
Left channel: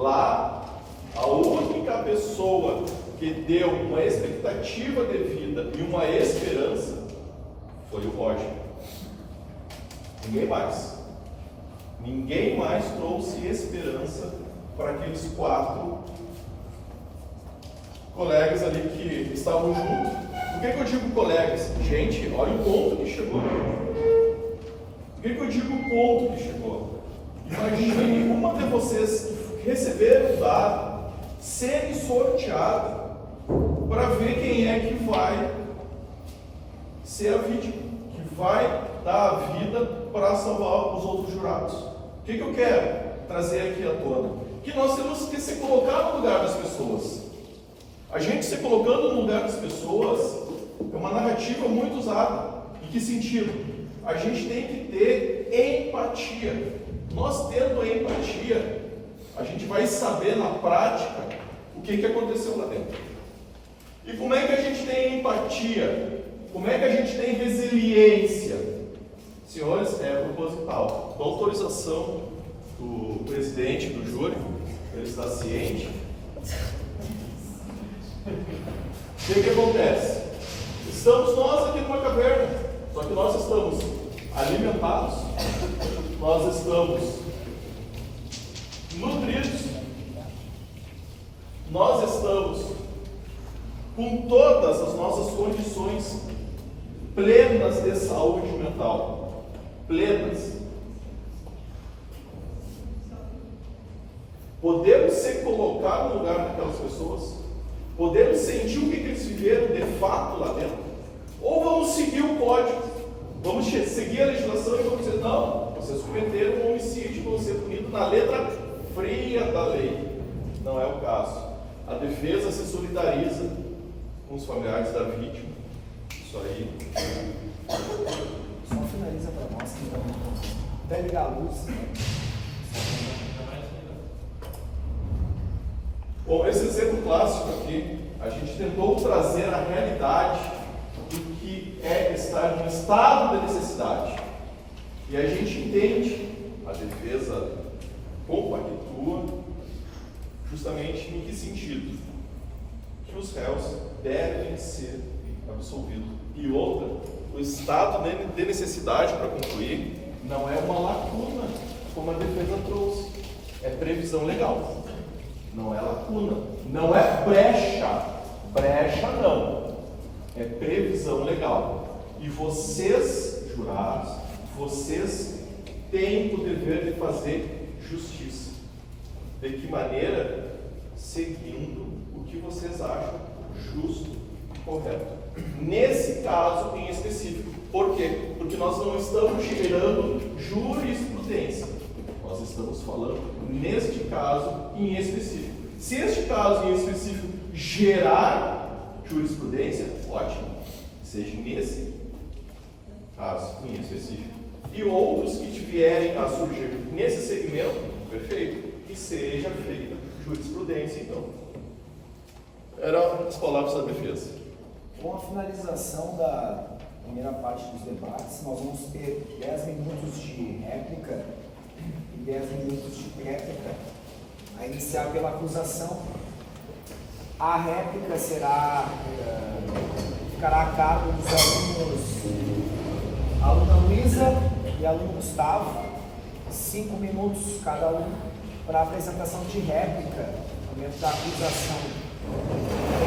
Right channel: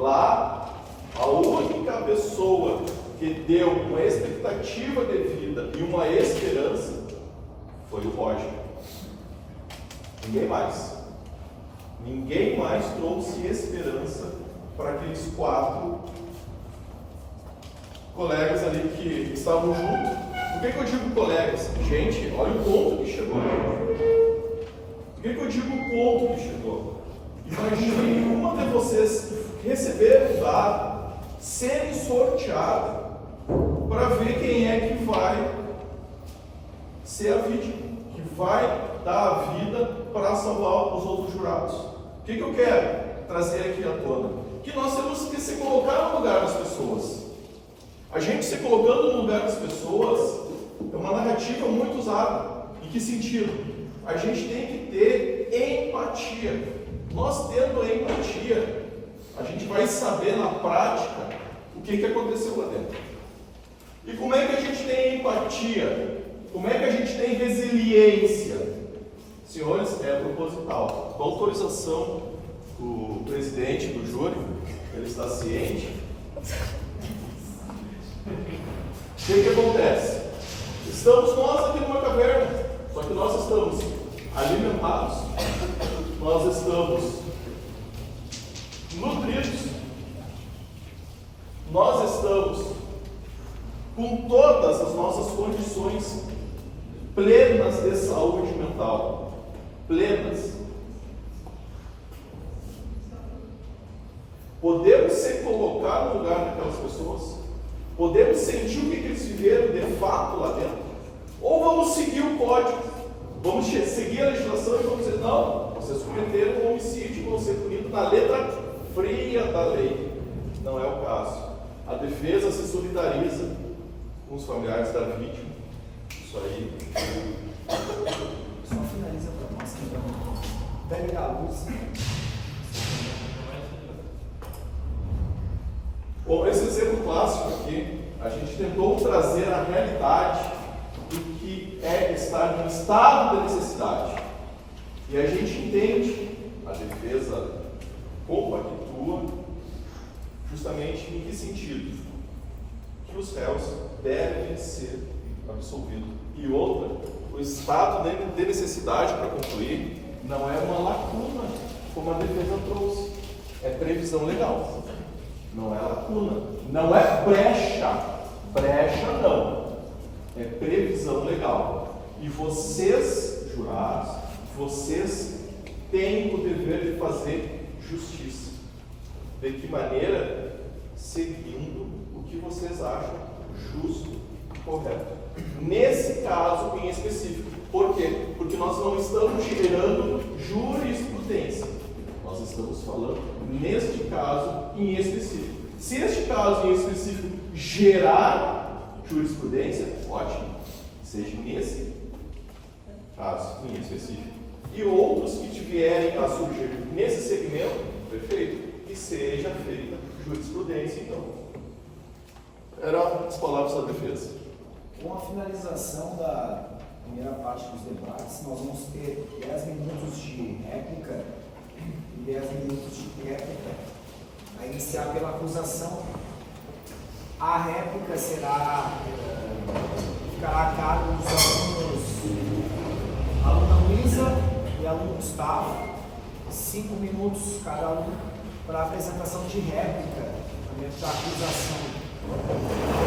Lá, a única pessoa que deu uma expectativa de vida e uma esperança foi o Roger. Ninguém mais. Ninguém mais trouxe esperança para aqueles 4 colegas ali que estavam juntos. Por que eu digo colegas? Gente, olha o ponto que chegou. Por que eu digo o ponto que chegou? Imagine uma de vocês receber o dado, ser sorteado para ver quem é que vai ser a vítima, que vai dar a vida para salvar os outros jurados. O que eu quero trazer aqui à tona? Que nós temos que se colocar no lugar das pessoas. A gente se colocando no lugar das pessoas é uma narrativa muito usada. Em que sentido? A gente tem que ter empatia. Nós tendo empatia, a gente vai saber na prática o que aconteceu lá dentro. E como é que a gente tem empatia? Como é que a gente tem resiliência? Senhores, é proposital. Com autorização do presidente do júri, ele está ciente. O que acontece? Estamos nós aqui numa caverna, só que nós estamos alimentados, nós estamos nutridos, nós estamos com todas as nossas condições plenas de saúde mental. Plenas. Podemos se colocar no lugar daquelas pessoas? Podemos sentir o que eles viveram de fato lá dentro? Ou vamos seguir o código? Vamos seguir a legislação e vamos dizer, não, vocês cometeram um homicídio, vão ser punidos na letra fria da lei. Não é o caso. A defesa se solidariza com os familiares da vítima. Isso aí. Só finaliza para nós, então. Vai ligar a luz. Bom, esse exemplo clássico aqui, a gente tentou trazer a realidade do que é estar num estado de necessidade. E a gente entende, a defesa compactua, justamente em que sentido? Que os réus devem ser absolvidos. E outra, o estado de necessidade, para concluir, não é uma lacuna, como a defesa trouxe. É previsão legal. Não é lacuna. Não é brecha. Brecha não. É previsão legal. E vocês, jurados, vocês têm o dever de fazer justiça. De que maneira? Seguindo o que vocês acham justo e correto. Nesse caso em específico. Por quê? Porque nós não estamos gerando jurisprudência. Nós estamos falando neste caso em específico. Se este caso em específico gerar jurisprudência, ótimo. Seja nesse caso em específico. E outros que vierem a surgir nesse segmento, perfeito. que seja feita jurisprudência, então. Eram as palavras da defesa. Com a finalização da primeira parte dos debates, nós vamos ter 10 minutos de réplica e 10 minutos de réplica, a iniciar pela acusação. A réplica ficará a cargo dos alunos, a aluna Luísa e a aluno Gustavo, 5 minutos cada um para a apresentação de réplica, momento da acusação.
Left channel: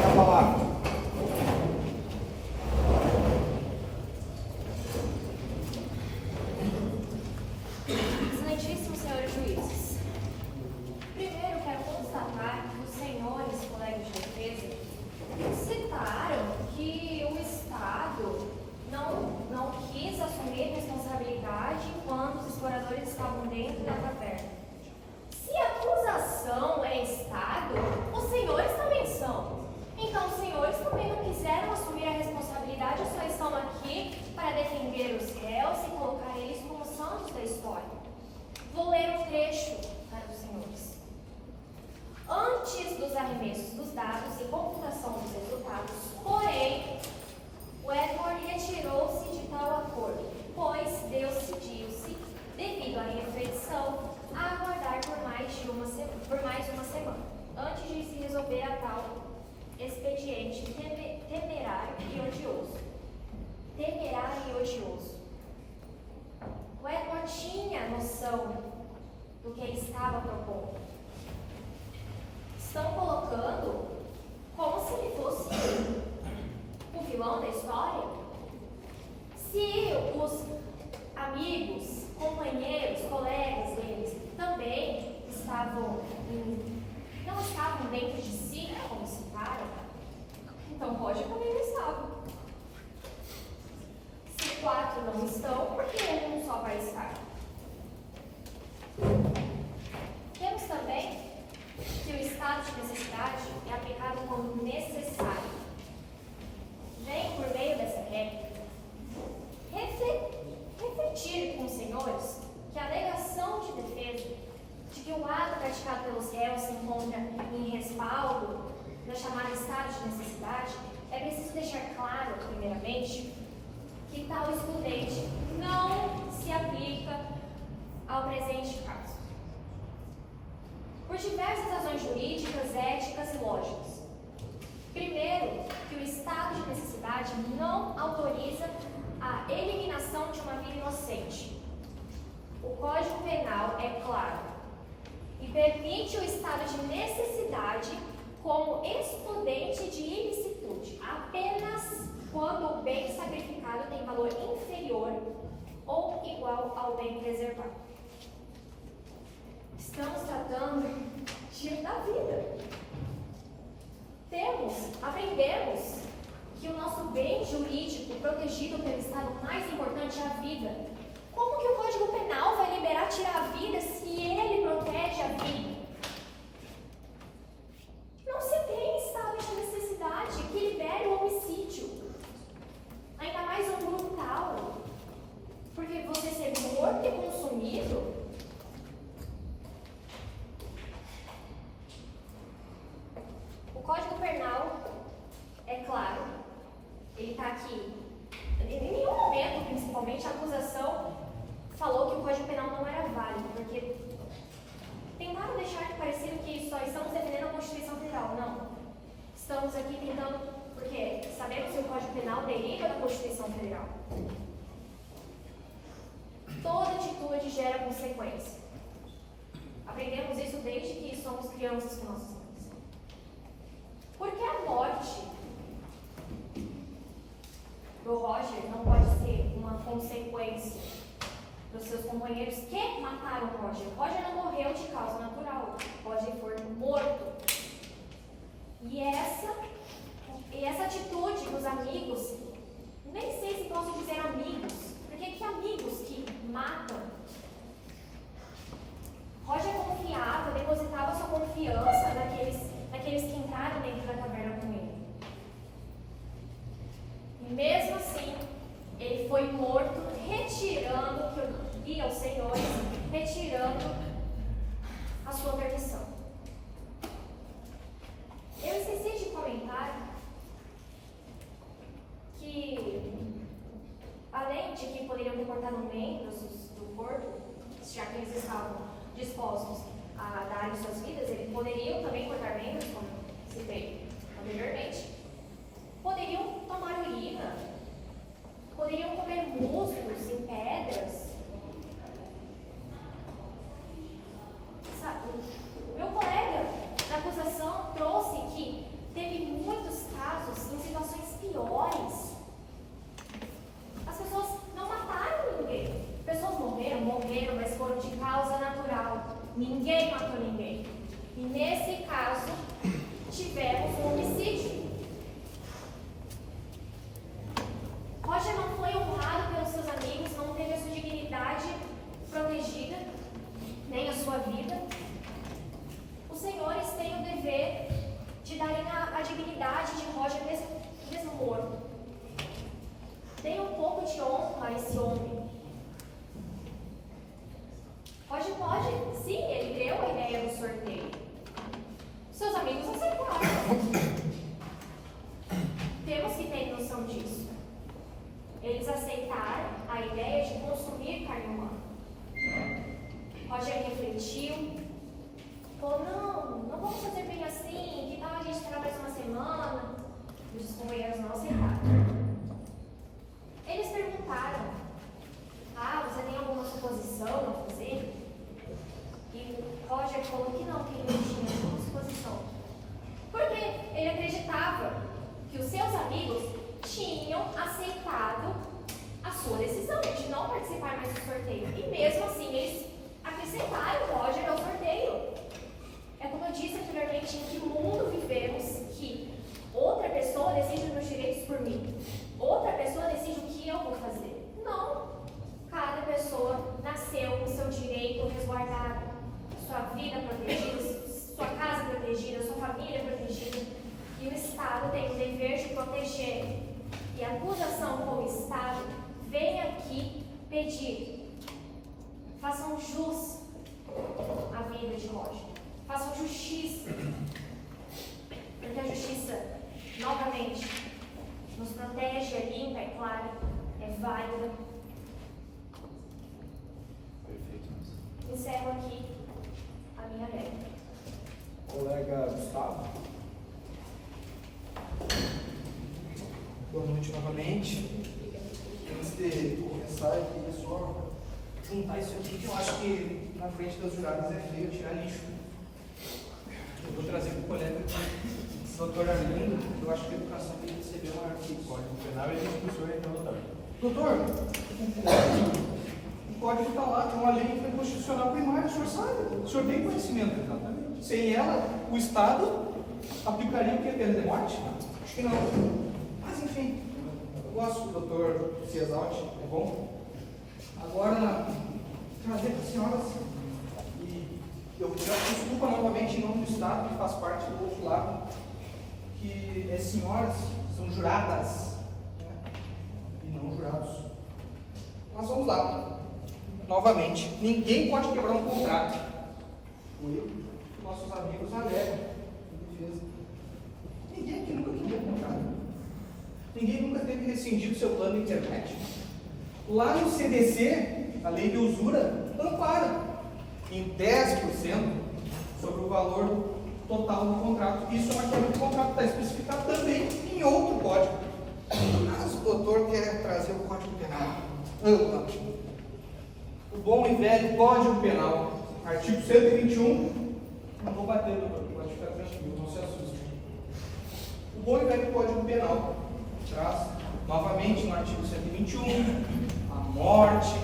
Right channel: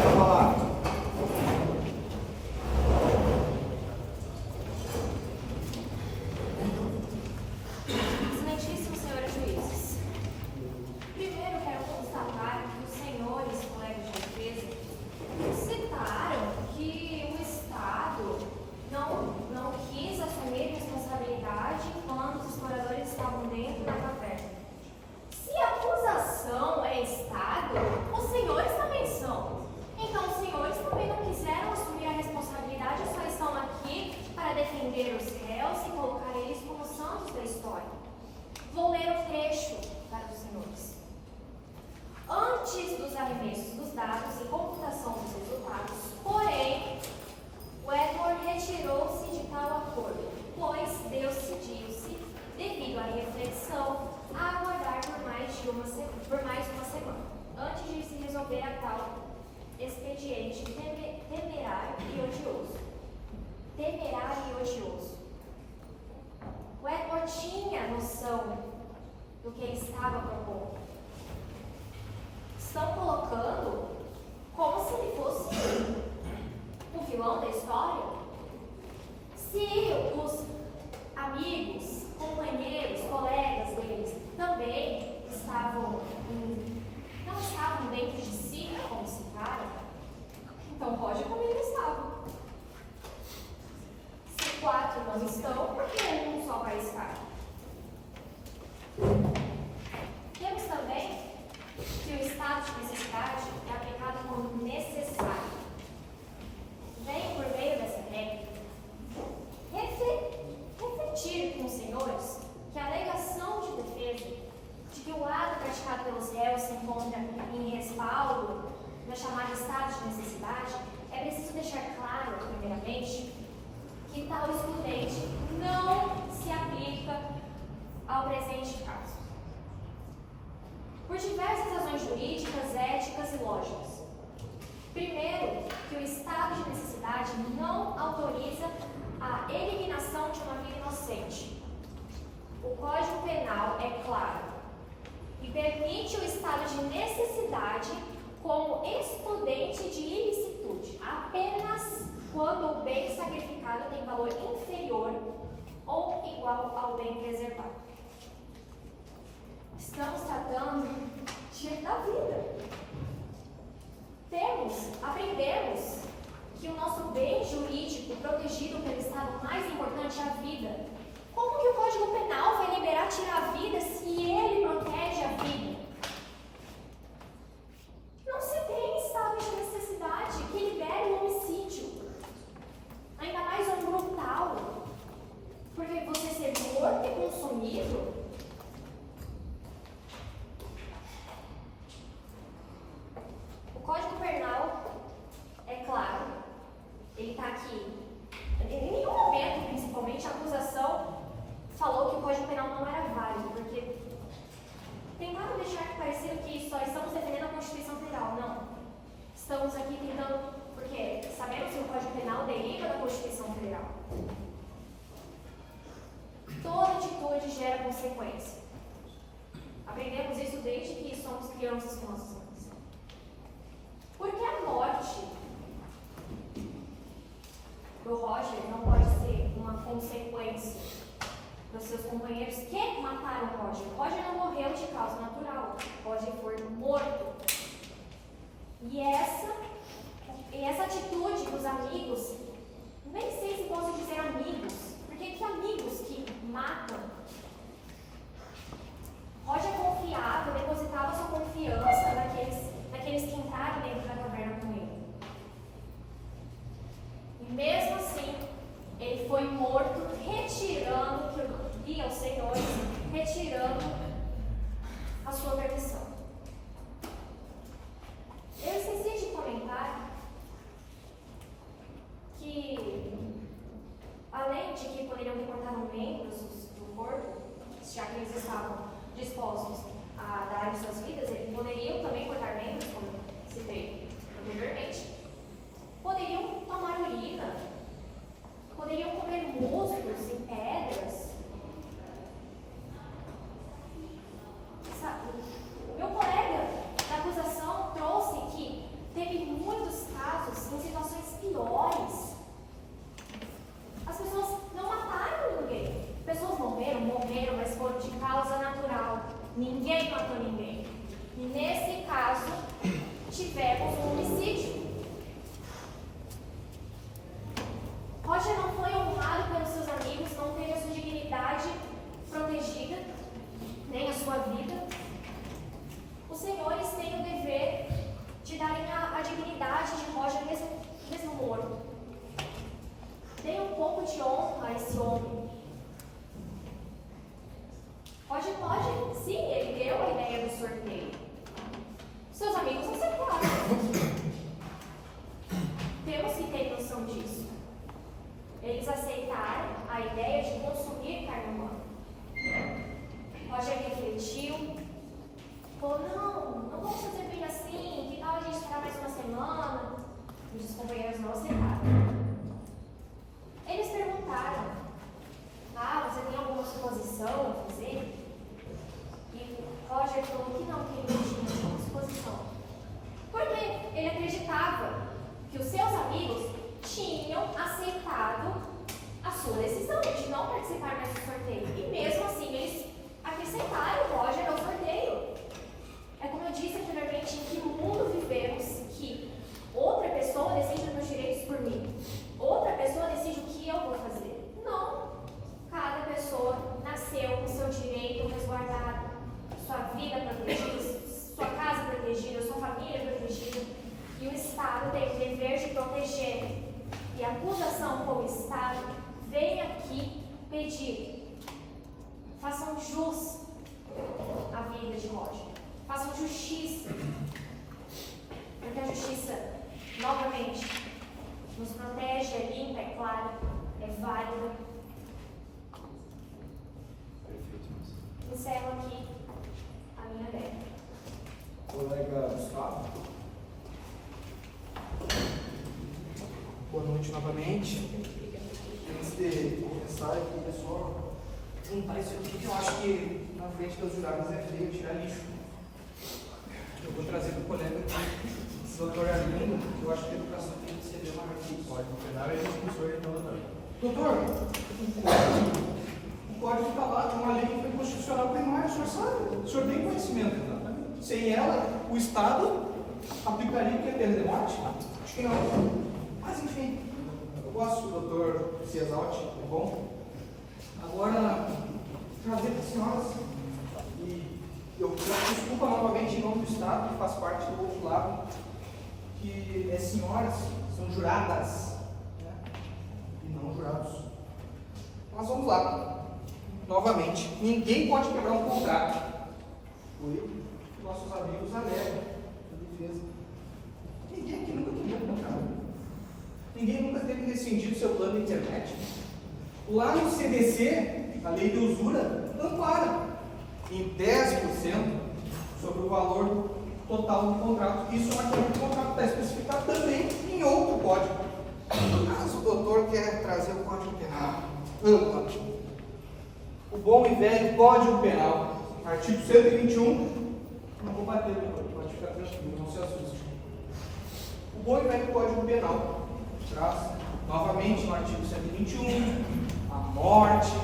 Quero falar. Excelentíssimos senhores juízes, primeiro quero constatar que os senhores colegas de defesa citaram que o Estado não quis assumir responsabilidade enquanto os exploradores estavam dentro da caverna. Se a acusação é Estado, os senhores também são. Então, os senhores também não quiseram assumir a responsabilidade, só estão aqui para defender os réus e colocar eles como santos da história. Vou ler um trecho para os senhores. Antes dos arremessos dos dados e computação dos resultados, porém, o Edward retirou-se de tal acordo, pois decidiu-se, devido à reflexão, a aguardar por mais uma semana, antes de se resolver a tal expediente temerário e odioso. O Edward tinha noção do que ele estava propondo. Estão colocando como se ele fosse o vilão da história? Se os amigos, companheiros, colegas deles também não estavam dentro de si, como citaram, então Roger também não estava. Se 4 não estão, por que um só vai estar? Temos também que o estado de necessidade é aplicado como necessário. Vem por meio dessa regra refletir com os senhores que a alegação de defesa de que o ato praticado pelos réus se encontra em respaldo da chamada estado de necessidade, é preciso deixar claro, primeiramente, que tal excludente não se aplica ao presente caso. Por diversas razões jurídicas, éticas e lógicas. Primeiro, que o estado de necessidade não autoriza a eliminação de uma vida inocente. O Código Penal é claro e permite o estado de necessidade como excludente de ilicitude, apenas quando o bem sacrificado tem valor inferior ou igual ao bem preservado. Estamos tratando da vida. Aprendemos que o nosso bem jurídico protegido pelo Estado mais importante é a vida. Como que o Código Penal vai liberar tirar a vida se ele protege a vida? Não se tem estado de necessidade que libere o homicídio. Ainda mais um brutal. Porque você ser morto e consumido. O Código Penal, é claro, ele está aqui. Em nenhum momento, principalmente, a acusação falou que o Código Penal não era válido, porque tentaram deixar parecer que só estamos defendendo a Constituição Federal. Não. Estamos aqui tentando, porque sabemos que o Código Penal deriva da Constituição Federal. Toda atitude gera consequência. Aprendemos isso desde que somos crianças com nossos pais. Porque a morte do Roger não pode ser uma consequência dos seus companheiros que mataram o Roger. Roger não morreu de causa natural. Roger foi morto. E essa atitude dos amigos, nem sei se posso dizer amigos, porque que amigos que matam? Roger confiava, depositava sua confiança naqueles que entraram dentro da caverna com ele. E mesmo assim, ele foi morto, retirando, que eu vi aos senhores, retirando a sua permissão. já que eles estavam dispostos a darem suas vidas, eles poderiam também cortar membros, como citei anteriormente. Poderiam tomar urina, poderiam comer musgos e pedras. O meu colega na acusação trouxe que teve muitos casos em situações piores. As pessoas não mataram ninguém. Pessoas morreram, mas foram de causa natural. Ninguém matou ninguém. E nesse caso, tivemos um homicídio. Roger não foi honrado pelos seus amigos, não teve a sua dignidade protegida, nem a sua vida. Os senhores têm o dever de darem a dignidade de Roger mesmo morto. Deem um pouco de honra a esse homem. Roger pode, sim, ele deu a ideia do sorteio. Seus amigos aceitaram. Temos que ter noção disso. Eles aceitaram a ideia de consumir carne humana. Roger refletiu. Falou, não vamos fazer bem assim, que tal a gente esperar mais uma semana? E os companheiros não aceitaram. Eles perguntaram, você tem alguma suposição a fazer? E Roger falou que não tinha nenhuma suposição. Porque ele acreditava que os seus amigos tinham aceitado a sua decisão de não participar mais do sorteio. E mesmo assim, eles acrescentaram Roger ao sorteio. É como eu disse anteriormente, em que mundo vivemos que outra pessoa decide os meus direitos por mim? Outra pessoa decide o que eu vou fazer? Não. Cada pessoa nasceu com seu direito resguardado, sua vida protegida, sua casa protegida, sua família protegida. E o Estado tem o dever de proteger. E a acusação como Estado vem aqui pedir: façam jus à vida de Roger. Façam justiça. Porque a justiça, novamente, nos protege, é limpa, é clara, é válida. Encerro aqui a minha lei. Colega Gustavo. Boa noite novamente. Antes de começar, eu queria só juntar isso aqui, que eu acho que na frente dos jurados é feio tirar lixo. Eu vou trazer para o colega aqui, doutor Arlindo, eu acho que a educação tem que receber um artigo. Código penal e professor então, doutor. Doutor, o código está lá, é uma lei constitucional primária, o senhor sabe, o senhor tem conhecimento. Exatamente. Sem ela, o Estado aplicaria o que? Pena de morte? Acho que não. Mas enfim, eu gosto do doutor se exalte, é bom. Agora, trazer para as senhoras, e eu peço desculpa novamente em nome do Estado, que faz parte do outro lado, que as senhoras são juradas, né? E não jurados. Mas vamos lá. Novamente, ninguém pode quebrar um contrato. Eu e nossos amigos alegam a defesa. Ninguém aqui nunca queria contrato. Ninguém nunca teve rescindido seu plano de internet. Lá no CDC, a lei de usura ampara em 10% sobre o valor total do contrato. Isso naquele contrato está especificado também em outro código. No caso, o doutor quer trazer o Código Penal. O bom e velho Código Penal, artigo 121. Não vou bater, doutor, pode ficar tranquilo, não se assuste. O bom e velho Código Penal traz novamente no artigo 121 a morte,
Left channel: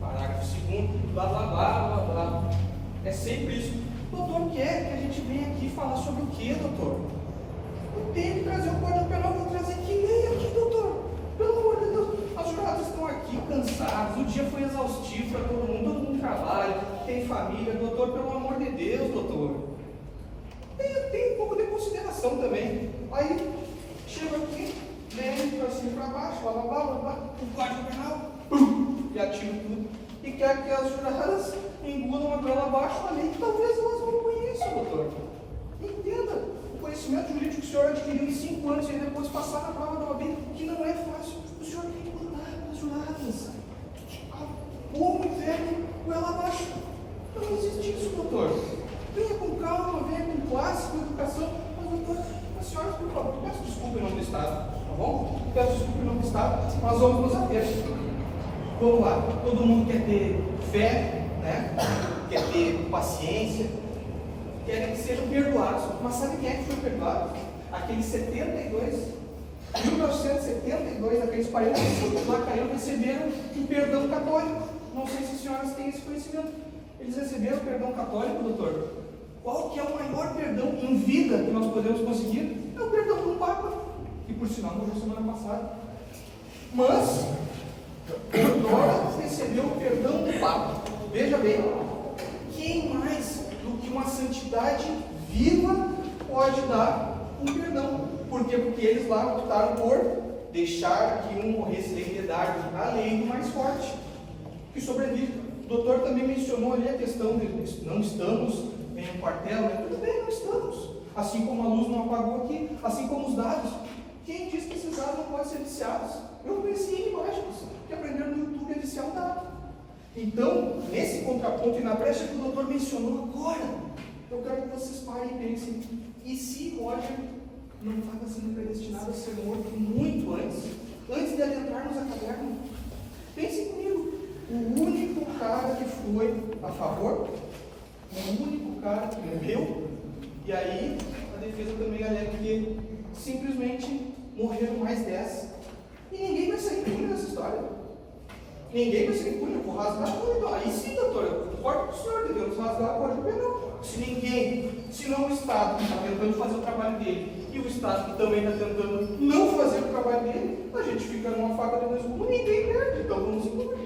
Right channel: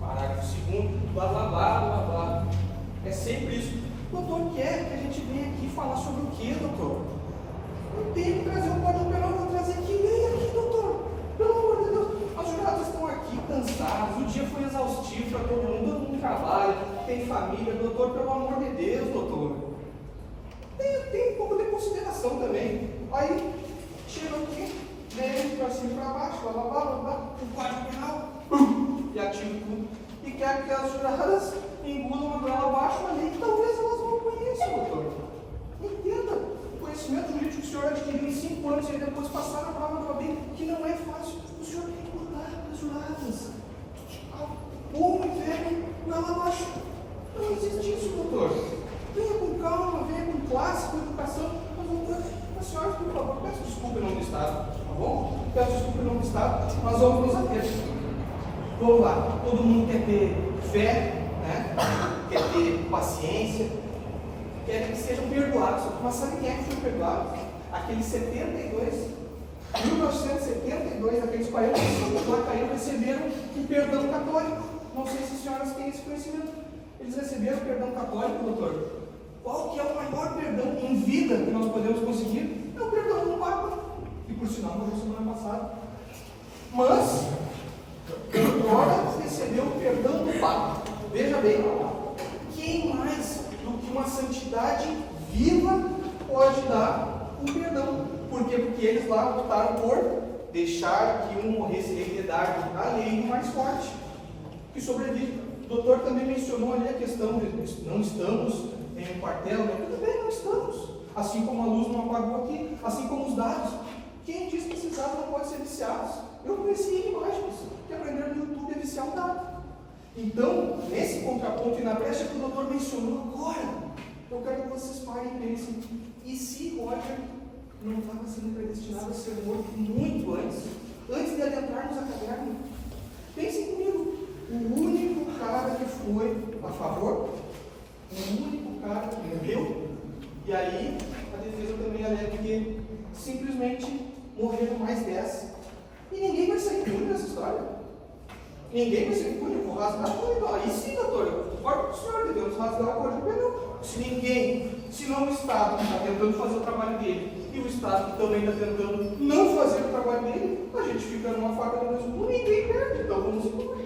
parágrafo 2º, blá blá blá blá blá. É sempre isso. O doutor quer que a gente venha aqui falar sobre o que, doutor? Eu tenho que trazer um Código Penal, vou trazer que lei aqui, doutor. Pelo amor de Deus, os jurados estão aqui cansados, o dia foi exaustivo para todo mundo trabalha, tem família, doutor, pelo amor de Deus, doutor. Tem um pouco de consideração também. Aí, chego aqui, leio para cima e para baixo, blá blá blá blá, o Código Penal, e atiro tudo. E quer que as juradas engulam a goela abaixo a lei que talvez elas não conheçam, doutor. Entenda, o conhecimento jurídico que o senhor adquiriu em 5 anos e depois passar na prova da OAB, que não é fácil. O senhor tem que mudar para as juradas. Bom e velho goela abaixo. Não existe isso, doutor. Venha com calma, venha com classe, com educação. Mas, senhoras, por favor, peço desculpa em nome do Estado, tá bom? Peço desculpa em nome do Estado, nós vamos nos ater. Vamos lá, todo mundo quer ter fé, né? Quer ter paciência, quer que sejam perdoados. Mas sabe quem é que foi perdoado? Aqueles 1972, aqueles 45 lá caíram, receberam um perdão católico. Não sei se as senhoras têm esse conhecimento. Eles receberam o perdão católico, doutor. Qual que é o maior perdão em vida que nós podemos conseguir? É o perdão do Papa, que por sinal morreu semana passada. Mas agora recebeu o perdão do Papa. Veja bem, quem mais do que uma santidade viva pode dar um perdão? Por quê? Porque eles lá optaram por deixar que um morresse de piedade, a lei do mais forte, que sobrevive. O doutor também mencionou ali a questão de não estamos em um quartel, né? Tudo bem, não estamos. Assim como a luz não apagou aqui, assim como os dados. Quem diz que esses dados não podem ser viciados? Eu conheci imagens que aprenderam no YouTube a viciar um dado. Então, nesse contraponto e na brecha que o doutor mencionou agora, eu quero que vocês parem e pensem, e se Roger não estava sendo predestinado a ser morto muito antes de adentrarmos a caverna? Pensem comigo, o único cara que foi a favor, o único cara que morreu, e aí a defesa também alega que simplesmente morreram mais 10. E ninguém vai sair impune nessa história. Ninguém vai sair impune, eu vou rasgar a cor. Então, aí sim, doutor, eu concordo com o senhor, devemos rasgar a cor do perdão. Se ninguém, se não o Estado que está tentando fazer o trabalho dele, e o Estado que também está tentando não fazer o trabalho dele, a gente fica numa faca de dois gumes e ninguém perde, então vamos embora.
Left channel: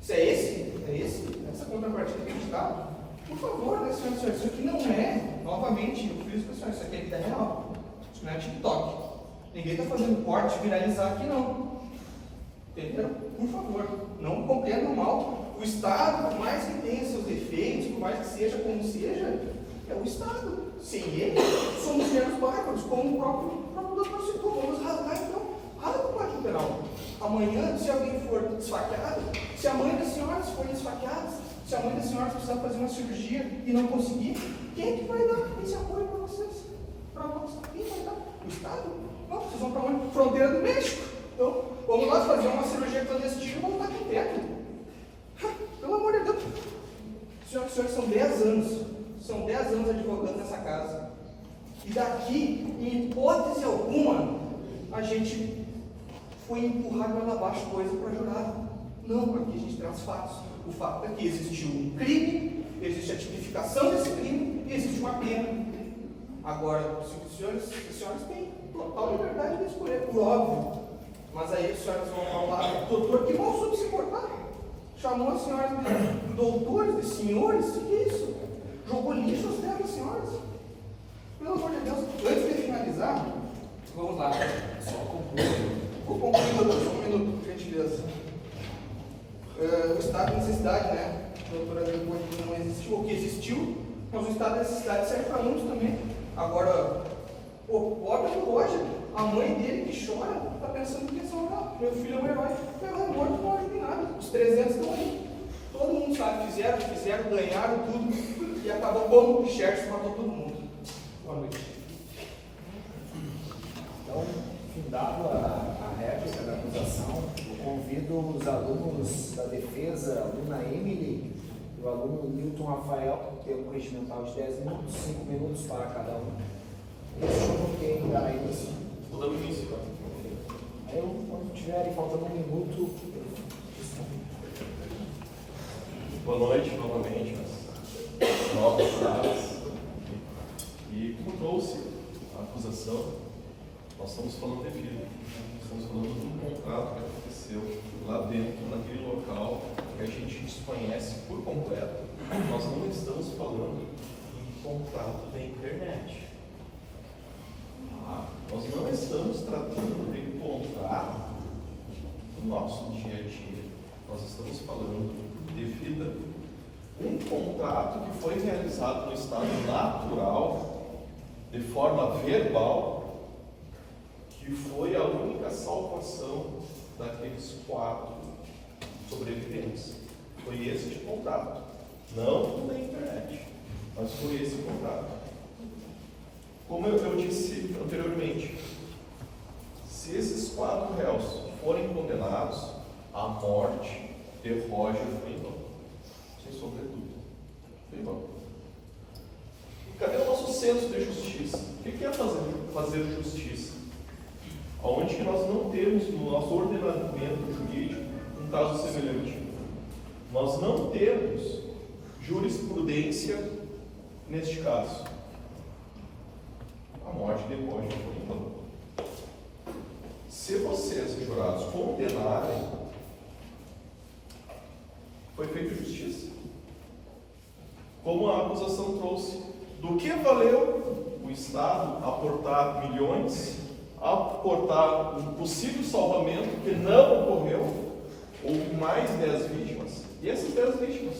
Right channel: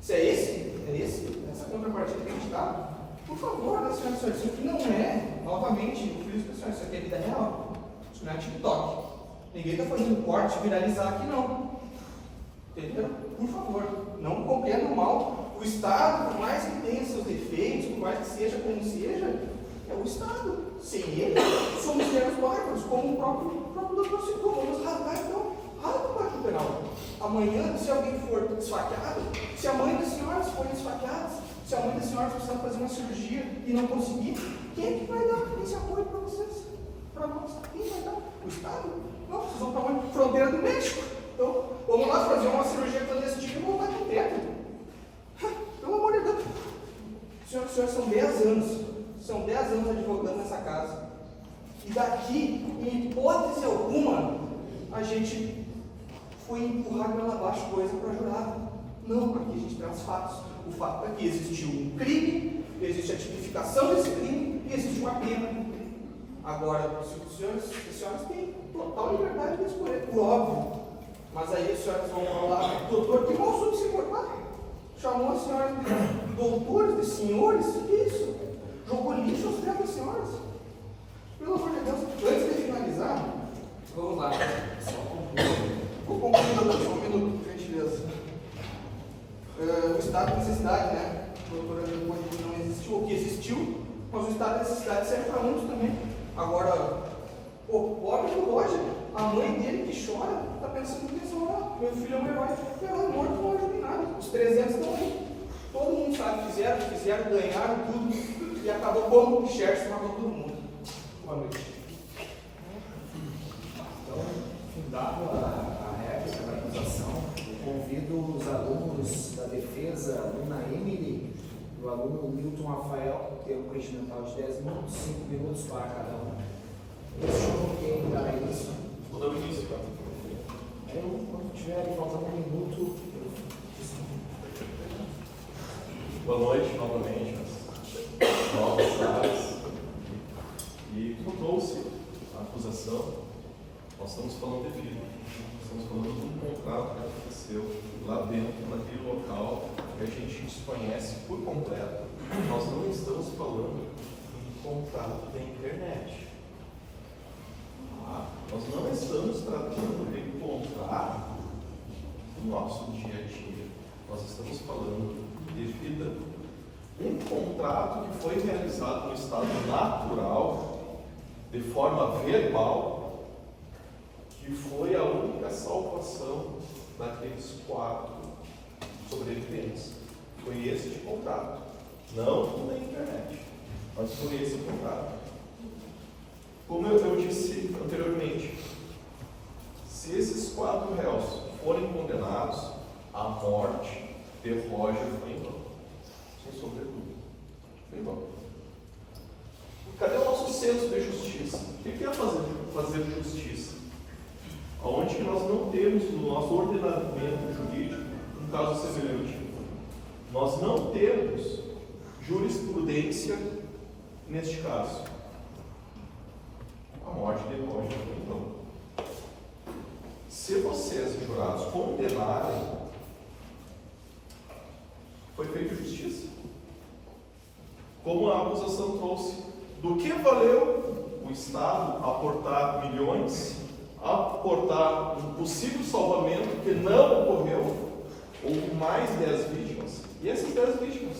Se é essa contrapartida que a gente está, por favor, né, senhoras e senhores, isso aqui não é, novamente, eu fiz isso, isso aqui é vida real, isso não é TikTok. Ninguém está fazendo corte, viralizar aqui não. Entendeu? Por favor, não compreendam mal. O Estado, por mais que tenha seus defeitos, por mais que seja como seja, é o Estado. Sem ele, somos meros bárbaros, como o próprio doutor citou. Vamos rasgar então, rasga o Código Penal. Amanhã, se alguém for esfaqueado, se a mãe das senhoras forem esfaqueadas, se a mãe das senhoras precisar fazer uma cirurgia e não conseguir, quem é que vai dar esse apoio para vocês? Para nós? Quem vai dar? O Estado? Não, vocês vão para onde? Fronteira do México. Então, vamos lá fazer uma cirurgia clandestina e voltar com o teto. Pelo amor de Deus. Senhoras e senhores, são 10 anos. São 10 anos advogando nessa casa. E daqui, em hipótese alguma, a gente foi empurrar goela abaixo coisa para jurado. Não, porque a gente tem os fatos. O fato é que existiu um crime, existe a tipificação desse crime e existe uma pena. Agora, os senhores têm total liberdade de escolher, por óbvio. Mas aí as senhoras vão falar, doutor, que mal soube se portar. Chamou as senhoras de doutores, de senhores, o que é isso? Jogou lixo aos pés das senhoras. Pelo amor de Deus, antes de finalizar, vamos lá. Vou concluir, doutor, só um minuto, por gentileza. O estado de necessidade, né? A doutora Leopoldo não existiu, ou que existiu, mas o estado de necessidade serve para muitos também. Agora, o pobre do Roger, a mãe dele que chora, está pensando que meu filho é um herói. Ela é morto, não ajuda em nada. Os 300 estão aí. Todo mundo sabe, fizeram, ganharam tudo e acabou como o Xerxes matou todo mundo. Boa noite. Então, findado a réplica da acusação, eu convido os alunos da defesa, a aluna Emily e o aluno Milton Rafael, que tem um regimental de 10 minutos, 5 minutos para cada um. Questiono quem dá isso. Vou dar o início, então. Aí, quando tiverem faltando um minuto. Boa noite novamente, as novas caras. E como trouxe a acusação, nós estamos falando de filho. Estamos falando de um contrato que aconteceu lá dentro, naquele local que a gente desconhece por completo. Nós não estamos falando em contrato da internet. Nós não estamos tratando de contrato do nosso dia a dia. Nós estamos falando de vida. Um contrato que foi realizado no estado natural, de forma verbal, que foi a única salvação daqueles 4 sobreviventes. Foi esse de contrato. Não na internet, mas foi esse contrato. Como eu disse anteriormente, se esses 4 réus forem condenados, a morte de Roger foi em vão. Sem sombra de dúvida. Foi em vão. Cadê o nosso senso de justiça? O que é fazer justiça? Onde que nós não temos no nosso ordenamento jurídico um caso semelhante? Nós não temos jurisprudência neste caso. A morte de Roger foi em vão. Se vocês, jurados, condenarem, foi feita justiça. Como a acusação trouxe, do que valeu o Estado aportar milhões, aportar um possível salvamento que não ocorreu, houve mais 10 vítimas, e essas 10 vítimas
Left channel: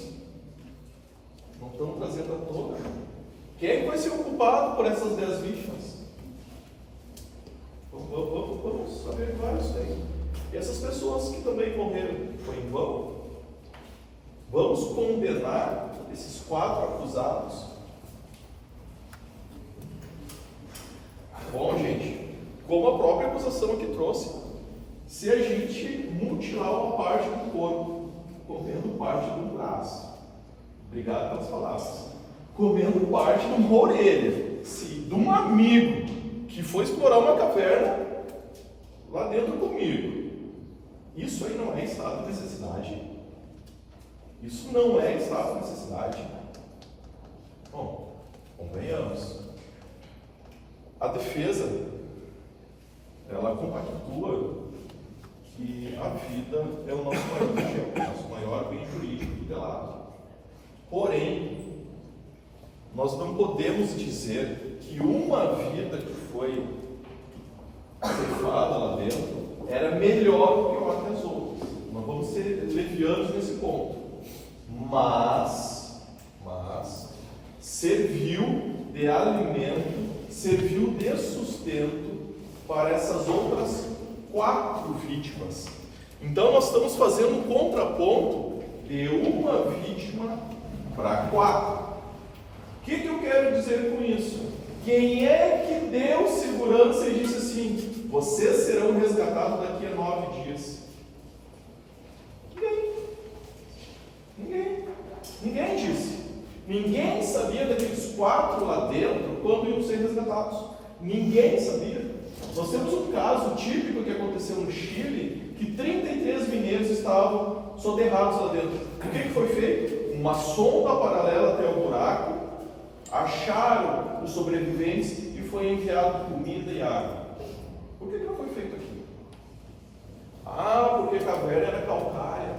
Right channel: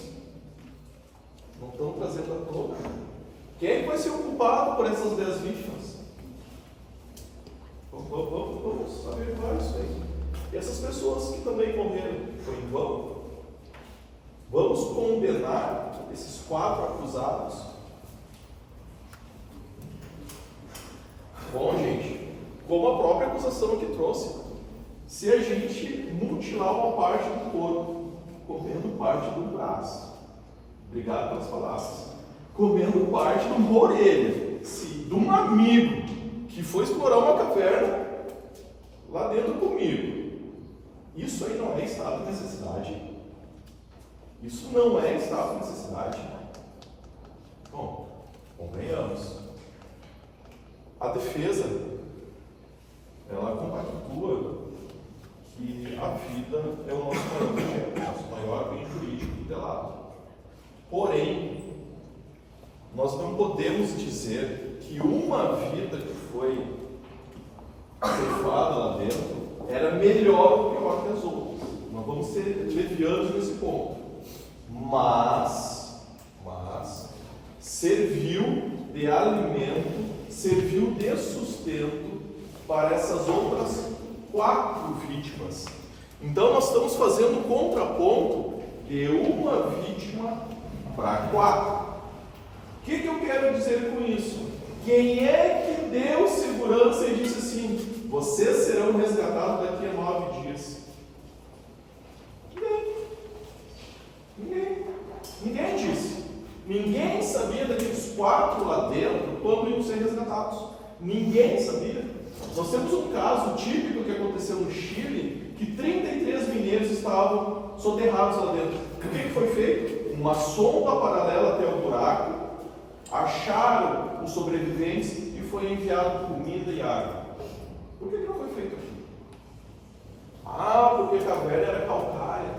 não estão trazendo à tona. Quem é que vai ser o culpado por essas 10 vítimas? Vamos averiguar isso aí. E essas pessoas que também morreram, foi em vão? Vamos condenar esses 4 acusados? Bom, gente, como a própria acusação aqui trouxe, se a gente mutilar uma parte do corpo, comendo parte do braço, obrigado pelas palavras, comendo parte de uma orelha, de um amigo que foi explorar uma caverna lá dentro comigo, isso aí não é estado de necessidade? Isso não é estado de necessidade? Bom, convenhamos. A defesa, ela compactua que a vida é o nosso maior objeto, nosso maior bem jurídico tutelado. Porém, nós não podemos dizer que uma vida que foi ceifada lá dentro era melhor ou pior que as outras. Não vamos ser levianos nesse ponto. Mas serviu de alimento, serviu de sustento para essas outras 4 vítimas. Então nós estamos fazendo um contraponto de uma vítima para 4. O que eu quero dizer com isso? Quem é que deu segurança e disse assim: vocês serão resgatados daqui a 9 dias? Ninguém disse. Ninguém sabia daqueles 4 lá dentro quando iam ser resgatados. Ninguém sabia. Nós temos um caso típico que aconteceu no Chile, que 33 mineiros estavam soterrados lá dentro. O que foi feito? Uma sonda paralela até o buraco, acharam os sobreviventes e foi enviado comida e água. Por que não foi feito aqui? Porque a caverna era calcária.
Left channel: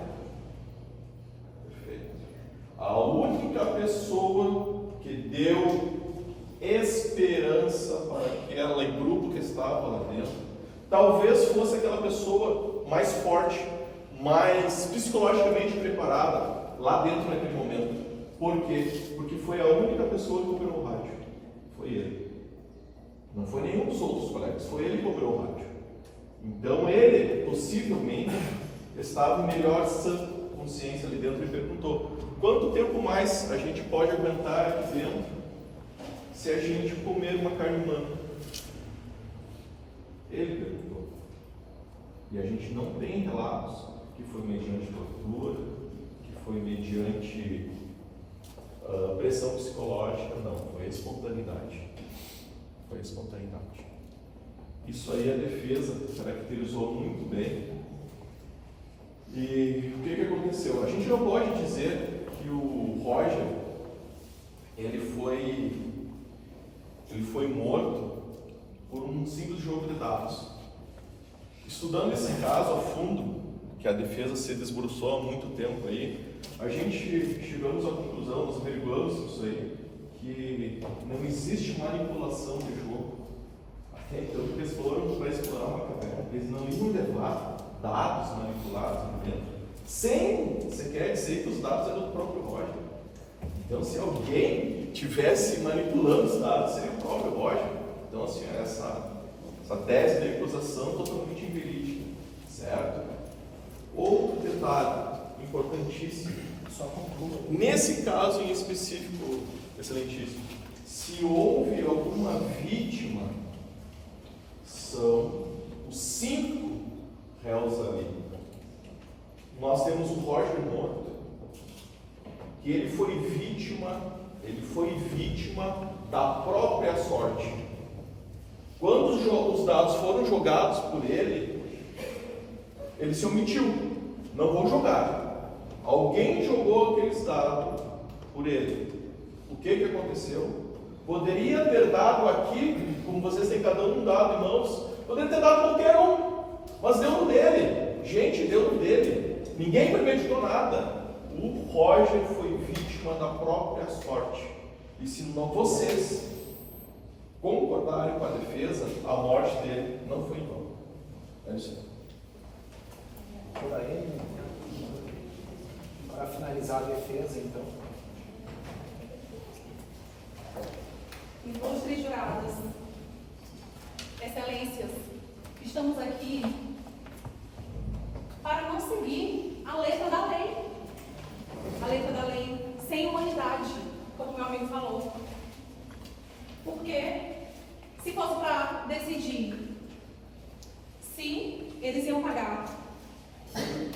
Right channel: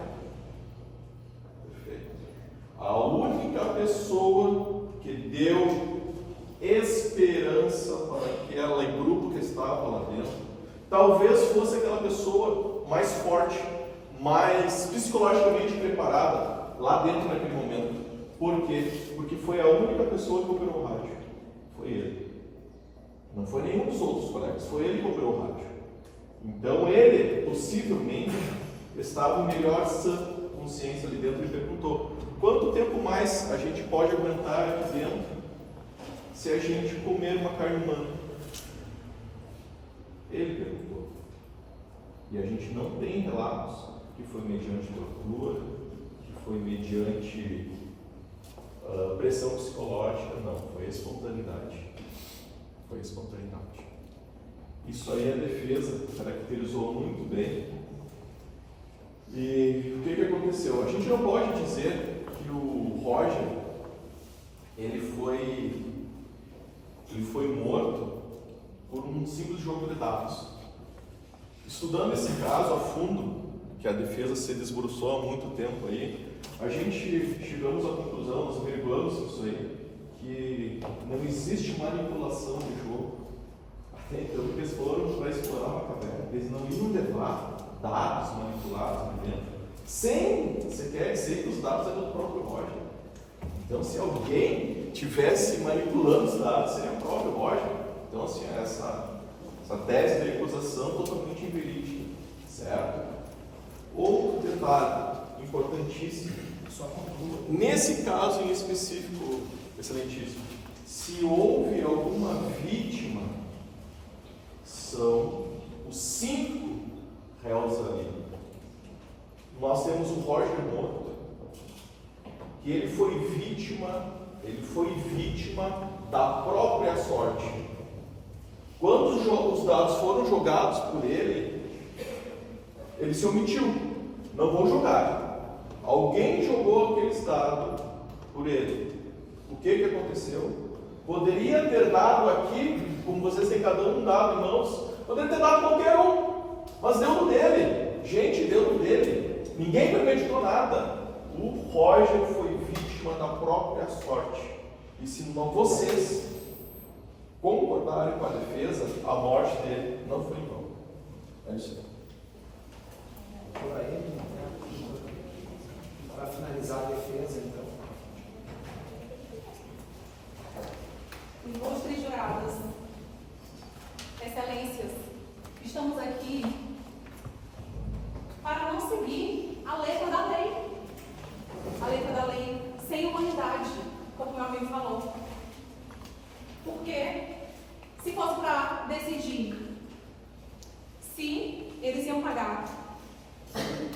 Perfeito. A única pessoa que deu esperança para aquele grupo que estava lá dentro, talvez fosse aquela pessoa mais forte, mais psicologicamente preparada lá dentro naquele momento. Por quê? Porque foi a única pessoa que operou o rádio. Foi ele. Não foi nenhum dos outros colegas, foi ele que operou o rádio. Então ele, possivelmente, estava em melhor sã consciência ali dentro e perguntou: quanto tempo mais a gente pode aguentar aqui dentro se a gente comer uma carne humana? Ele perguntou. E a gente não tem relatos que foi mediante tortura, que foi mediante pressão psicológica, não. Foi espontaneidade. Foi espontaneidade. Isso aí a defesa caracterizou muito bem. E o que aconteceu? A gente não pode dizer que o Roger ele foi morto por um simples jogo de dados. Estudando esse caso a fundo, que a defesa se desbruçou há muito tempo aí, a gente chegamos à conclusão, nós averiguamos isso aí, que não existe manipulação de jogo. Até então, porque eles foram para explorar uma caverna, eles não iam levar dados manipulados ali dentro, sem sequer dizer que os dados eram do próprio Roger. Então, se alguém tivesse manipulando os dados, seria o próprio Roger. Então, assim, essa tese de acusação totalmente inverídica, certo? Outro detalhe importantíssimo: Só conclua. Nesse caso em específico, excelentíssimo, se houve alguma vítima, são os 5 réus ali. Nós temos o Roger morto, que ele foi vítima da própria sorte. Quando os dados foram jogados por ele se omitiu. Não vou jogar. Alguém jogou aquele dado por ele. O que aconteceu? Poderia ter dado aqui, como vocês têm cada um dado em mãos, poderia ter dado qualquer um, mas deu no dele. Gente, deu no dele. Ninguém premeditou nada. O Roger foi vítima da própria sorte. E se não vocês concordarem com a defesa, a morte dele não foi em vão. É isso aí. Por aí, para finalizar a defesa, então. Ilustres jurados, excelências, estamos aqui para não seguir a letra da lei. A letra da lei sem humanidade, como meu amigo falou. Porque se fosse para decidir se eles iam pagar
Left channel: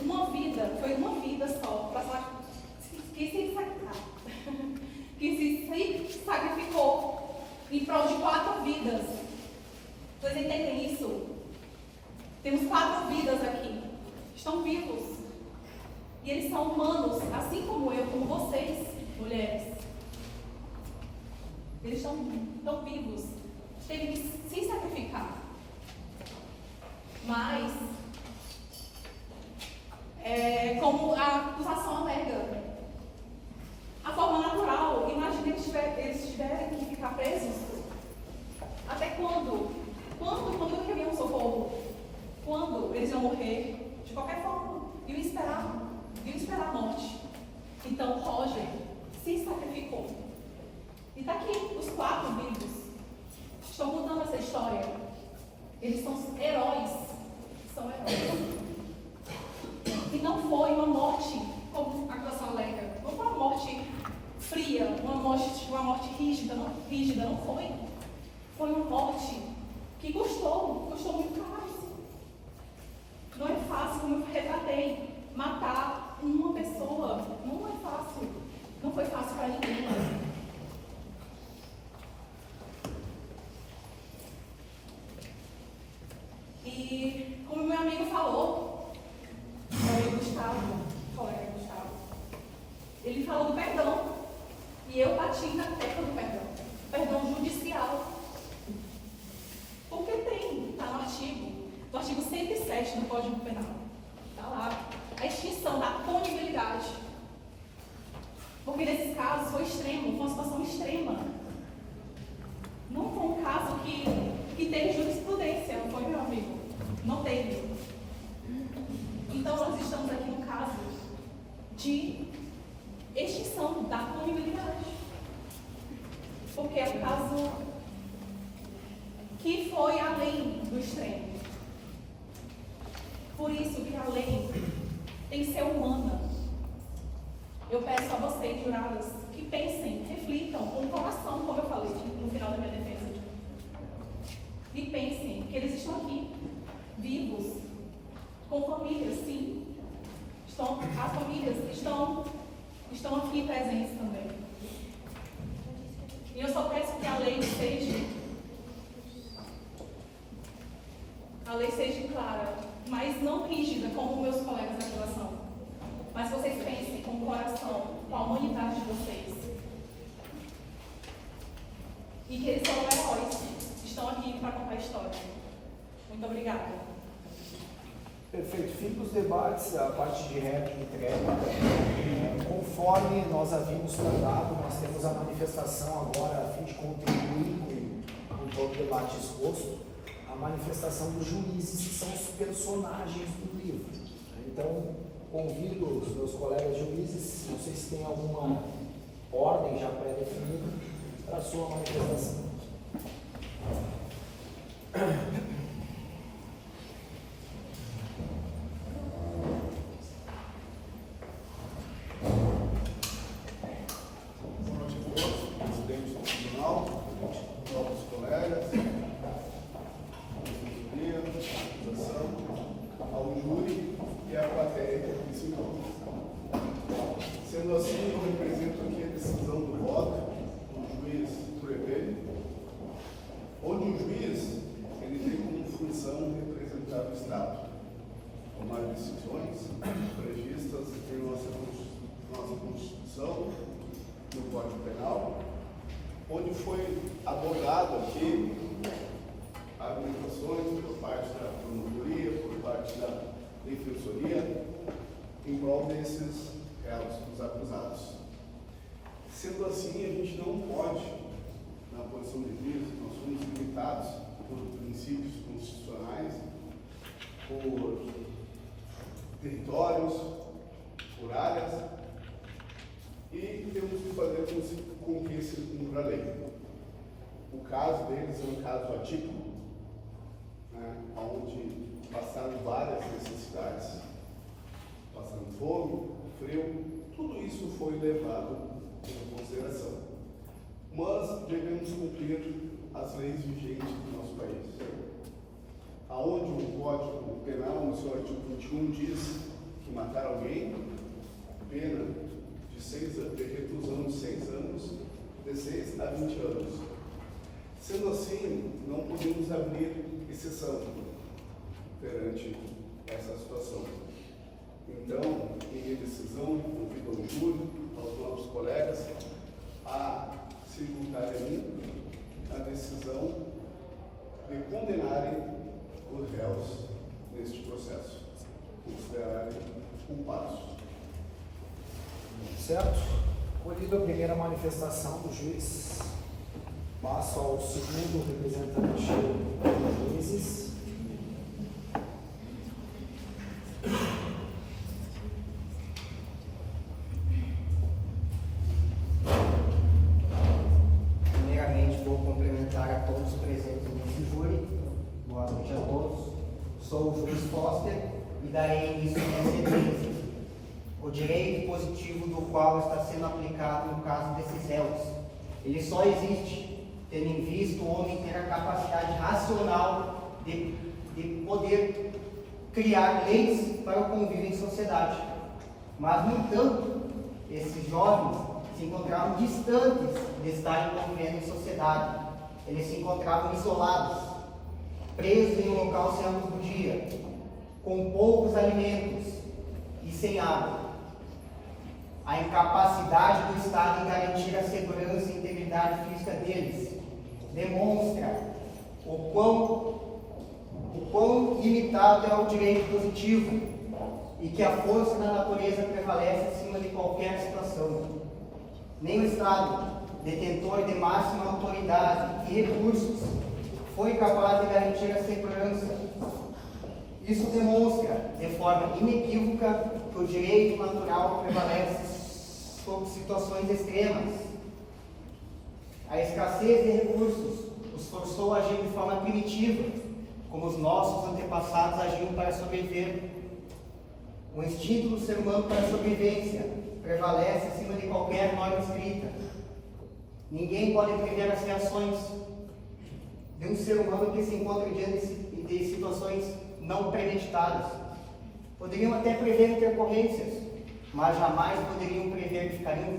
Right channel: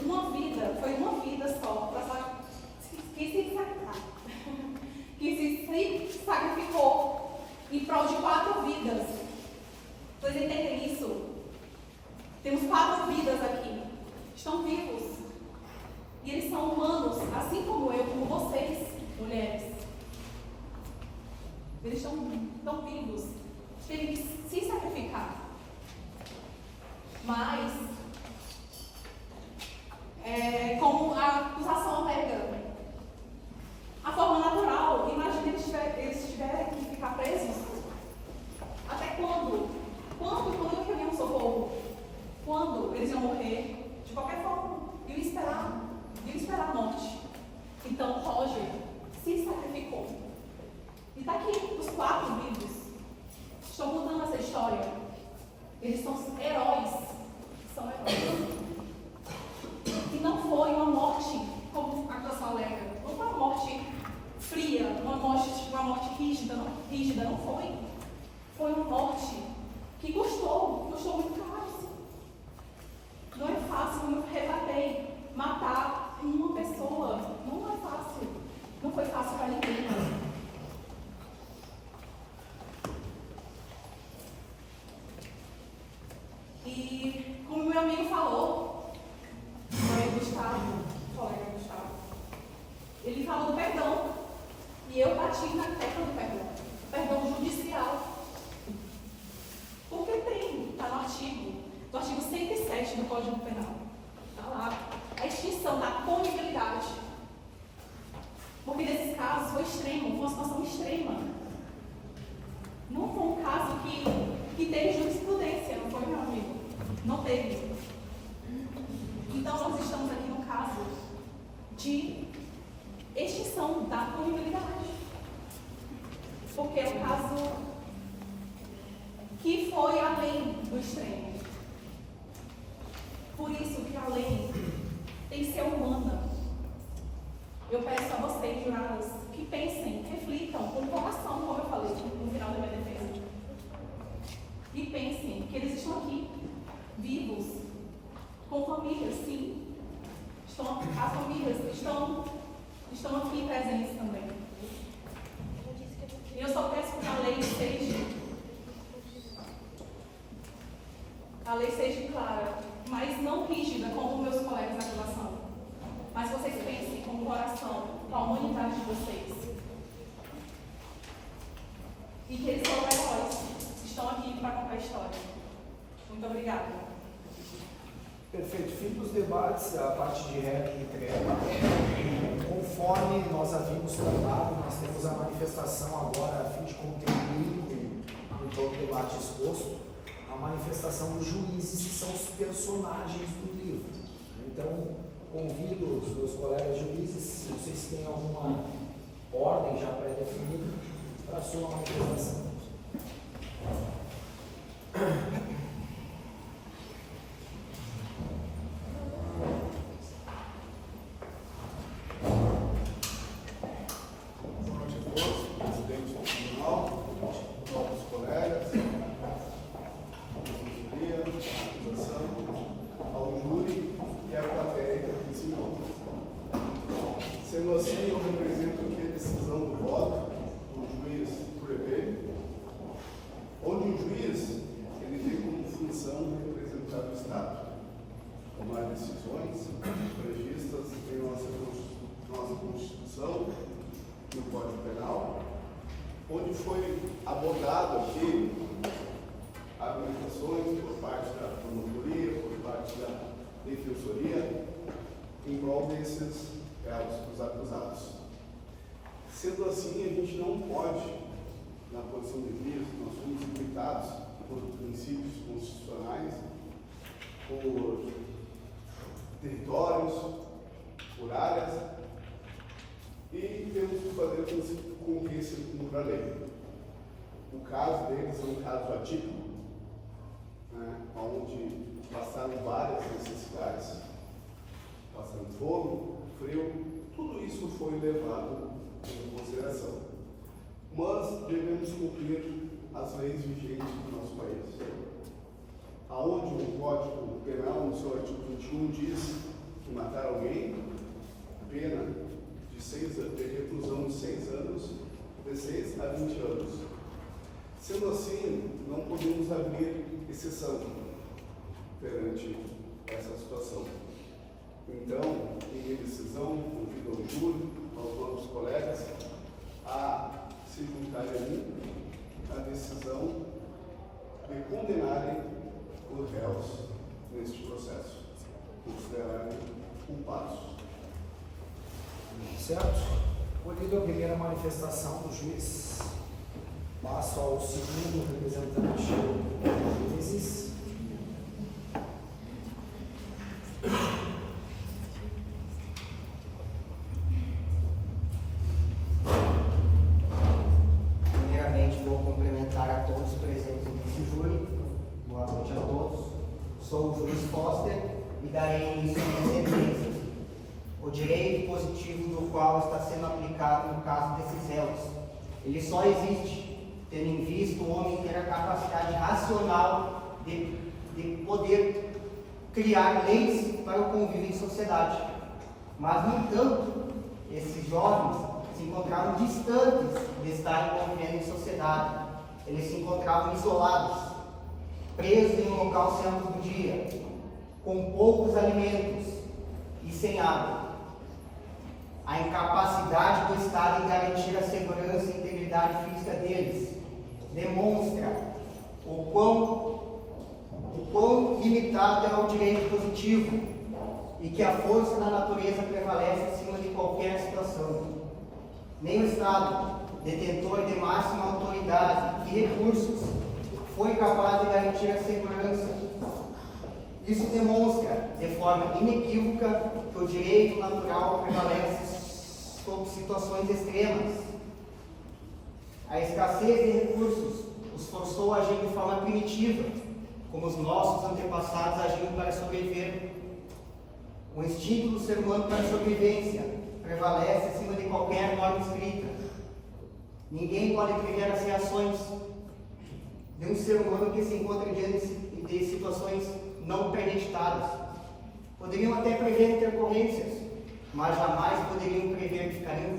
uma vida, foi uma vida só, que se sacrificou em prol de 4 vidas. Vocês entendem isso? Temos 4 vidas aqui, estão vivos. E eles são humanos, assim como eu, como vocês, mulheres. Eles estão vivos. Teve que se sacrificar. Mas, como a acusação alega, a forma natural, imagina eles tiverem que ficar presos. Até quando? Quando que havia um socorro? Quando eles iam morrer? De qualquer forma. Iam esperar a morte. Então, Roger se sacrificou. E está aqui, os 4 vivos. Estão contando essa história. Eles são heróis. São heróis. E não foi uma morte, como a acusação alega. Não foi uma morte fria, uma morte rígida, não foi. Foi uma morte que custou muito caro. Não é fácil, como eu relatei, matar uma pessoa. Não é fácil. Não foi fácil para ninguém. E como meu amigo falou, colega Gustavo, ele falou do perdão. E eu bati na tecla do perdão. Perdão judicial. Porque está no artigo 107 do Código Penal. Está lá. A extinção da punibilidade. Porque nesses casos foi extremo, foi uma situação extrema. Não foi um caso que teve jurisprudência, não foi, meu amigo? Não teve. Então nós estamos aqui no caso de extinção da punibilidade. Porque é um caso que foi além do extremo. Por isso que a lei tem que ser humana. Eu peço a vocês, juradas, que pensem, reflitam com o coração, como eu falei no final da minha defesa. E pensem que eles estão aqui, vivos, com famílias, sim. As famílias estão aqui presentes também. E eu só peço que a lei seja clara, mas não rígida, como meus colegas da graduação. Mas vocês pensem com o coração, com a humanidade de vocês. E que eles são heróis. Estão aqui para contar a história. Muito obrigada. Perfeito. Fim dos debates, a parte de réplica e trégua. Conforme nós havíamos tratado, nós temos a manifestação agora, a fim de contribuir com todo o debate exposto, a manifestação dos juízes, que são os personagens do livro. Então, convido os meus colegas juízes, se vocês têm alguma ordem já pré-definida, para a sua manifestação. apresento aqui a decisão do voto do juiz Turevê, onde o juiz ele tem como função representar o Estado, tomar decisões previstas em nossa Constituição, no Código Penal, onde foi abordado aqui argumentações por parte da promotoria, por parte da defensoria, em prol desses réus, dos acusados. Sendo assim, a gente não pode, na posição de juiz, nós somos limitados por princípios constitucionais, por territórios, por áreas, e temos que fazer com que se cumpra a lei. O caso deles é um caso atípico, né, onde passaram várias necessidades, passando fome, frio, tudo isso foi levado em consideração. Mas devemos cumprir as leis vigentes do nosso país. Aonde o Código Penal, no seu artigo 21, diz que matar alguém, pena de reclusão de 6 anos, de 6 a 20 anos. Sendo assim, não podemos abrir exceção perante essa situação. Então, em minha decisão, convido ao júri, aos nossos colegas, a se juntarem a mim a decisão de condenarem os réus neste processo, considerarem culpados. Certo? Colhido a primeira manifestação do juiz, passo ao segundo representante dos juízes. Primeiramente, vou cumprimentar a todos presentes nesse júri. Boa noite a todos. Sou o juiz Foster e darei início à minha sentença. O direito positivo do qual está sendo aplicado no caso desses réus, ele só existe tendo em vista o homem ter a capacidade racional de poder criar leis para o convívio em sociedade. Mas, no entanto, esses jovens se encontravam distantes de estarem convivendo em sociedade. Eles se encontravam isolados, presos em um local sem a luz do dia, com poucos alimentos e sem água. A incapacidade do Estado em garantir a segurança e integridade física deles demonstra o quão limitado é o direito positivo e que a força da natureza prevalece acima de qualquer situação. Nem o Estado, detentor de máxima autoridade e recursos, foi capaz de garantir a segurança. Isso demonstra, de forma inequívoca, que o direito natural prevalece sobre situações extremas. A escassez de recursos os forçou a agir de forma primitiva, como os nossos antepassados agiam para sobreviver. O instinto do ser humano para a sobrevivência prevalece acima de qualquer norma escrita. Ninguém pode prever as reações de um ser humano que se encontra diante de situações não premeditadas. Poderiam até prever intercorrências, mas jamais poderiam prever que ficariam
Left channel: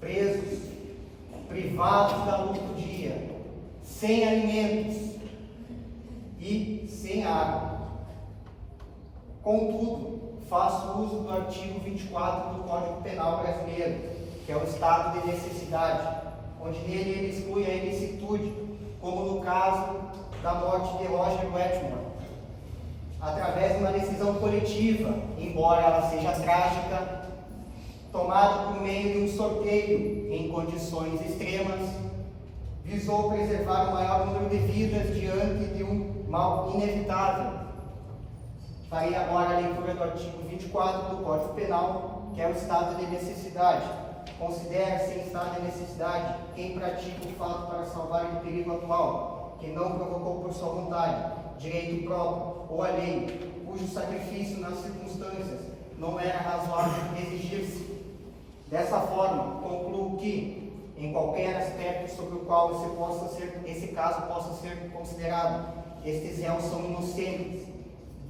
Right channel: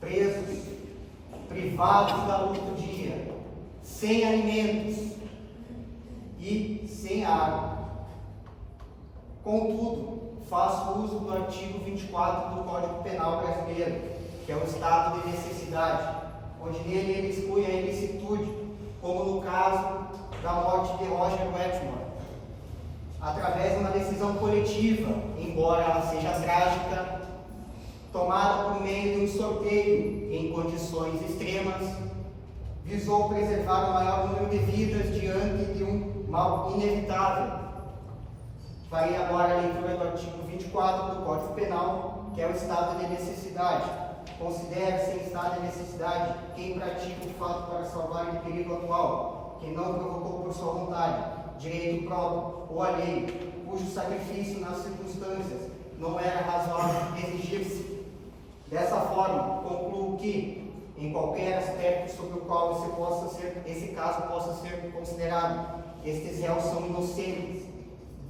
presos, privados da luz do dia, sem alimentos e sem água. Contudo, faço uso do artigo 24 do Código Penal brasileiro, que é o estado de necessidade, onde nele ele exclui a ilicitude, como no caso da morte de Roger Wetmore, através de uma decisão coletiva, embora ela seja trágica, tomada por meio de um sorteio em condições extremas, visou preservar o maior número de vidas diante de um mal inevitável. Farei agora a leitura do artigo 24 do Código Penal, que é o estado de necessidade. Considera-se em estado de necessidade quem pratica o fato para salvar o perigo atual, quem não provocou por sua vontade, direito próprio ou alheio, cujo sacrifício nas circunstâncias não era razoável exigir-se. Dessa forma, concluo que, em qualquer aspecto sobre o qual esse caso possa ser considerado, estes réus são inocentes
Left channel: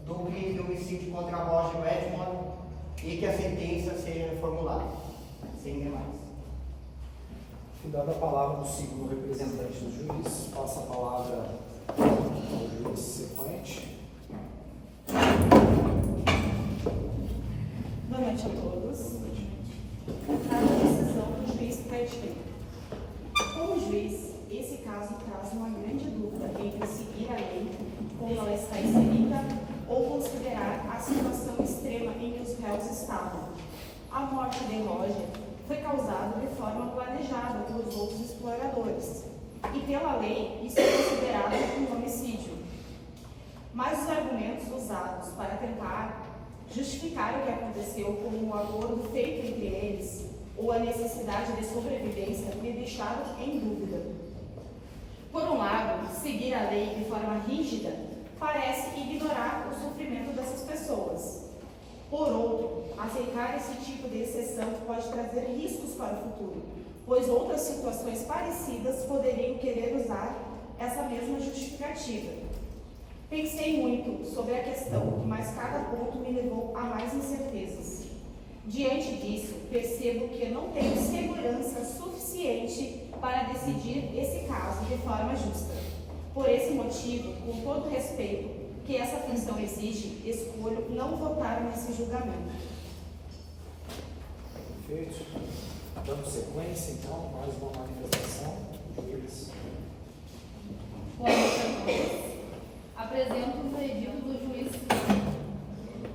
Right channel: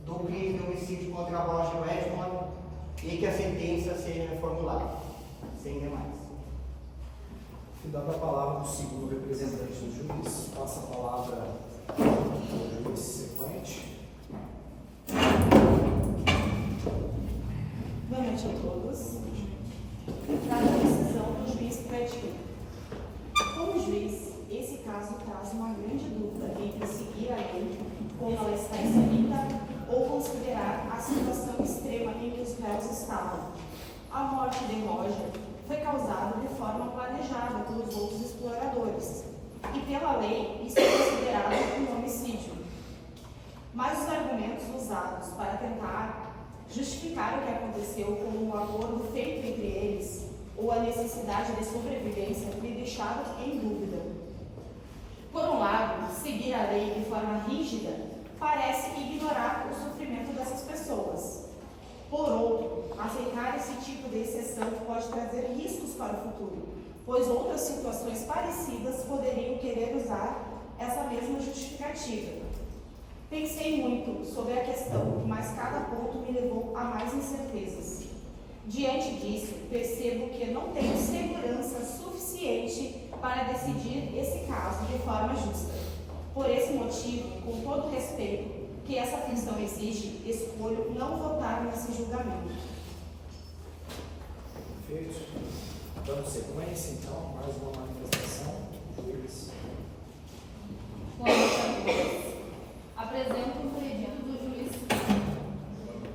do crime de homicídio contra Roger Wetmore e que a sentença seja reformulada. Dando a palavra do segundo representante do juiz, passa a palavra ao juiz sequente. Boa noite a todos. Trata a decisão do juiz Credit. Como juiz, esse caso traz uma grande dúvida entre seguir a lei, como ela está escrita, ou considerar a situação extrema em que os réus estavam. A morte de Roger foi causada de forma planejada pelos outros exploradores, e pela lei isso é considerado um homicídio. Mas os argumentos usados para tentar justificar o que aconteceu como um acordo feito entre eles ou a necessidade de sobrevivência me deixaram em dúvida. Por um lado, seguir a lei de forma rígida parece ignorar o sofrimento dessas pessoas. Por outro, aceitar esse tipo de exceção pode trazer riscos para o futuro, pois outras situações parecidas poderiam querer usar essa mesma justificativa. Pensei muito sobre a questão, mas cada ponto me levou a mais incertezas. Diante disso, percebo que não tenho segurança suficiente para decidir esse caso de forma justa. Por esse motivo, com todo o respeito que essa função exige, escolho não votar nesse julgamento. Perfeito. Dando sequência, então, mais uma manifestação. Juiz. Boa noite a todos. Apresento um pedido do juiz.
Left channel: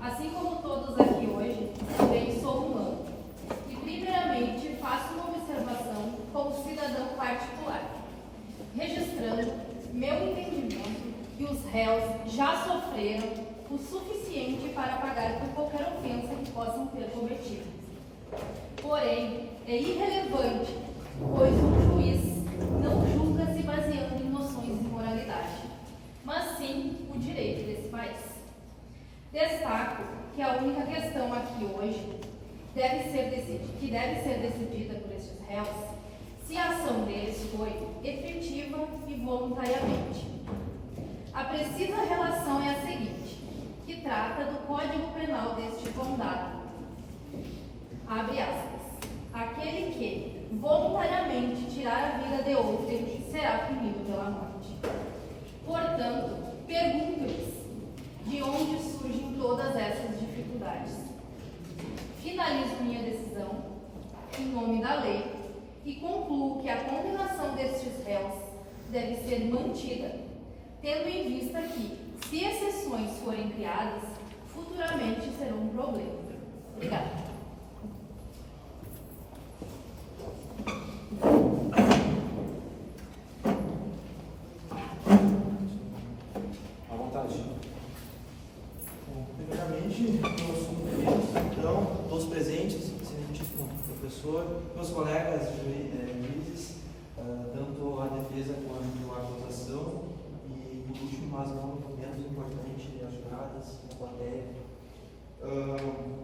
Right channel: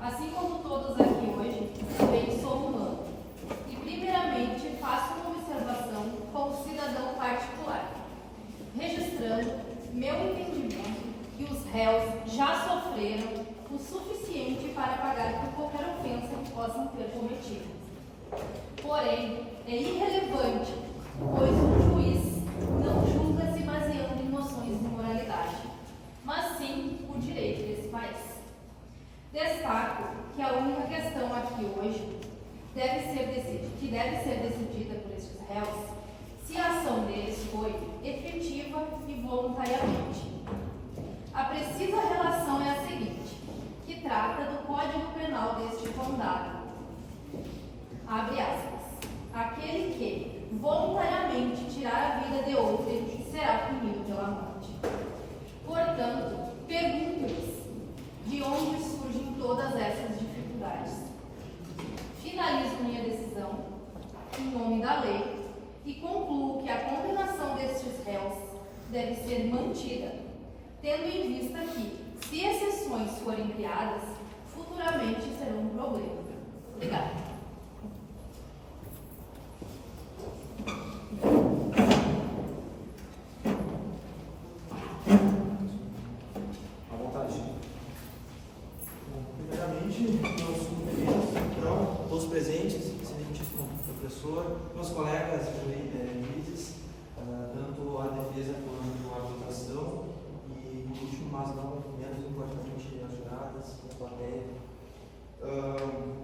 Assim como todos aqui hoje, também sou humano. E, primeiramente, faço uma observação como cidadão particular, registrando meu entendimento que os réus já sofreram o suficiente para pagar por qualquer ofensa que possam ter cometido. Porém, é irrelevante, pois um juiz não julga se baseando em noções de moralidade, mas sim o direito desse país. Destaco que a única questão aqui hoje deve ser decidida por estes réus se a ação deles foi efetiva e voluntariamente. A precisa relação é a seguinte, que trata do Código Penal deste condado. Abre aspas. Aquele que voluntariamente tirar a vida de outrem será punido pela morte. Portanto, pergunto-lhes de onde surgem todas essas dificuldades. Finalizo minha decisão em nome da lei e concluo que a condenação destes réus deve ser mantida, tendo em vista que, se exceções forem criadas, futuramente serão um problema. Obrigada. À vontade. Bom, primeiramente, meus cumprimentos, então, todos presentes, excelentíssimo professor, meus colegas juízes, tanto a defesa quanto a acusação, e, por último, mas não menos importante, as juradas, a plateia.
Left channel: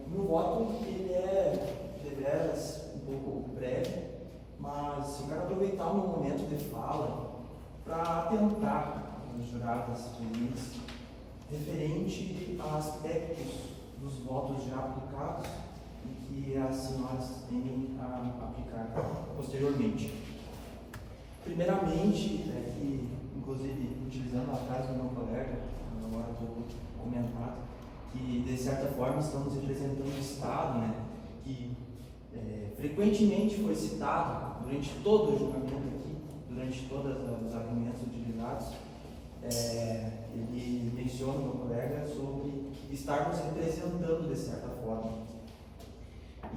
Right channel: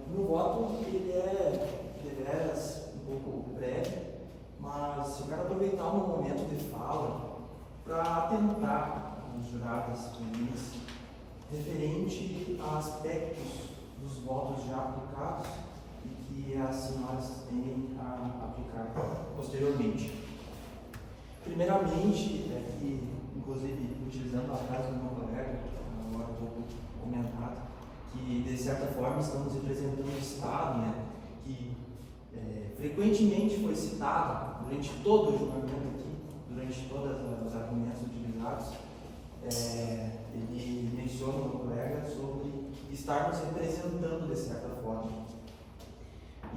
Meu voto, ele é, deveras, um pouco breve, mas eu quero aproveitar o meu momento de fala para atentar os jurados juízes referente a aspectos dos votos já aplicados e que as senhoras têm a aplicar posteriormente. Primeiramente, que, inclusive, utilizando a frase do meu colega, agora do comentado, que de certa forma estamos representando o Estado, né, que frequentemente foi citado durante todo o julgamento aqui, durante todos os argumentos utilizados, ele menciona o meu colega sobre estarmos representando de certa forma.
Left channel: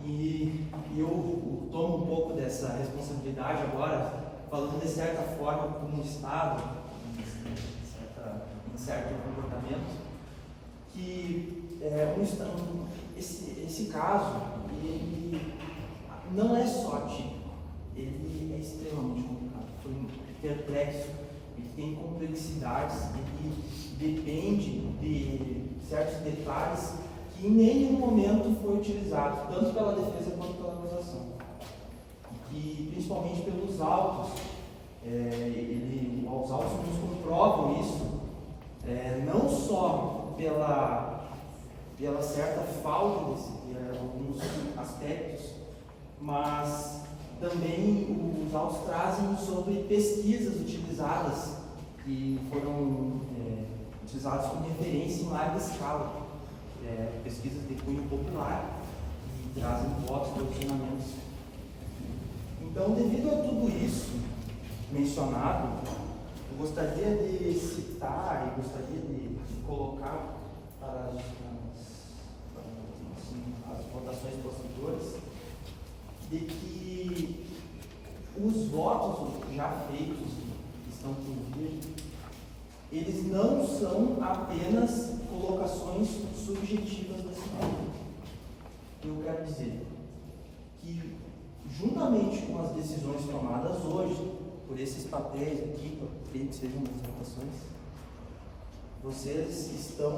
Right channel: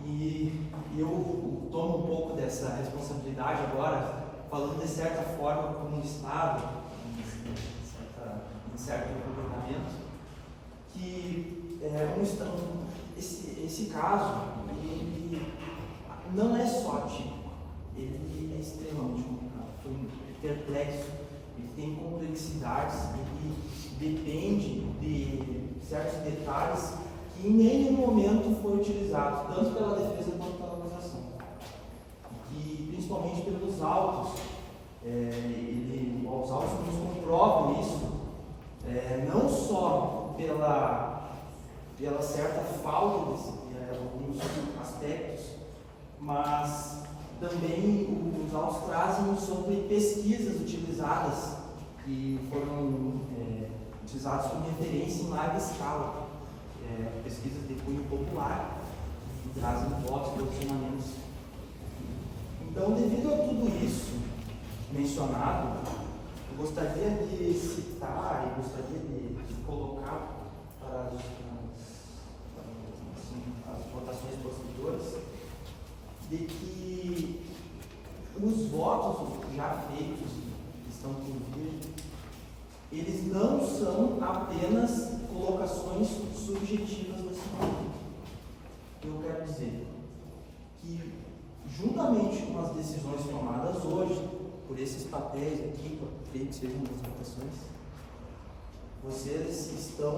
E eu tomo um pouco dessa responsabilidade agora, falando de certa forma como um Estado, em certo comportamento, que esse caso ele não é só típico, ele é extremamente complicado, foi perplexo, ele tem complexidades, ele depende de certos detalhes que em nenhum momento foi utilizado, tanto pela defesa quanto pela acusação. E principalmente pelos autos, os autos nos comprovam isso, não só pela certa falta de alguns aspectos, mas Também os autos trazem sobre pesquisas utilizadas, que foram utilizadas como referência em larga escala, pesquisas de cunho popular, que trazem votos e posicionamentos. Então, devido a tudo isso mencionado, eu gostaria de citar e gostaria de colocar para as votações posteriores, de que os votos já feitos, que estão por vir, eles não são apenas colocações subjetivas desse ponto. Eu quero dizer que, juntamente com as decisões tomadas hoje, por esses papéis aqui, que sejam das votações, vocês estão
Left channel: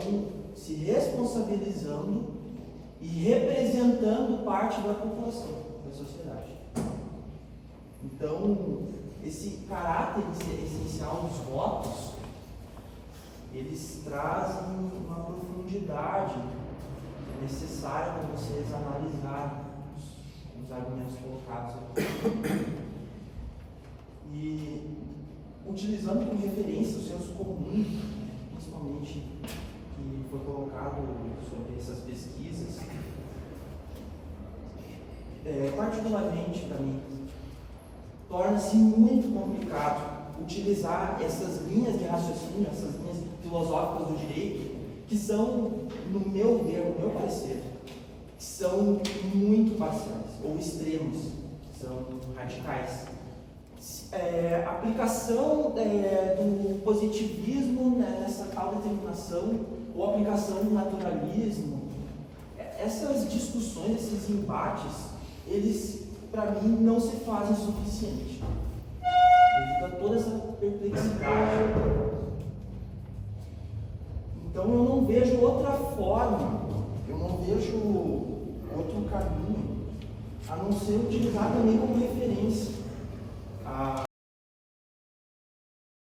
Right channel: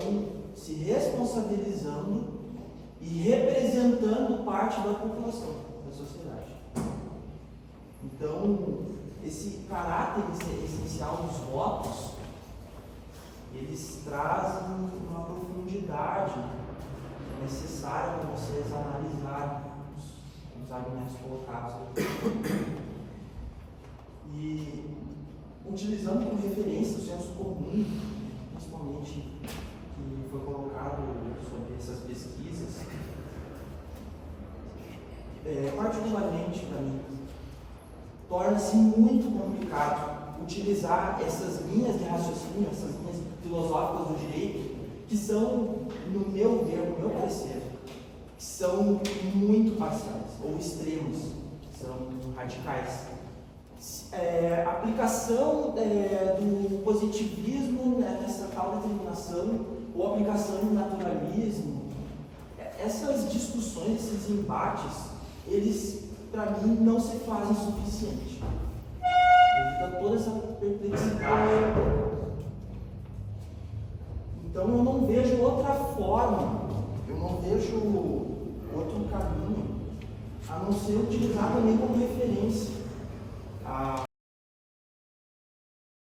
se responsabilizando e representando parte da população, da sociedade. Então, esse caráter essencial dos votos, eles trazem uma profundidade necessária para vocês analisarem os argumentos colocados aqui. E, utilizando como referência o senso comum, principalmente que foi colocado sobre essas pesquisas, particularmente para mim, torna-se muito complicado utilizar essas linhas de raciocínio, essas linhas filosóficas do direito, que são, no meu ver, no meu parecer, são muito parciais, ou extremos, são radicais. A aplicação do positivismo nessa tal determinação, ou aplicação do naturalismo, essas discussões, esses embates, eles, para mim, não se fazem o suficiente. Devido a toda essa perplexidade. Então eu não vejo outra forma, eu não vejo outro caminho, a não ser utilizar também como referência a